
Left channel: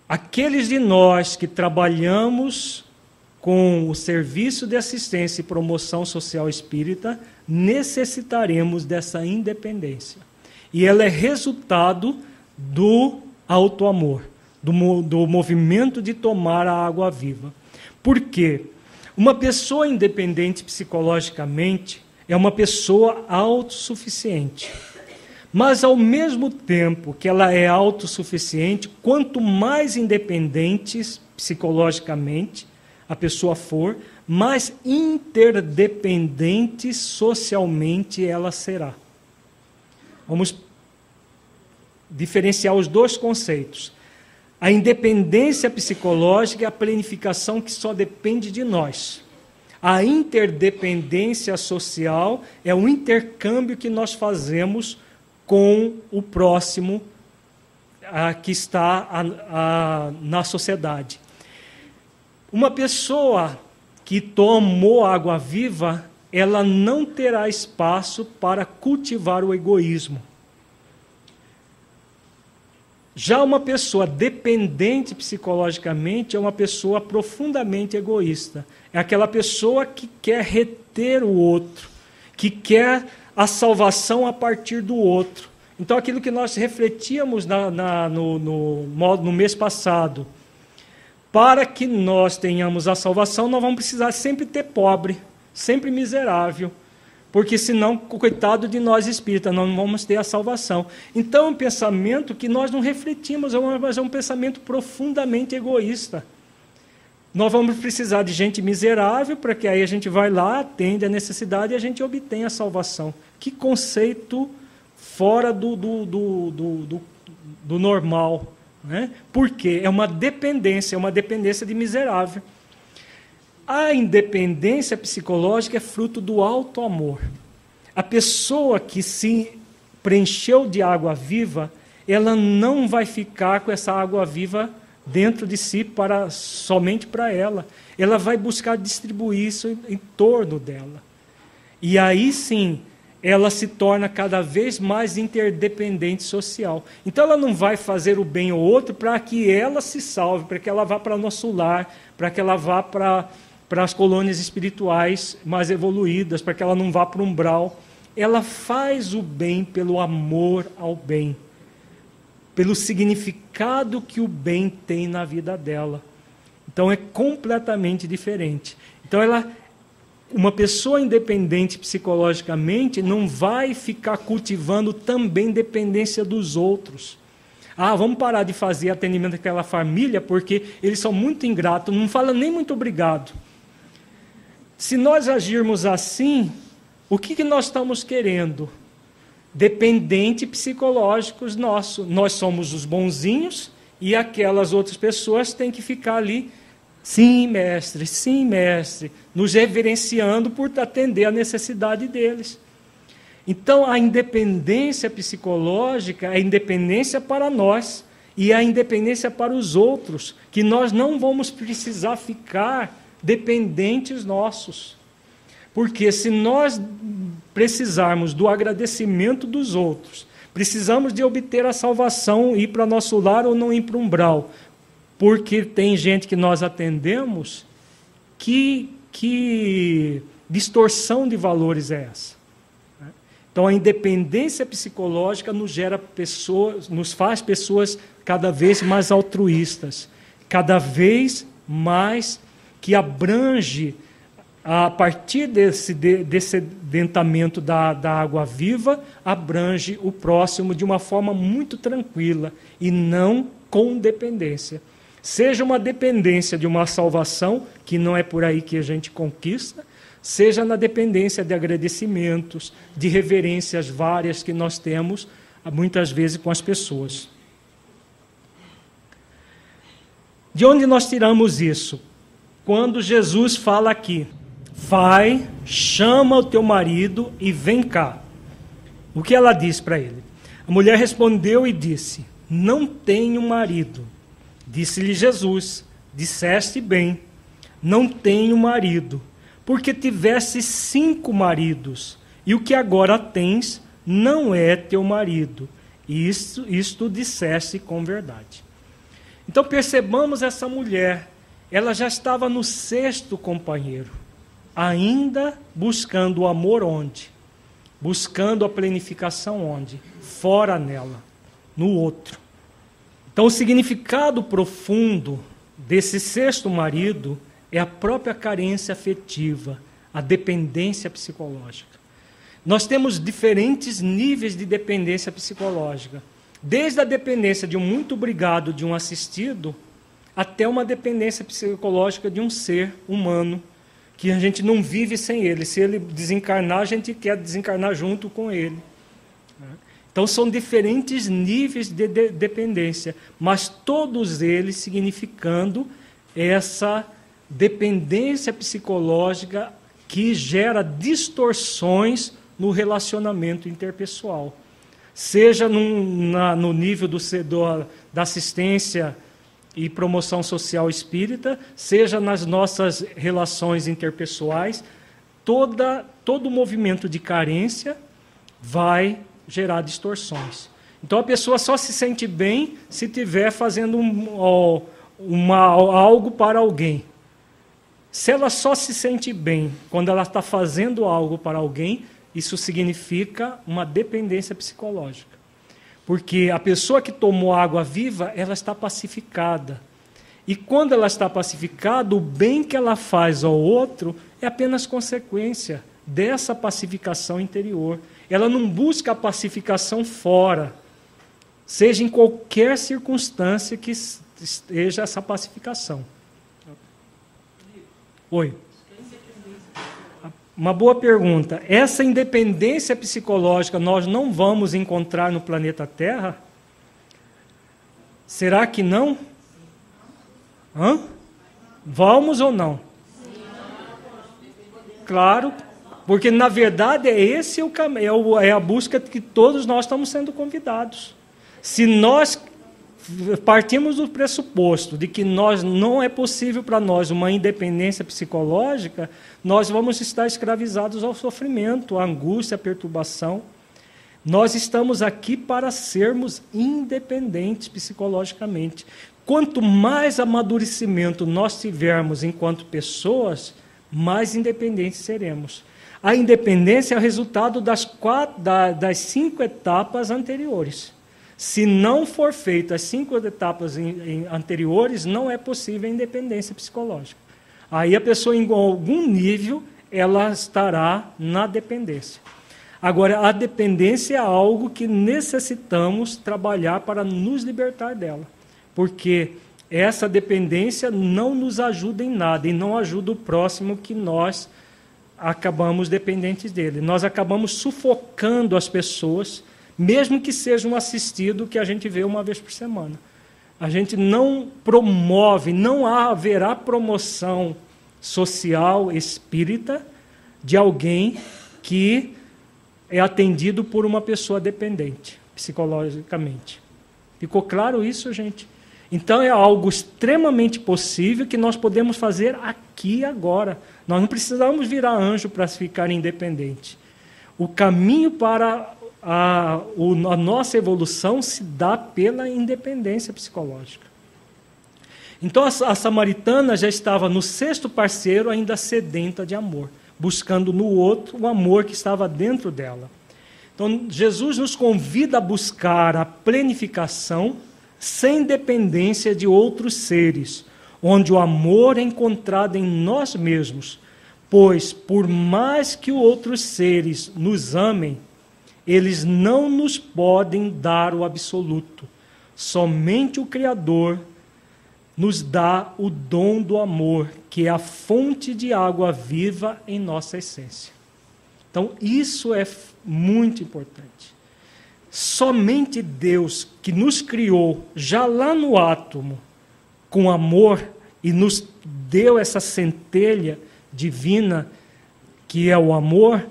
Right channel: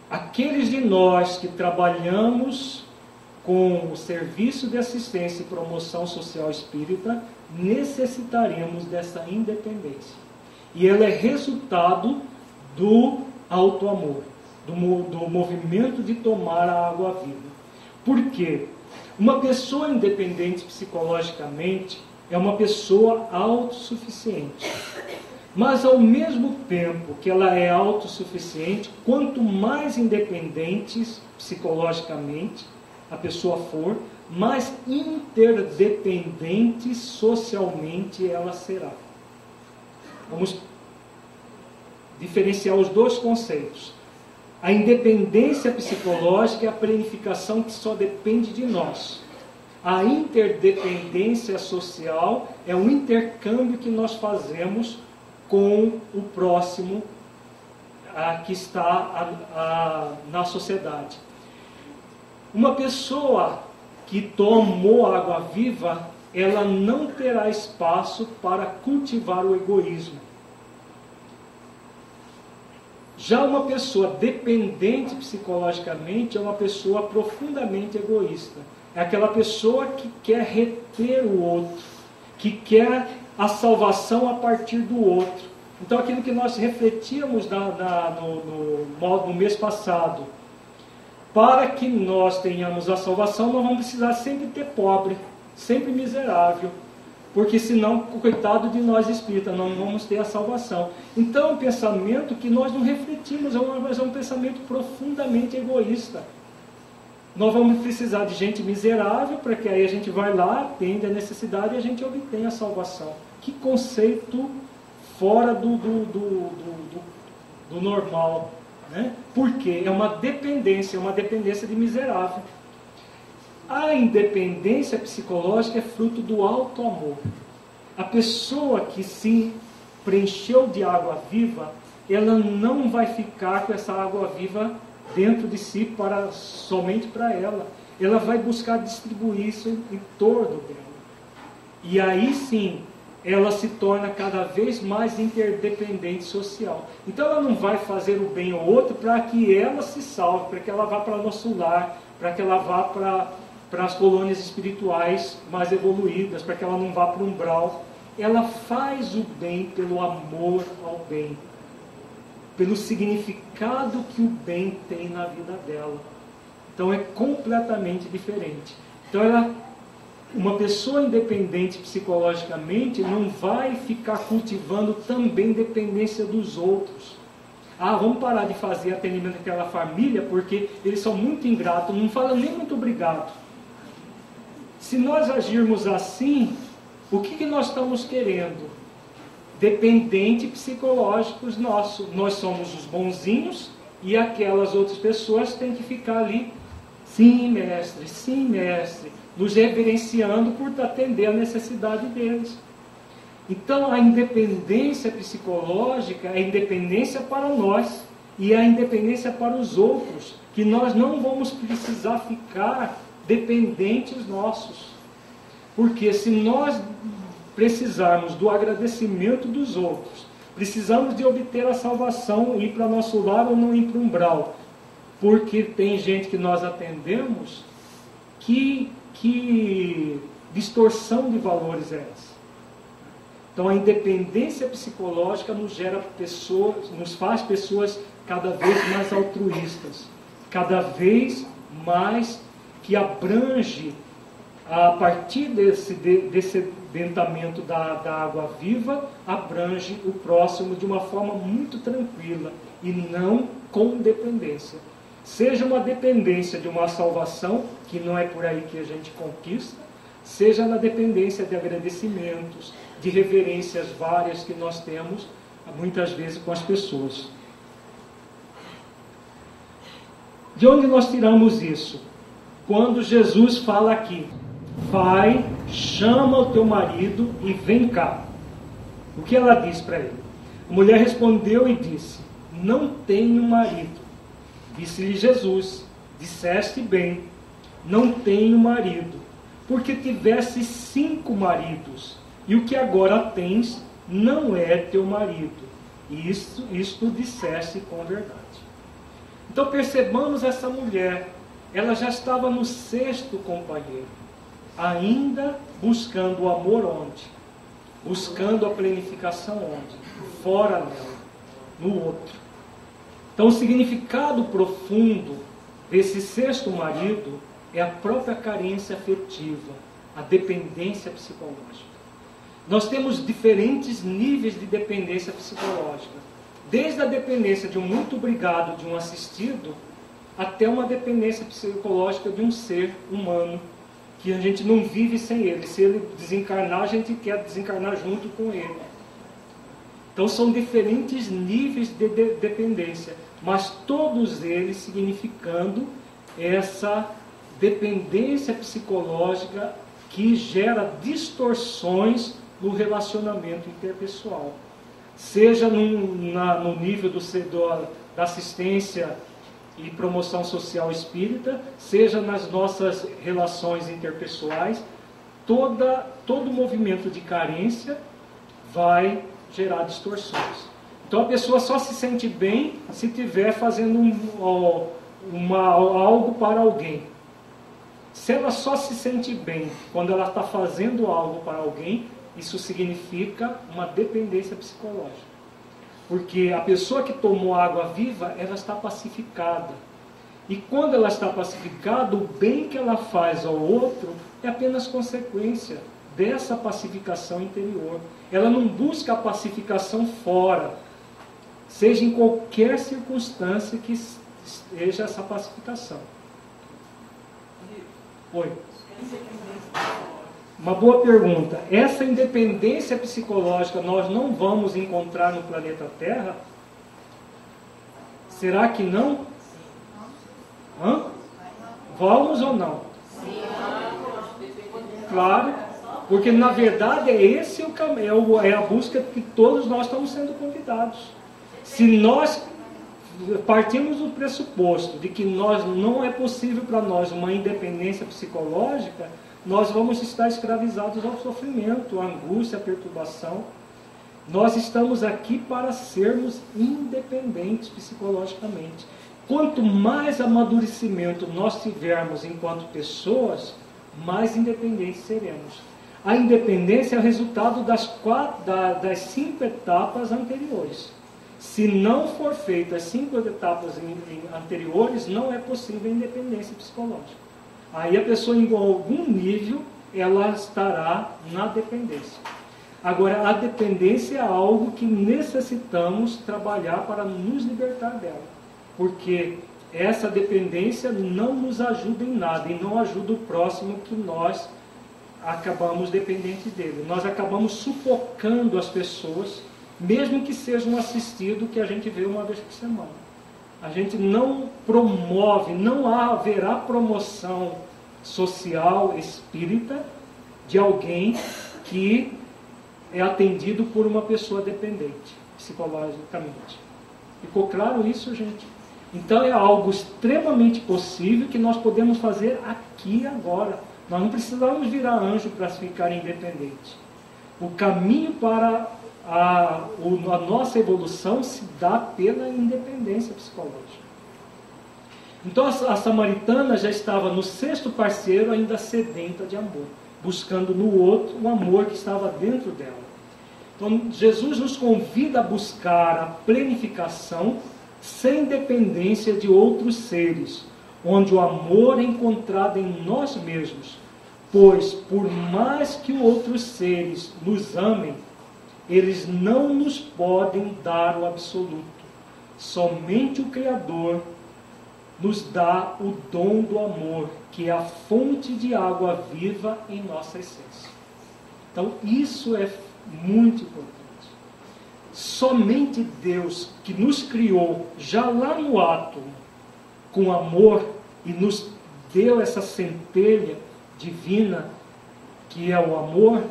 Aqueles de nós que trabalhamos com o serviço de assistência e promoção social espírita, necessitaremos dessa independência. E ela é resultado do autoamor, do movimento de tomar a água viva. Por quê? Uma pessoa independente psicologicamente é uma pessoa autossuficiente. Mas ao mesmo tempo que ela é autossuficiente, quanto mais independentes psicologicamente a pessoa for, mais interdependente socialmente ela será. Vamos diferenciar os dois conceitos. A independência psicológica é a planificação que só depende de nós. A interdependência social é o intercâmbio que nós fazemos com o próximo que está na sociedade. Uma pessoa que tomou água viva, ela não terá espaço para cultivar o egoísmo. Já uma pessoa dependente psicologicamente é uma pessoa profundamente egoísta. É aquela pessoa que quer reter o outro, que quer a salvação a partir do outro. Então, aquilo que nós refletíamos no mês passado, para que nós tenhamos a salvação, nós vamos precisar sempre ter pobre, sempre miserável, porque senão, coitado de nós espíritas, nós não vamos ter a salvação. Então, é um pensamento que nós não refletimos, mas é um pensamento profundamente egoísta. Nós vamos precisar de gente miserável, para que aí a gente vai lá, atende a necessidade e a gente obtém a salvação. Que conceito fora do normal. Né? Por quê? É uma dependência de miserável. A independência psicológica é fruto do autoamor. A pessoa que se preencheu de água viva, ela não vai ficar com essa água viva dentro de si somente para ela. Ela vai buscar distribuir isso em torno dela. E aí sim, ela se torna cada vez mais interdependente social. Então ela não vai fazer o bem ao outro para que ela se salve, para que ela vá para o nosso lar, para que ela vá para as colônias espirituais mais evoluídas, para que ela não vá para o umbral. Ela faz o bem pelo amor ao bem, pelo significado que o bem tem na vida dela. Então é completamente diferente. Então uma pessoa independente psicologicamente não vai ficar cultivando também dependência dos outros. Vamos parar de fazer atendimento àquela família porque eles são muito ingratos, não falam nem muito obrigado. Se nós agirmos assim, o que nós estamos querendo? Dependente psicológicos nossos. Nós somos os bonzinhos e aquelas outras pessoas têm que ficar ali, sim, mestre, nos reverenciando por atender a necessidade deles. Então, a independência psicológica é a independência para nós e a independência para os outros, que nós não vamos precisar ficar dependentes nossos. Porque se nós precisarmos do agradecimento dos outros, precisamos de obter a salvação, ir para nosso lar ou não ir para o umbral, porque tem gente que nós atendemos, que distorção de valores é essa? Então a independência psicológica nos faz pessoas cada vez mais altruístas, cada vez mais que abrange, a partir desse dentamento da água viva, abrange o próximo de uma forma muito tranquila e não com dependência. Seja uma dependência de uma salvação, que não é por aí que a gente conquista, seja na dependência de agradecimentos, de reverências várias que nós temos, muitas vezes, com as pessoas. De onde nós tiramos isso? Quando Jesus fala aqui, vai, chama o teu marido e vem cá. O que ela diz para ele? A mulher respondeu e disse, não tenho marido. Disse-lhe Jesus, disseste bem, não tenho marido, porque tiveste 5 maridos, e o que agora tens não é teu marido. E isto disseste com verdade. Então percebamos essa mulher, ela já estava no 6º companheiro, ainda buscando o amor onde? Buscando a planificação onde? Fora nela, no outro. Então o significado profundo desse 6º marido é a própria carência afetiva, a dependência psicológica. Nós temos diferentes níveis de dependência psicológica, desde a dependência de um muito obrigado de um assistido, até uma dependência psicológica de um ser humano, que a gente não vive sem ele. Se ele desencarnar, a gente quer desencarnar junto com ele. Então são diferentes níveis de dependência, mas todos eles significando essa dependência psicológica que gera distorções no relacionamento interpessoal. Seja no nível da assistência e promoção social espírita, seja nas nossas relações interpessoais, todo movimento de carência vai gerar distorções. Então a pessoa só se sente bem se estiver fazendo algo para alguém. Se ela só se sente bem quando ela está fazendo algo para alguém, isso significa uma dependência psicológica. Porque a pessoa que tomou água viva, ela está pacificada. E quando ela está pacificada, o bem que ela faz ao outro é apenas consequência dessa pacificação interior. Ela não busca a pacificação fora, seja em qualquer circunstância que esteja essa pacificação. Oi. Uma boa pergunta. Essa independência psicológica nós não vamos encontrar no planeta Terra? Será que não? Hã? Vamos ou não? Claro, porque na verdade esse é o caminho, é a busca que todos nós estamos sendo convidados. Se nós partimos do pressuposto de que não é possível para nós uma independência psicológica, nós vamos estar escravizados ao sofrimento, à angústia, à perturbação. Nós estamos aqui para sermos independentes psicologicamente. Quanto mais amadurecimento nós tivermos enquanto pessoas, mais independentes seremos. A independência é o resultado das 5 etapas anteriores. Se não for feita as 5 etapas anteriores, não é possível a independência psicológica. Aí a pessoa, em algum nível, ela estará na dependência. Agora, a dependência é algo que necessitamos trabalhar para nos libertar dela. Porque essa dependência não nos ajuda em nada e não ajuda o próximo que nós acabamos dependentes dele. Nós acabamos sufocando as pessoas, mesmo que seja um assistido que a gente vê uma vez por semana. A gente não promove, não haverá promoção social espírita de alguém que é atendido por uma pessoa dependente, psicologicamente. Ficou claro isso, gente? Então é algo extremamente possível que nós podemos fazer aqui e agora. Nós não precisamos virar anjo para ficar independente. O caminho para a nossa evolução se dá pela independência psicológica. Então a samaritana já estava no 6º parceiro, ainda sedenta de amor, buscando no outro o amor que estava dentro dela. Então Jesus nos convida a buscar a plenificação sem dependência de outros seres, onde o amor é encontrado em nós mesmos, pois por mais que outros seres nos amem, eles não nos podem dar o absoluto. Somente o Criador nos dá o dom do amor, que é a fonte de água viva em nossa essência. Então, isso é muito importante. Somente Deus, que nos criou já lá no átomo, com amor, e nos deu essa centelha divina, que é o amor,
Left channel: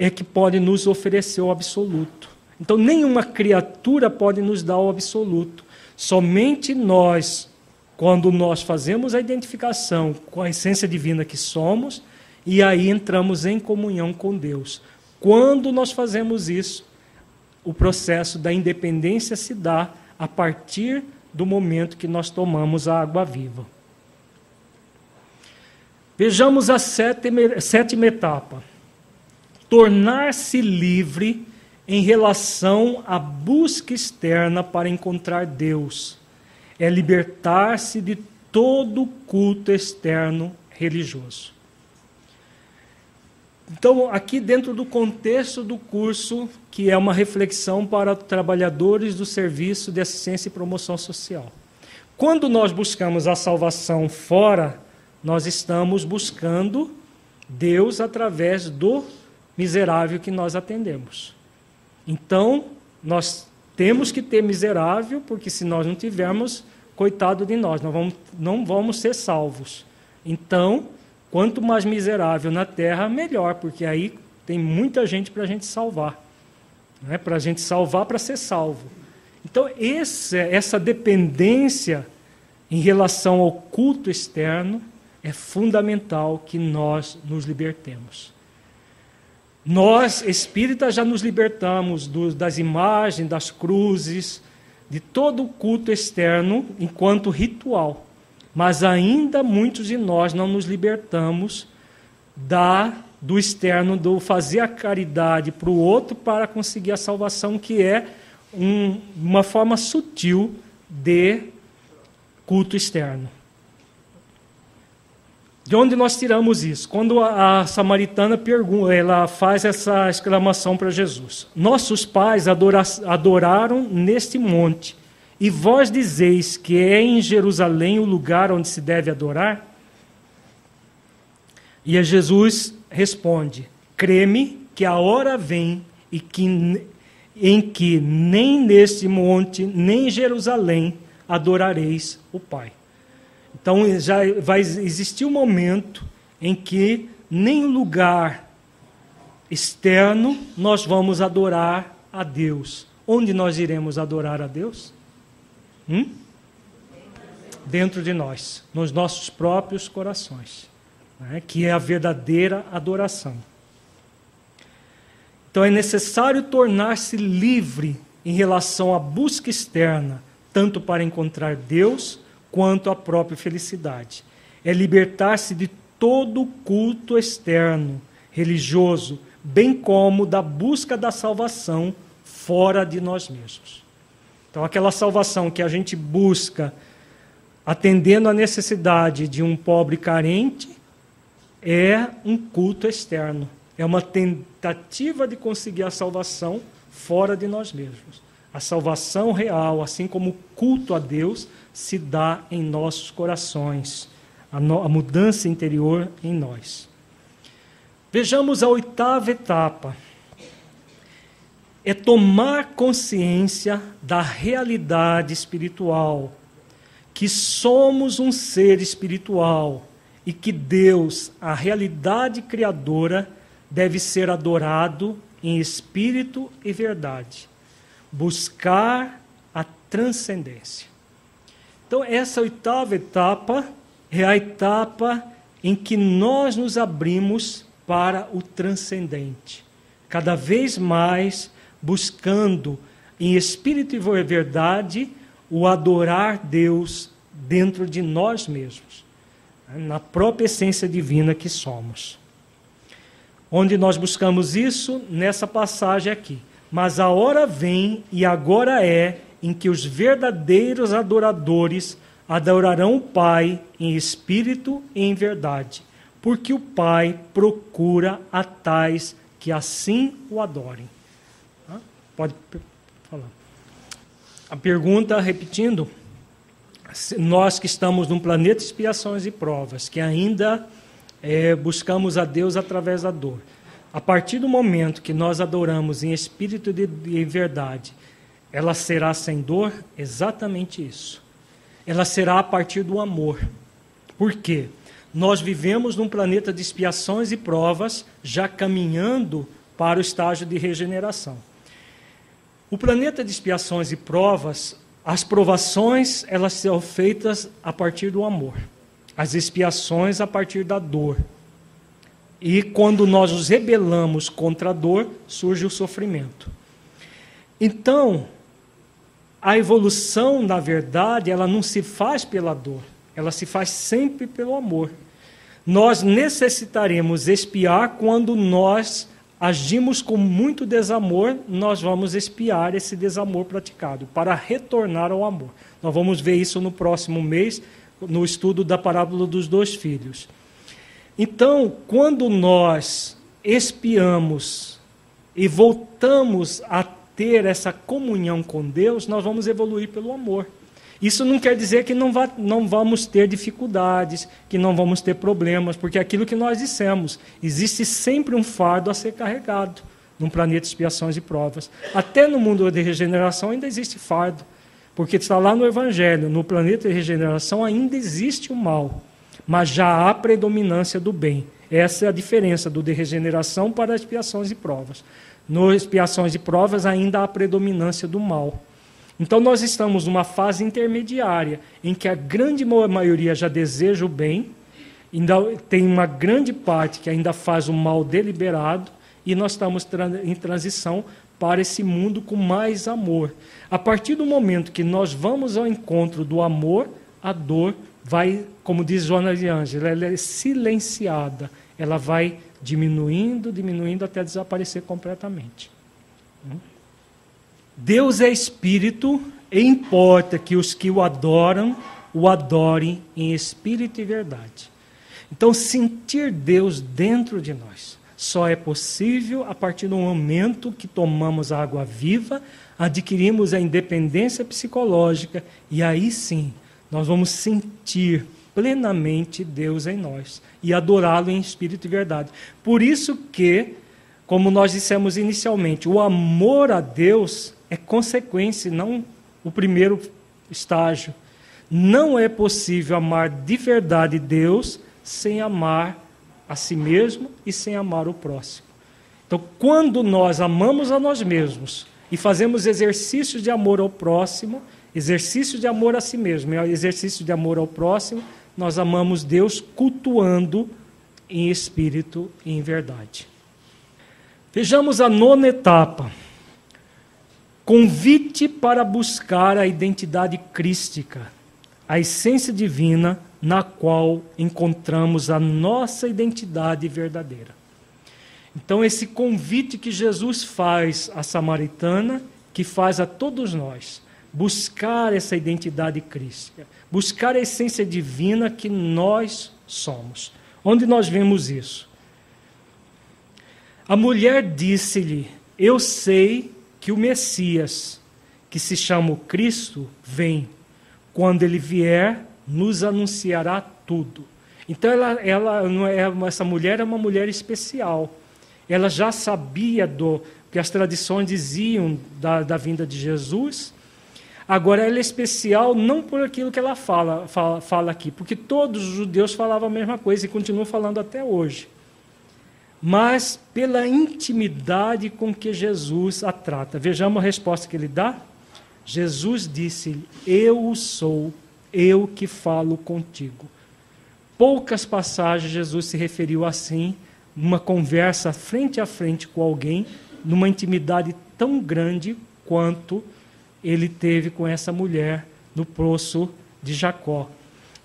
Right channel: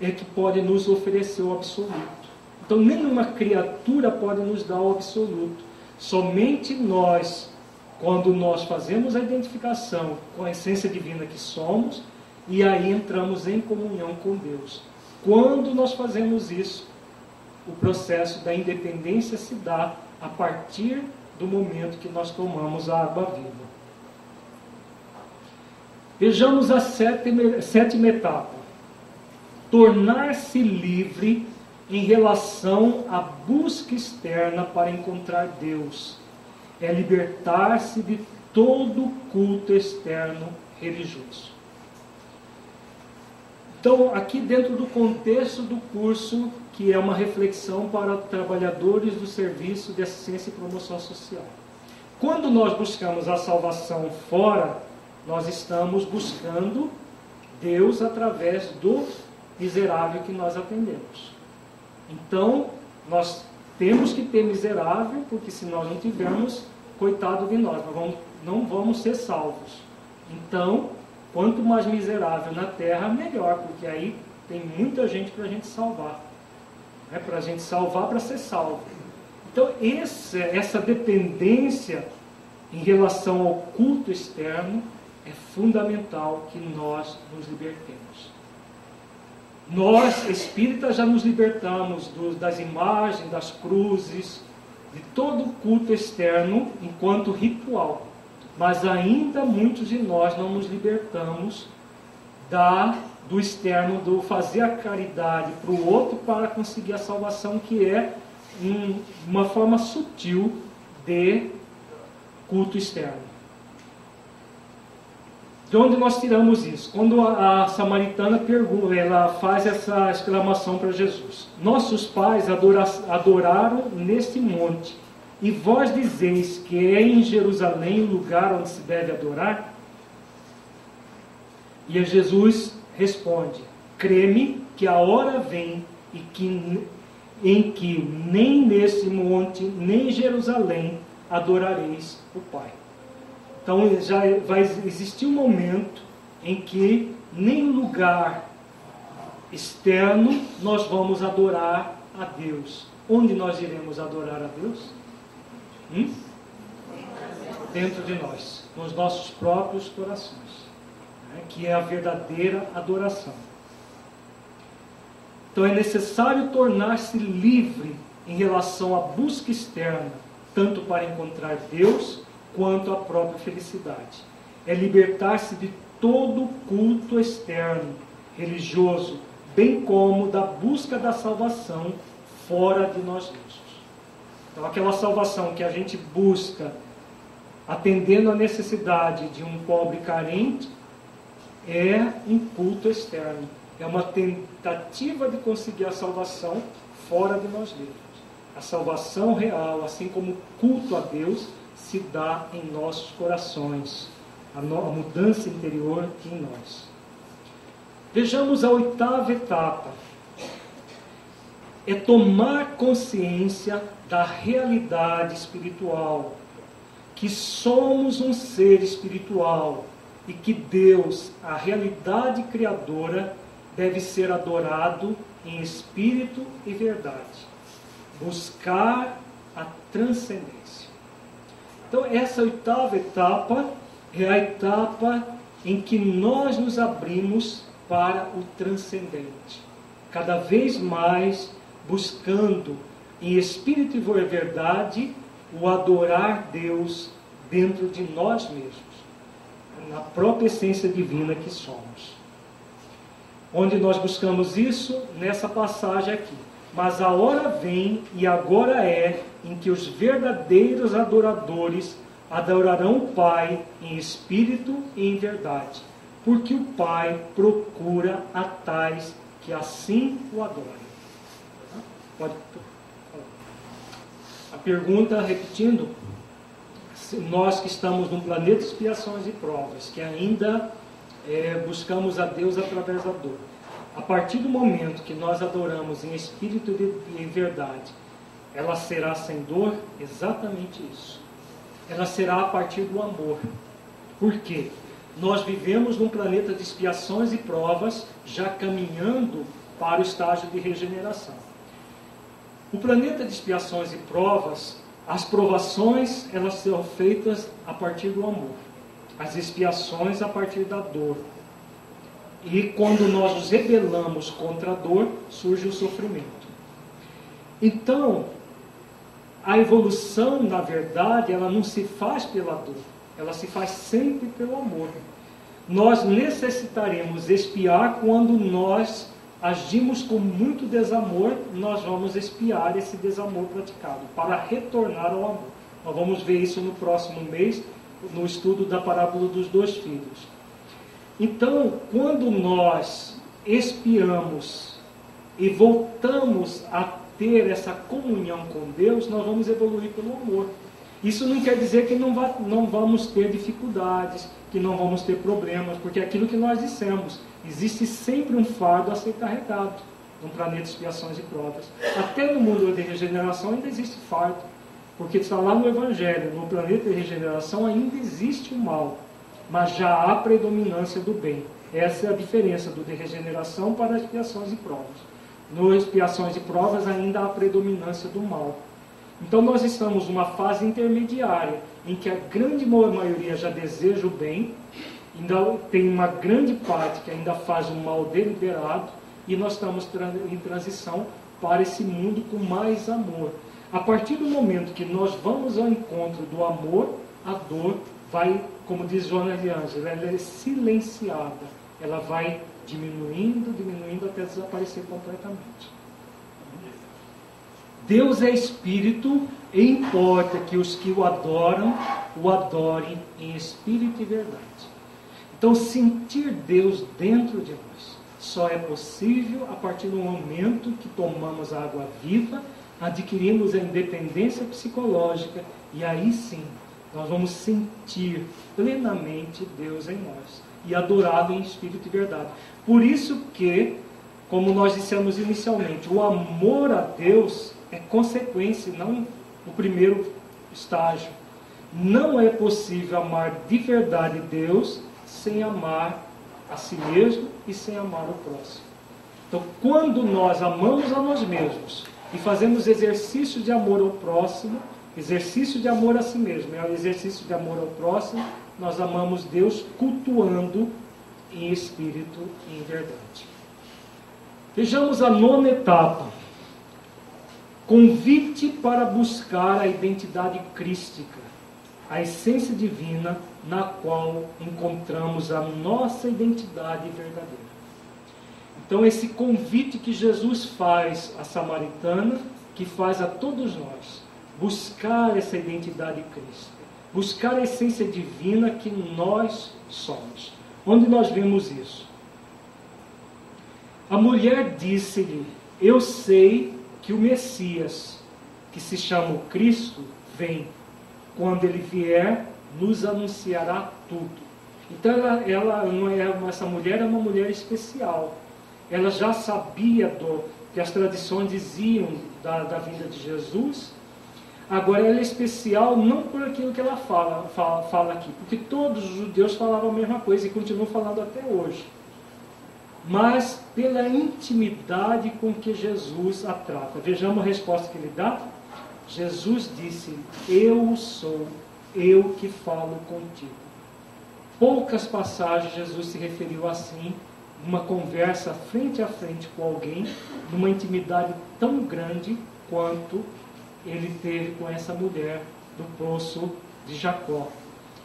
é que pode nos oferecer o absoluto. Então, nenhuma criatura pode nos dar o absoluto. Somente nós, quando nós fazemos a identificação com a essência divina que somos, e aí entramos em comunhão com Deus. Quando nós fazemos isso, o processo da independência se dá a partir do momento que nós tomamos a água viva. Vejamos a sétima etapa. Tornar-se livre em relação à busca externa para encontrar Deus. É libertar-se de todo culto externo religioso. Então, aqui dentro do contexto do curso, que é uma reflexão para trabalhadores do Serviço de Assistência e Promoção Social. Quando nós buscamos a salvação fora, nós estamos buscando Deus através do miserável que nós atendemos. Então, nós temos que ter miserável, porque se nós não tivermos, coitado de nós, não vamos ser salvos. Então, quanto mais miserável na terra, melhor, porque aí tem muita gente para a gente salvar. Né? Para a gente salvar, para ser salvo. Então, essa dependência em relação ao culto externo é fundamental que nós nos libertemos. Nós, espíritas, já nos libertamos das imagens, das cruzes, de todo o culto externo enquanto ritual. Mas ainda muitos de nós não nos libertamos do externo, do fazer a caridade para o outro para conseguir a salvação, que é uma forma sutil de culto externo. De onde nós tiramos isso? Quando a samaritana pergunta, ela faz essa exclamação para Jesus: nossos pais adoraram neste monte, e vós dizeis que é em Jerusalém o lugar onde se deve adorar? E Jesus responde: crê-me que a hora vem em que nem neste monte, nem em Jerusalém adorareis o Pai. Então já vai existir um momento em que nem no lugar externo nós vamos adorar a Deus. Onde nós iremos adorar a Deus? Dentro de nós, nos nossos próprios corações, né? Que é a verdadeira adoração. Então é necessário tornar-se livre em relação à busca externa, tanto para encontrar Deus quanto a própria felicidade. É libertar-se de todo culto externo, religioso, bem como da busca da salvação fora de nós mesmos. Então, aquela salvação que a gente busca atendendo à necessidade de um pobre carente é um culto externo. É uma tentativa de conseguir a salvação fora de nós mesmos. A salvação real, assim como o culto a Deus, se dá em nossos corações, a mudança interior em nós. Vejamos a oitava etapa. É tomar consciência da realidade espiritual, que somos um ser espiritual e que Deus, a realidade criadora, deve ser adorado em espírito e verdade. Buscar a transcendência. Então, essa oitava etapa é a etapa em que nós nos abrimos para o transcendente. Cada vez mais buscando em espírito e verdade o adorar Deus dentro de nós mesmos, na própria essência divina que somos. Onde nós buscamos isso? Nessa passagem aqui. Mas a hora vem, e agora é, em que os verdadeiros adoradores adorarão o Pai em espírito e em verdade, porque o Pai procura a tais que assim o adorem. Pode falar. A pergunta, repetindo, nós que estamos num planeta de expiações e provas, que ainda buscamos a Deus através da dor, a partir do momento que nós adoramos em espírito e verdade, ela será sem dor? Exatamente isso. Ela será a partir do amor. Por quê? Nós vivemos num planeta de expiações e provas, já caminhando para o estágio de regeneração. O planeta de expiações e provas, as provações, elas são feitas a partir do amor. As expiações a partir da dor. E quando nós nos rebelamos contra a dor, surge o sofrimento. Então, a evolução, na verdade, ela não se faz pela dor. Ela se faz sempre pelo amor. Nós necessitaremos expiar quando nós agimos com muito desamor, nós vamos expiar esse desamor praticado, para retornar ao amor. Nós vamos ver isso no próximo mês, no estudo da parábola dos 2 filhos. Então, quando nós expiamos e voltamos a ter essa comunhão com Deus, nós vamos evoluir pelo amor. Isso não quer dizer que não vamos ter dificuldades, que não vamos ter problemas, porque aquilo que nós dissemos, existe sempre um fardo a ser carregado num planeta de expiações e provas. Até no mundo de regeneração ainda existe fardo, porque está lá no Evangelho, no planeta de regeneração ainda existe o mal, mas já há predominância do bem. Essa é a diferença do de regeneração para as expiações e provas. No expiações e provas ainda há predominância do mal. Então nós estamos numa fase intermediária, em que a grande maioria já deseja o bem, ainda tem uma grande parte que ainda faz o mal deliberado, e nós estamos em transição para esse mundo com mais amor. A partir do momento que nós vamos ao encontro do amor, a dor vai, como diz Joana de Ângela, ela é silenciada, ela vai diminuindo, diminuindo até desaparecer completamente. Deus é Espírito e importa que os que o adoram, o adorem em espírito e verdade. Então, sentir Deus dentro de nós só é possível a partir do momento que tomamos a água viva, adquirimos a independência psicológica e aí sim, nós vamos sentir plenamente Deus em nós e adorá-lo em espírito e verdade. Por isso que, como nós dissemos inicialmente, o amor a Deus é consequência, não o primeiro estágio. Não é possível amar de verdade Deus sem amar a si mesmo e sem amar o próximo. Então, quando nós amamos a nós mesmos e fazemos exercício de amor ao próximo, exercício de amor a si mesmo, exercício de amor ao próximo, nós amamos Deus cultuando em espírito e em verdade. Vejamos a 9ª etapa. Convite para buscar a identidade crística, a essência divina na qual encontramos a nossa identidade verdadeira. Então, esse convite que Jesus faz à samaritana, que faz a todos nós, buscar essa identidade crística, buscar a essência divina que nós somos. Onde nós vemos isso? A mulher disse-lhe: eu sei que o Messias, que se chama o Cristo, vem. Quando ele vier, nos anunciará tudo. Então essa mulher é uma mulher especial. Ela já sabia que as tradições diziam da vinda de Jesus. Agora ela é especial não por aquilo que ela fala aqui, porque todos os judeus falavam a mesma coisa e continuam falando até hoje. Mas pela intimidade com que Jesus a trata. Vejamos a resposta que ele dá. Jesus disse: eu sou, eu que falo contigo. Poucas passagens Jesus se referiu assim, numa conversa frente a frente com alguém, numa intimidade tão grande quanto ele teve com essa mulher no poço de Jacó.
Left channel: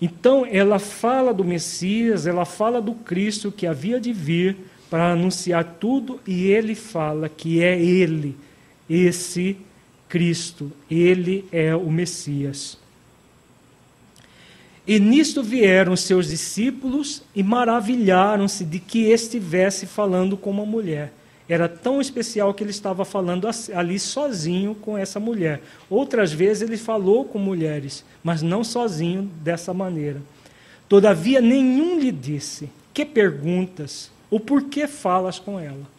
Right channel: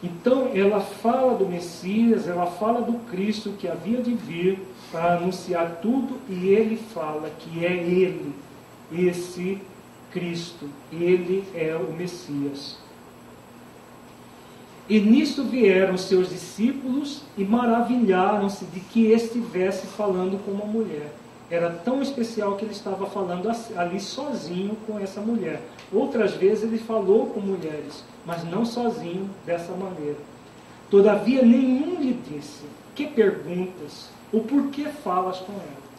Então ela fala do Messias, ela fala do Cristo que havia de vir para anunciar tudo, e ele fala que é ele, esse Cristo, ele é o Messias. E nisto vieram os seus discípulos e maravilharam-se de que estivesse falando com uma mulher. Era tão especial que ele estava falando ali sozinho com essa mulher. Outras vezes ele falou com mulheres, mas não sozinho dessa maneira. Todavia nenhum lhe disse: que perguntas? Ou por que falas com ela?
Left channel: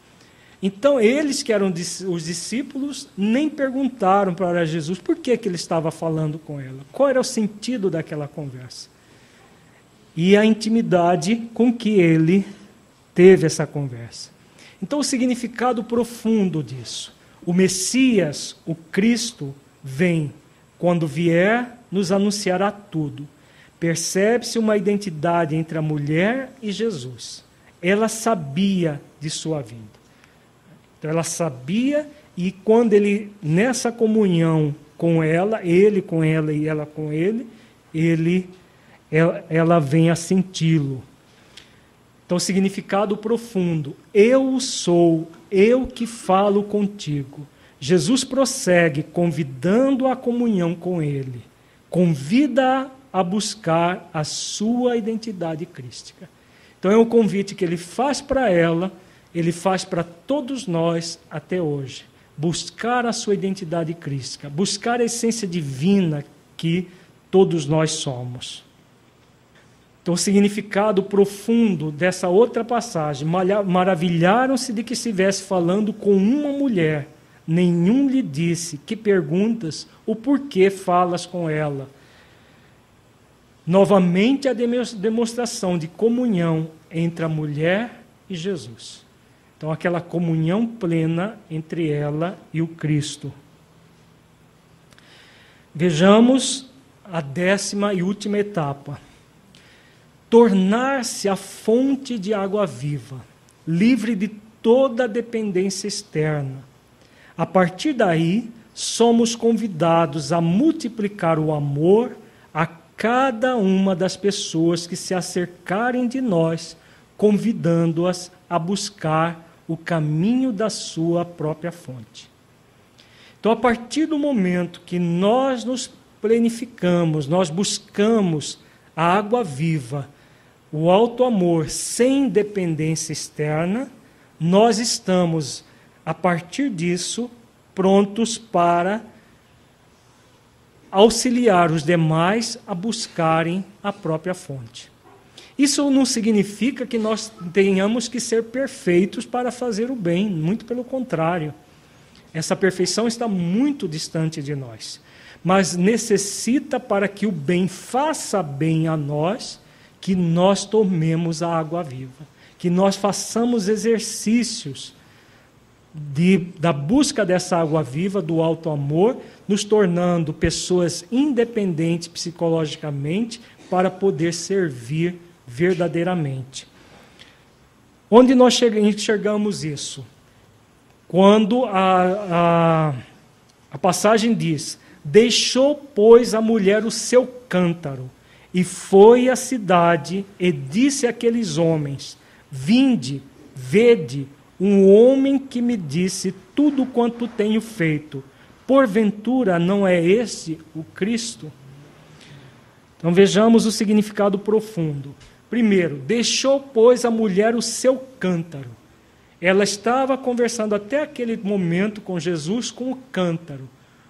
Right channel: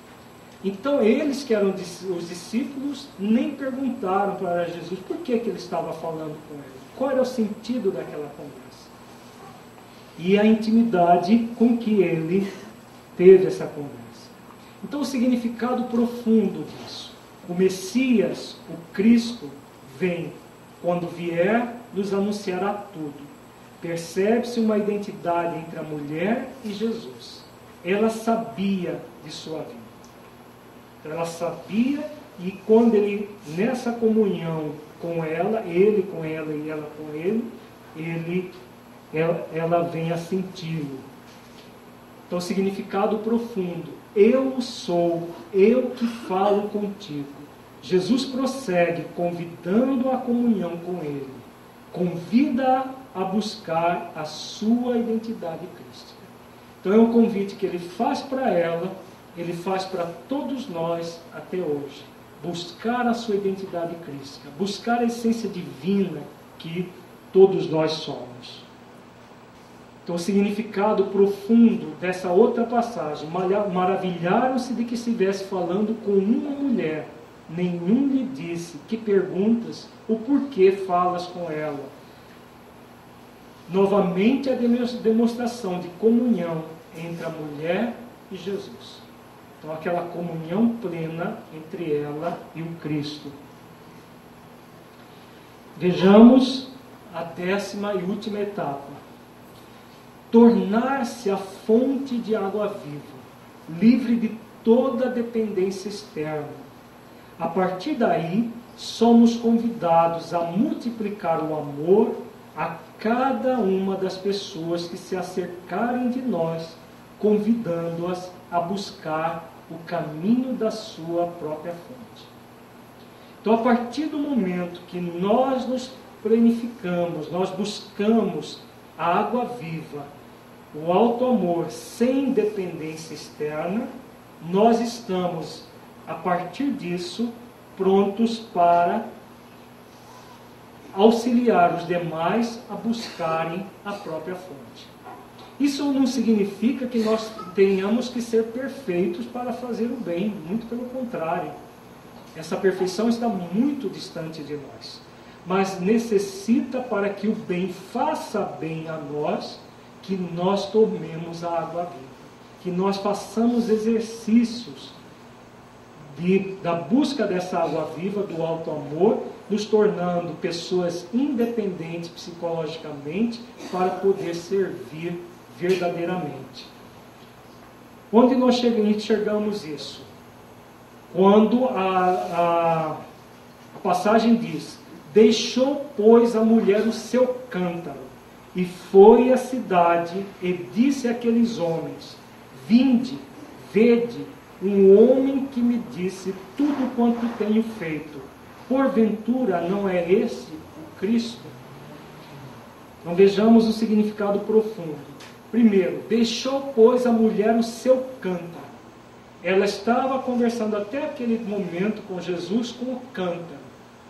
Então eles que eram os discípulos nem perguntaram para Jesus por que ele estava falando com ela. Qual era o sentido daquela conversa? E a intimidade com que ele teve essa conversa. Então, o significado profundo disso. O Messias, o Cristo, vem. Quando vier, nos anunciará tudo. Percebe-se uma identidade entre a mulher e Jesus. Ela sabia de sua vida. Então, ela sabia, e quando ele, nessa comunhão com ela, ele com ela e ela com ele, ela vem a senti-lo. Então, significado profundo. Eu sou, eu que falo contigo. Jesus prossegue convidando a comunhão com ele. Convida a buscar a sua identidade crística. Então, é um convite que ele faz para ela, ele faz para todos nós até hoje. Buscar a sua identidade crística, buscar a essência divina que todos nós somos. Então, o significado profundo dessa outra passagem: maravilharam-se de que estivesse falando com uma mulher. Nenhum lhe disse: que perguntas, ou por que falas com ela? Novamente a demonstração de comunhão entre a mulher e Jesus. Então, aquela comunhão plena entre ela e o Cristo. Vejamos a 10ª e última etapa. Tornar-se a fonte de água viva, livre de toda dependência externa. A partir daí, somos convidados a multiplicar o amor a cada uma das pessoas que se acercarem de nós, convidando-as a buscar o caminho da sua própria fonte. Então, a partir do momento que nós nos planificamos, nós buscamos a água viva, o alto amor sem dependência externa, nós estamos, a partir disso, prontos para auxiliar os demais a buscarem a própria fonte. Isso não significa que nós tenhamos que ser perfeitos para fazer o bem, muito pelo contrário. Essa perfeição está muito distante de nós. Mas necessita, para que o bem faça bem a nós, que nós tomemos a água viva, que nós façamos exercícios da busca dessa água viva, do alto amor, nos tornando pessoas independentes psicologicamente para poder servir verdadeiramente. Onde nós enxergamos isso? Quando a passagem diz: deixou, pois, a mulher o seu cântaro, e foi à cidade, e disse àqueles homens: vinde, vede, um homem que me disse tudo quanto tenho feito. Porventura não é este o Cristo? Então vejamos o significado profundo. Primeiro, deixou, pois, a mulher o seu cântaro. Ela estava conversando até aquele momento com Jesus com o cântaro.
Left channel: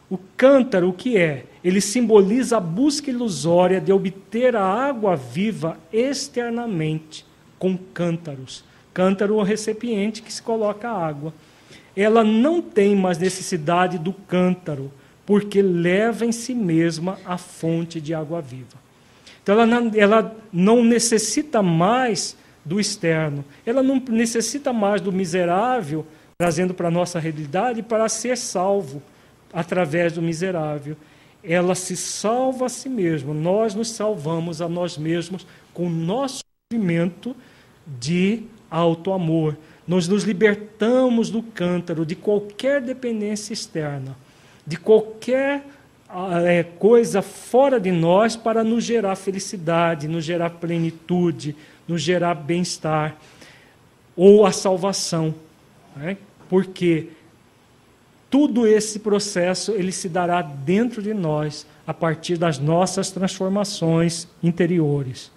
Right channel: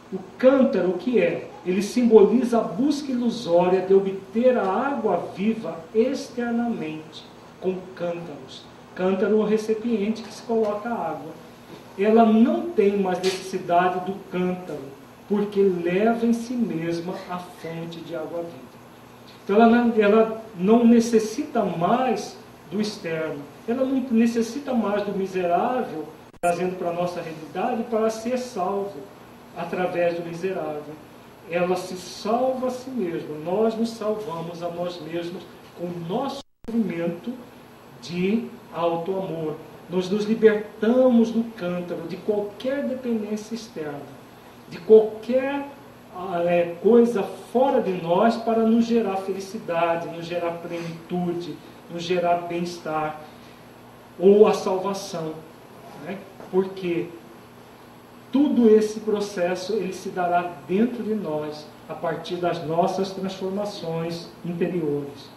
O cântaro, o que é? Ele simboliza a busca ilusória de obter a água viva externamente, com cântaros. Cântaro é o recipiente que se coloca a água. Ela não tem mais necessidade do cântaro, porque leva em si mesma a fonte de água viva. Então ela não necessita mais do externo, ela não necessita mais do miserável, trazendo para a nossa realidade, para ser salvo através do miserável. Ela se salva a si mesma, nós nos salvamos a nós mesmos com o nosso movimento de alto amor. Nós nos libertamos do cântaro, de qualquer dependência externa, de qualquer coisa fora de nós para nos gerar felicidade, nos gerar plenitude, nos gerar bem-estar, ou a salvação, né? Porque tudo esse processo ele se dará dentro de nós, a partir das nossas transformações interiores.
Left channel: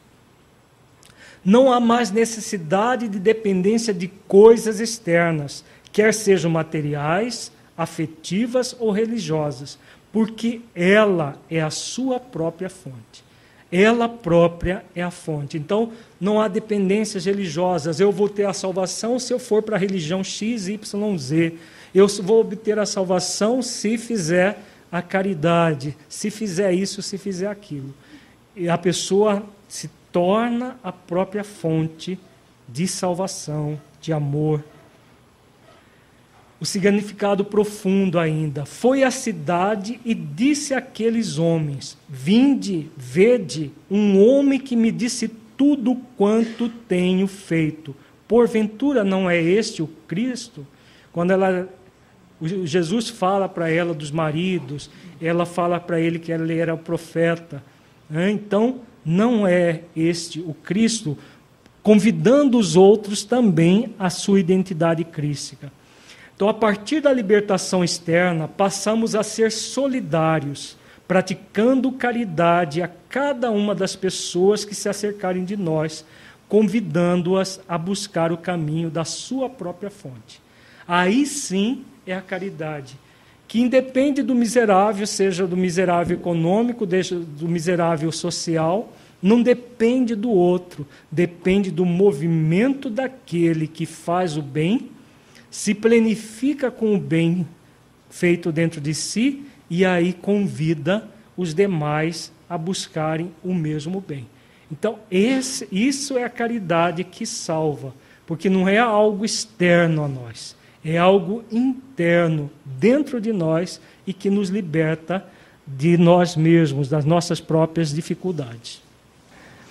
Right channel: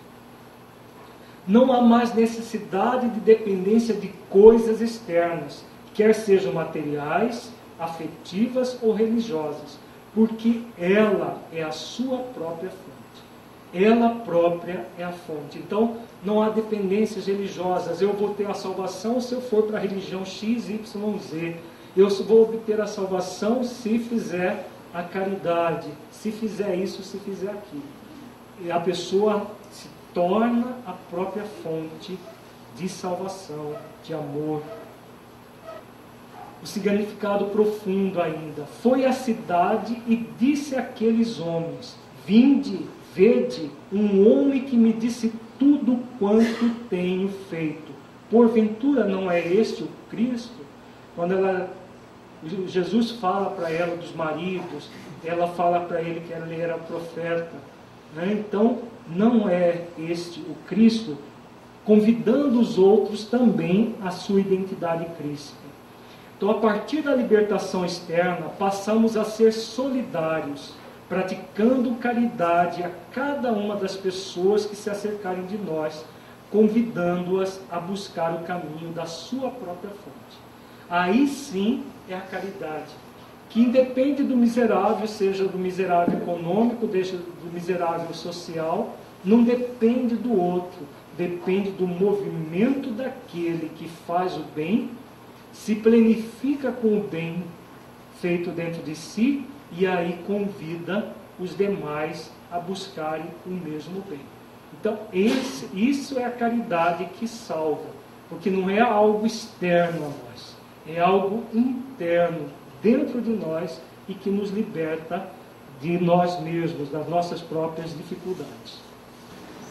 Não há mais necessidade de dependência de coisas externas quer sejam materiais, afetivas ou religiosas, porque ela é a sua própria fonte. Ela própria é a fonte. Então, não há dependências religiosas. Eu vou ter a salvação se eu for para a religião X, Y, Z. Eu vou obter a salvação se fizer a caridade, se fizer isso, se fizer aquilo. E a pessoa se torna a própria fonte de salvação, de amor. O significado profundo ainda: foi à cidade e disse àqueles homens: vinde, vede, um homem que me disse tudo quanto tenho feito. Porventura não é este o Cristo? Quando Jesus fala para ela dos maridos, ela fala para ele que ele era profeta. Então, não é este o Cristo? Convidando os outros também à sua identidade crística. Então, a partir da libertação externa, passamos a ser solidários, praticando caridade a cada uma das pessoas que se acercarem de nós, convidando-as a buscar o caminho da sua própria fonte. Aí sim é a caridade, que independe do miserável, seja do miserável econômico, do miserável social, não depende do outro, depende do movimento daquele que faz o bem, se planifica com o bem feito dentro de si e aí convida os demais a buscarem o mesmo bem. Então, isso é a caridade que salva, porque não é algo externo a nós, é algo interno, dentro de nós, e que nos liberta de nós mesmos, das nossas próprias dificuldades.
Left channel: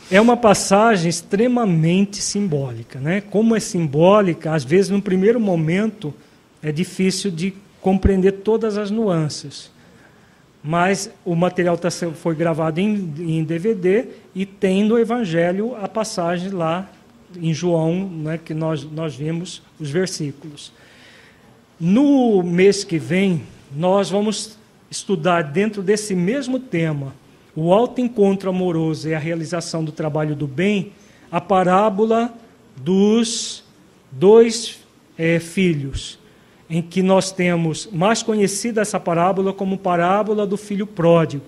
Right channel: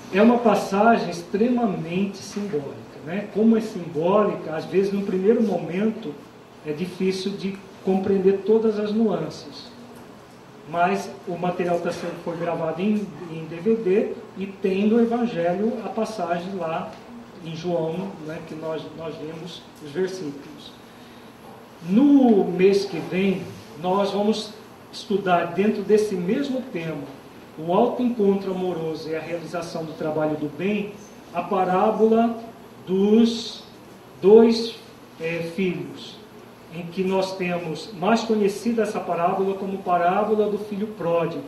É uma passagem extremamente simbólica, né? Como é simbólica, às vezes, no primeiro momento, é difícil de compreender todas as nuances. Mas o material foi gravado em DVD e tem no Evangelho a passagem lá em João, né, que nós vimos os versículos. No mês que vem, nós vamos estudar dentro desse mesmo tema, o autoencontro amoroso e a realização do trabalho do bem, a parábola dos dois filhos, em que nós temos mais conhecida essa parábola como parábola do filho pródigo,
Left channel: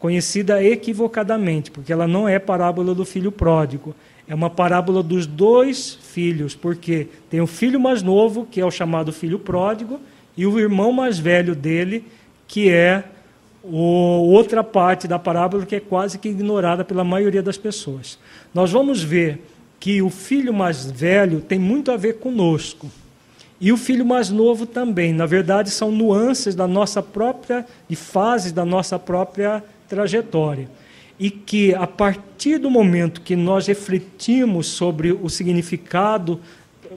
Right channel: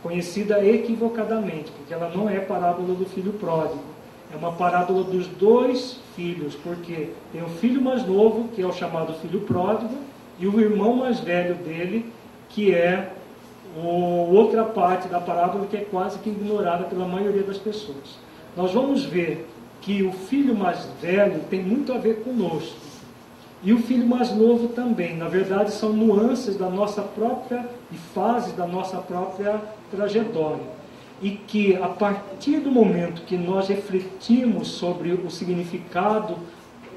conhecida equivocadamente, porque ela não é parábola do filho pródigo, é uma parábola dos dois filhos, porque tem o filho mais novo, que é o chamado filho pródigo, e o irmão mais velho dele, que é outra parte da parábola que é quase que ignorada pela maioria das pessoas. Nós vamos ver que o filho mais velho tem muito a ver conosco, e o filho mais novo também. Na verdade, são nuances da nossa própria, e fases da nossa própria trajetória. E que, a partir do momento que nós refletimos sobre o significado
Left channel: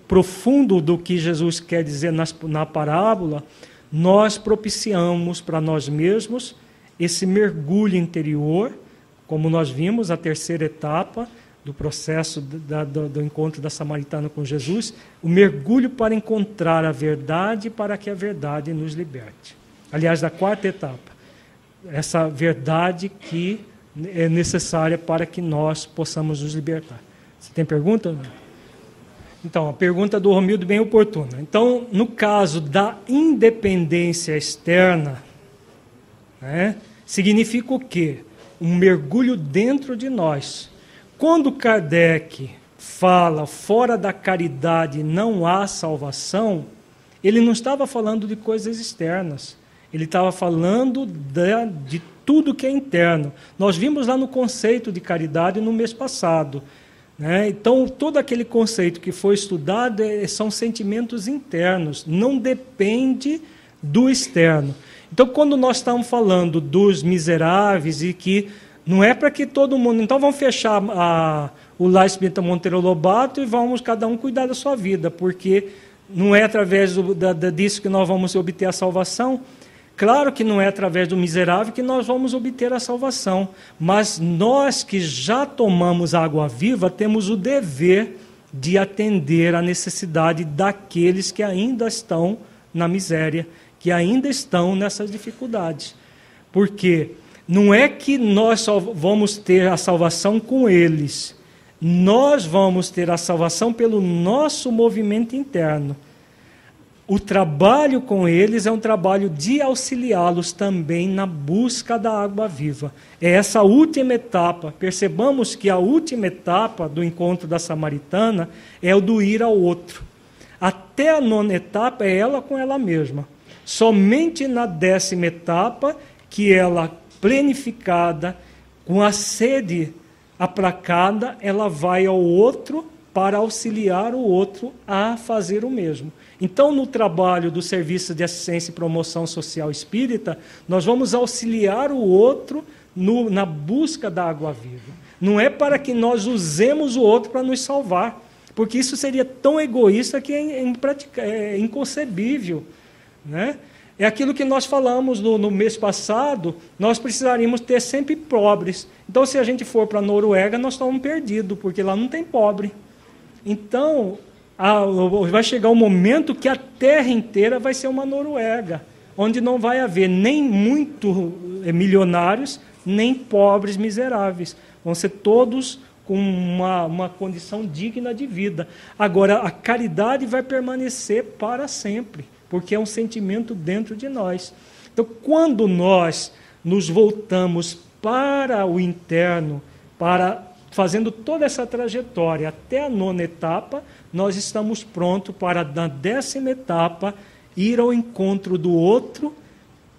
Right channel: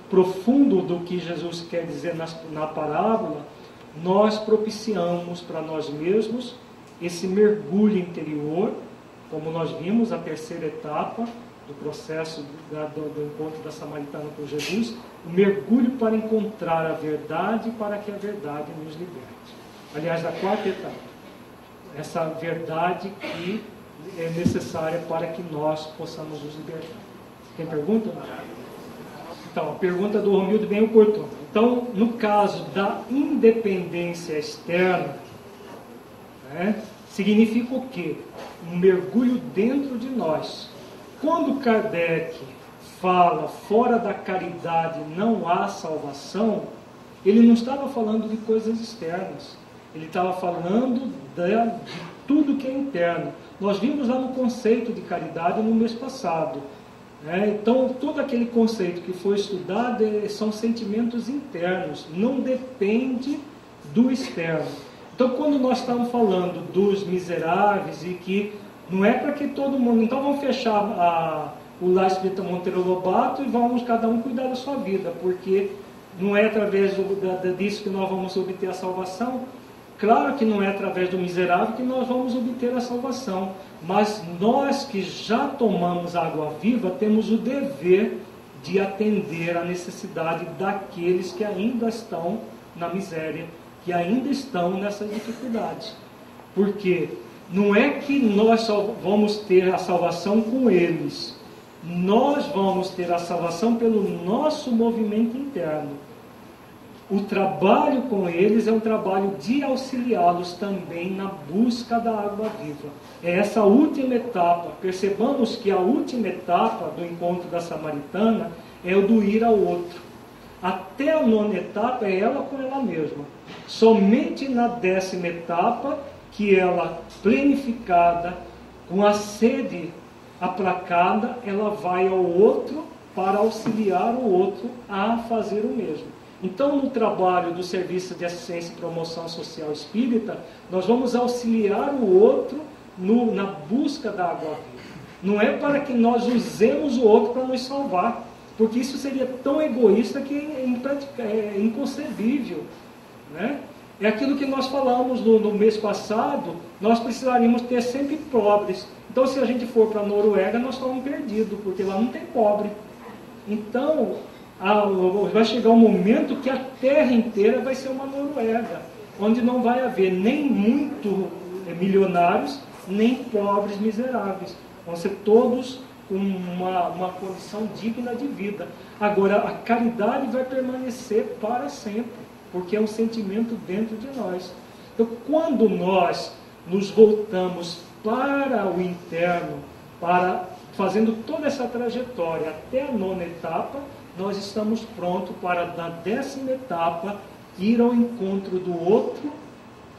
profundo do que Jesus quer dizer na parábola, nós propiciamos para nós mesmos esse mergulho interior, como nós vimos, a terceira etapa do processo do encontro da samaritana com Jesus, o mergulho para encontrar a verdade, para que a verdade nos liberte. Aliás, da quarta etapa, essa verdade que é necessária para que nós possamos nos libertar. Você tem pergunta? Não? Então, a pergunta do Romildo bem oportuna. Então, no caso da independência externa, né, significa o quê? Um mergulho dentro de nós. Quando Kardec fala fora da caridade não há salvação, ele não estava falando de coisas externas. Ele estava falando de tudo que é interno. Nós vimos lá no conceito de caridade no mês passado. Então, todo aquele conceito que foi estudado são sentimentos internos, não depende do externo. Então, quando nós estamos falando dos miseráveis e que não é para que todo mundo... Então, vamos fechar o Lar Espírita Monteiro Lobato e vamos cada um cuidar da sua vida, porque não é através disso que nós vamos obter a salvação. Claro que não é através do miserável que nós vamos obter a salvação, mas nós que já tomamos água viva temos o dever de atender à necessidade daqueles que ainda estão na miséria, que ainda estão nessas dificuldades. Porque não é que nós só vamos ter a salvação com eles, nós vamos ter a salvação pelo nosso movimento interno. o trabalho com eles é um trabalho de auxiliá-los também na busca da água viva. É essa última etapa. Percebamos que a última etapa do encontro da samaritana é o do ir ao outro. Até a 9ª etapa é ela com ela mesma. Somente na 10ª etapa que ela, plenificada, com a sede aplacada, ela vai ao outro para auxiliar o outro a fazer o mesmo. Então, no trabalho do Serviço de Assistência e Promoção Social Espírita, nós vamos auxiliar o outro na busca da água viva. Não é para que nós usemos o outro para nos salvar, porque isso seria tão egoísta que é inconcebível, né? É aquilo que nós falamos no mês passado, nós precisaríamos ter sempre pobres. Então, se a gente for para a Noruega, nós estamos perdidos, porque lá não tem pobre. Então, vai chegar um momento que a terra inteira vai ser uma Noruega, onde não vai haver nem muito milionários, nem pobres miseráveis. Vão ser todos com uma condição digna de vida. Agora, a caridade vai permanecer para sempre, porque é um sentimento dentro de nós. Então, quando nós nos voltamos para o interno, fazendo toda essa trajetória até a 9ª etapa, nós estamos prontos para, na 10ª etapa, ir ao encontro do outro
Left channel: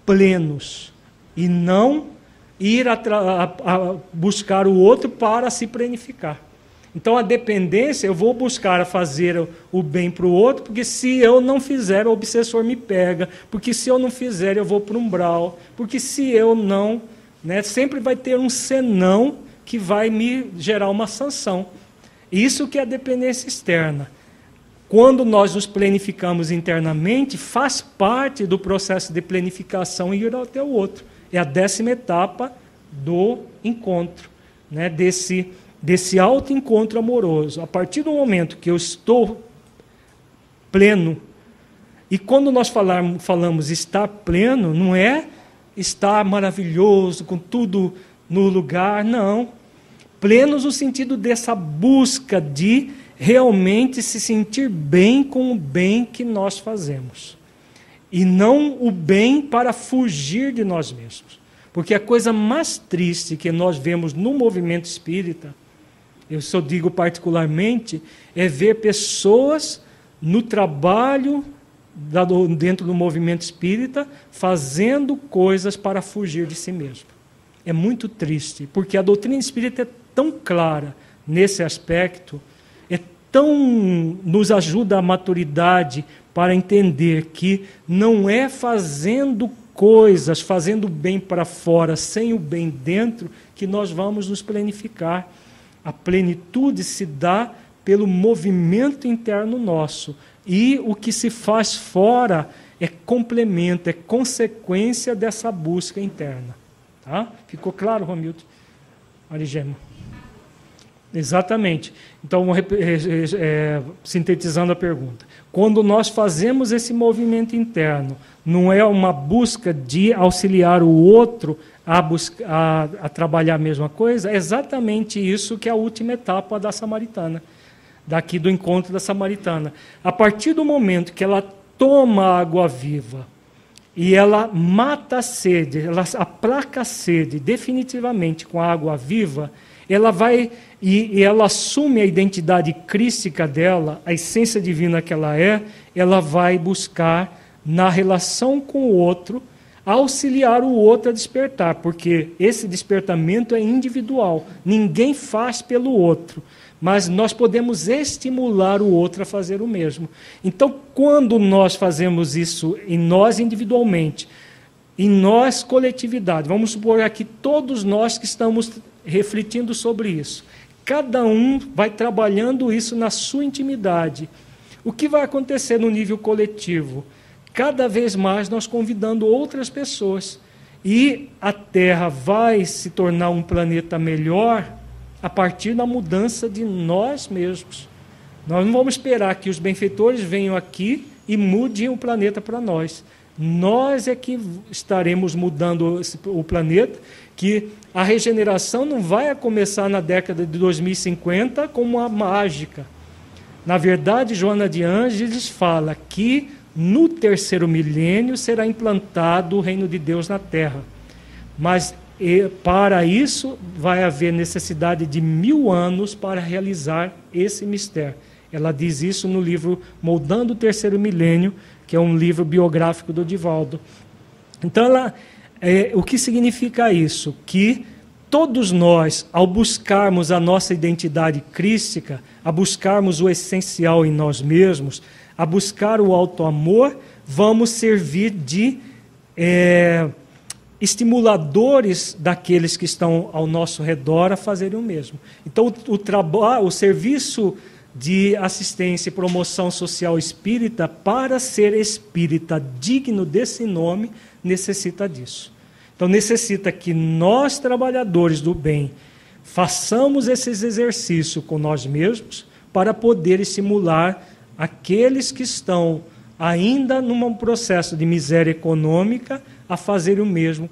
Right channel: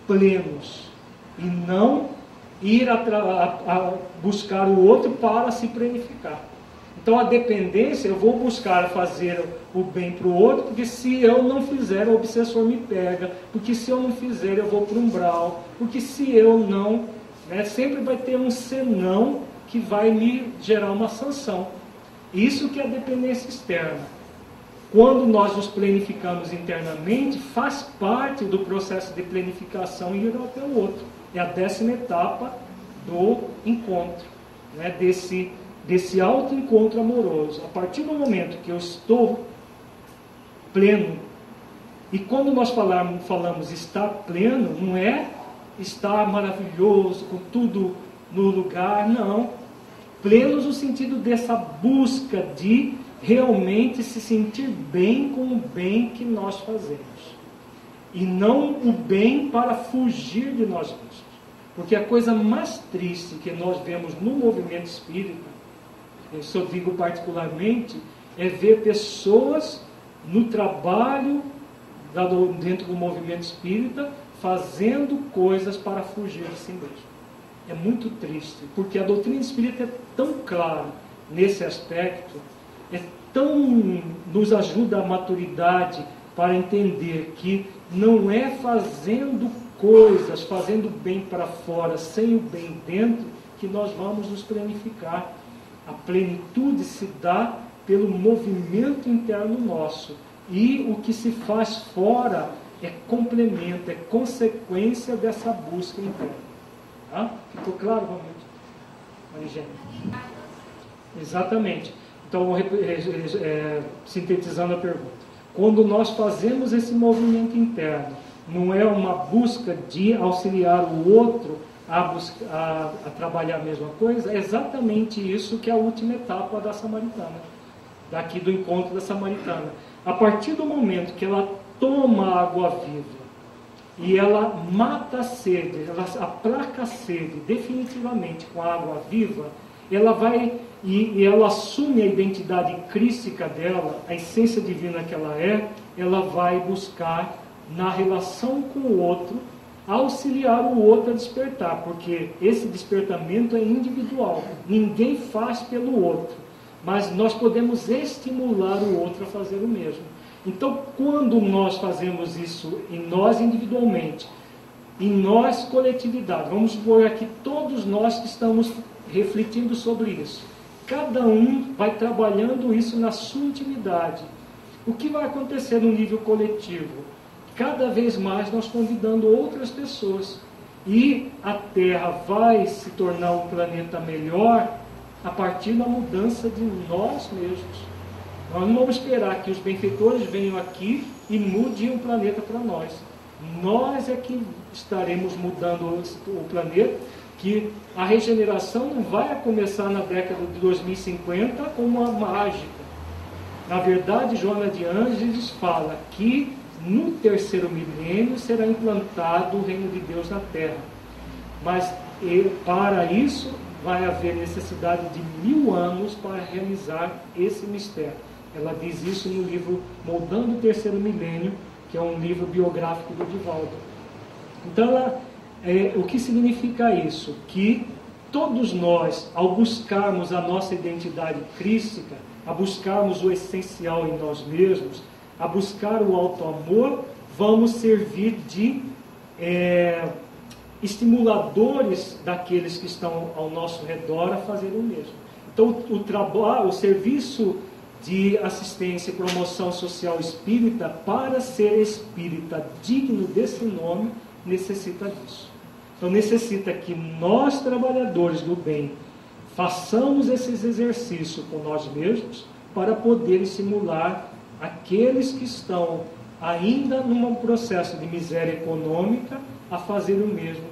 plenos, e não ir a buscar o outro para se plenificar. Então, a dependência, eu vou buscar fazer o bem para o outro, porque se eu não fizer, o obsessor me pega, porque se eu não fizer, eu vou para o umbral, porque se eu não, né, sempre vai ter um senão que vai me gerar uma sanção. Isso que é a dependência externa. Quando nós nos planificamos internamente, faz parte do processo de planificação ir até o outro. É a 10ª etapa do encontro, né, desse autoencontro amoroso. A partir do momento que eu estou pleno, e quando nós falamos estar pleno, não é estar maravilhoso, com tudo no lugar, não. Plenos no sentido dessa busca de realmente se sentir bem com o bem que nós fazemos. E não o bem para fugir de nós mesmos. Porque a coisa mais triste que nós vemos no movimento espírita, eu só digo particularmente, é ver pessoas no trabalho dentro do movimento espírita fazendo coisas para fugir de si mesmo. É muito triste, porque a doutrina espírita é tão clara nesse aspecto, nos ajuda a maturidade para entender que não é fazendo coisas, fazendo bem para fora, sem o bem dentro, que nós vamos nos planificar. A plenitude se dá pelo movimento interno nosso. E o que se faz fora é complemento, é consequência dessa busca interna. Tá? Ficou claro, Romildo? Marigênio? Exatamente. Então, sintetizando a pergunta. Quando nós fazemos esse movimento interno, não é uma busca de auxiliar o outro a trabalhar a mesma coisa, é exatamente isso que é a última etapa da samaritana, daqui do encontro da samaritana. A partir do momento que ela toma a água viva e ela mata a sede, ela aplaca a sede definitivamente com a água viva, ela vai e ela assume a identidade crística dela, a essência divina que ela vai buscar na relação com o outro, auxiliar o outro a despertar, porque esse despertamento é individual, ninguém faz pelo outro, mas nós podemos estimular o outro a fazer o mesmo. Então, quando nós fazemos isso em nós individualmente, em nós coletividade, vamos supor aqui todos nós que estamos refletindo sobre isso, cada um vai trabalhando isso na sua intimidade. O que vai acontecer no nível coletivo? Cada vez mais nós convidando outras pessoas. E a Terra vai se tornar um planeta melhor a partir da mudança de nós mesmos. Nós não vamos esperar que os benfeitores venham aqui e mudem o planeta para nós. Nós é que estaremos mudando o planeta, que a regeneração não vai começar na década de 2050 como uma mágica. Na verdade, Joana de Ângeles fala que no terceiro milênio será implantado o reino de Deus na terra. Mas para isso vai haver necessidade de 1000 anos para realizar esse mistério. Ela diz isso no livro Moldando o Terceiro Milênio, que é um livro biográfico do Divaldo. Então, o que significa isso? Que todos nós, ao buscarmos a nossa identidade crística, a buscarmos o essencial em nós mesmos, a buscar o auto-amor, vamos servir de estimuladores daqueles que estão ao nosso redor a fazerem o mesmo. Então, o serviço de assistência e promoção social espírita, para ser espírita digno desse nome, necessita disso. Então, necessita que nós, trabalhadores do bem, façamos esses exercícios com nós mesmos para poder estimular aqueles que estão ainda num processo de miséria econômica a fazerem o mesmo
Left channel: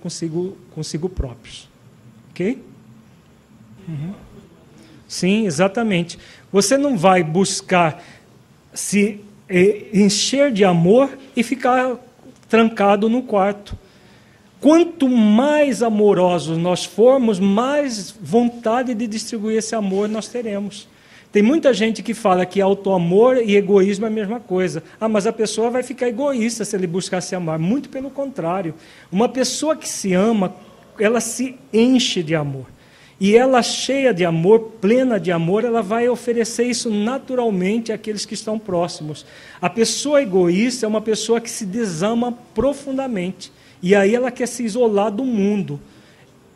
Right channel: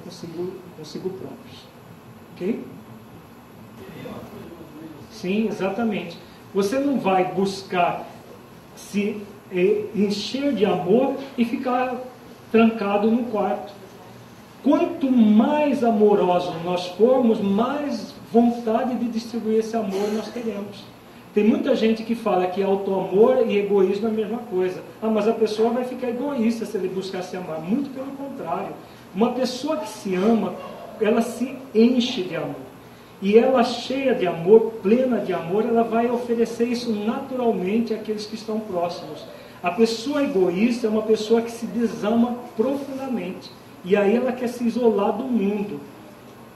consigo próprios. Ok? Uhum. Sim, exatamente. Você não vai buscar se encher de amor e ficar trancado num quarto. Quanto mais amorosos nós formos, mais vontade de distribuir esse amor nós teremos. Tem muita gente que fala que auto-amor e egoísmo é a mesma coisa. Mas a pessoa vai ficar egoísta se ele buscar se amar. Muito pelo contrário. Uma pessoa que se ama, ela se enche de amor. E ela, cheia de amor, plena de amor, ela vai oferecer isso naturalmente àqueles que estão próximos. A pessoa egoísta é uma pessoa que se desama profundamente. E aí ela quer se isolar do mundo.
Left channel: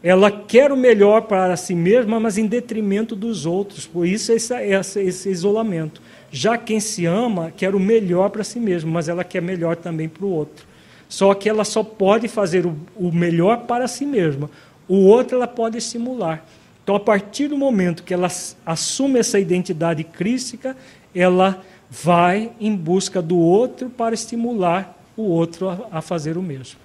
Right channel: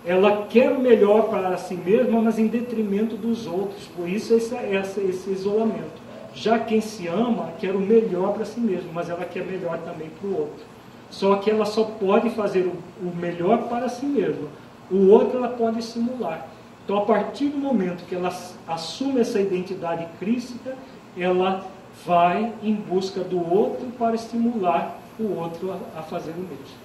Ela quer o melhor para si mesma, mas em detrimento dos outros. Por isso esse isolamento. Já quem se ama quer o melhor para si mesmo, mas ela quer melhor também para o outro. Só que ela só pode fazer o melhor para si mesma. O outro ela pode estimular. Então, a partir do momento que ela assume essa identidade crística, ela vai em busca do outro para estimular o outro a fazer o mesmo.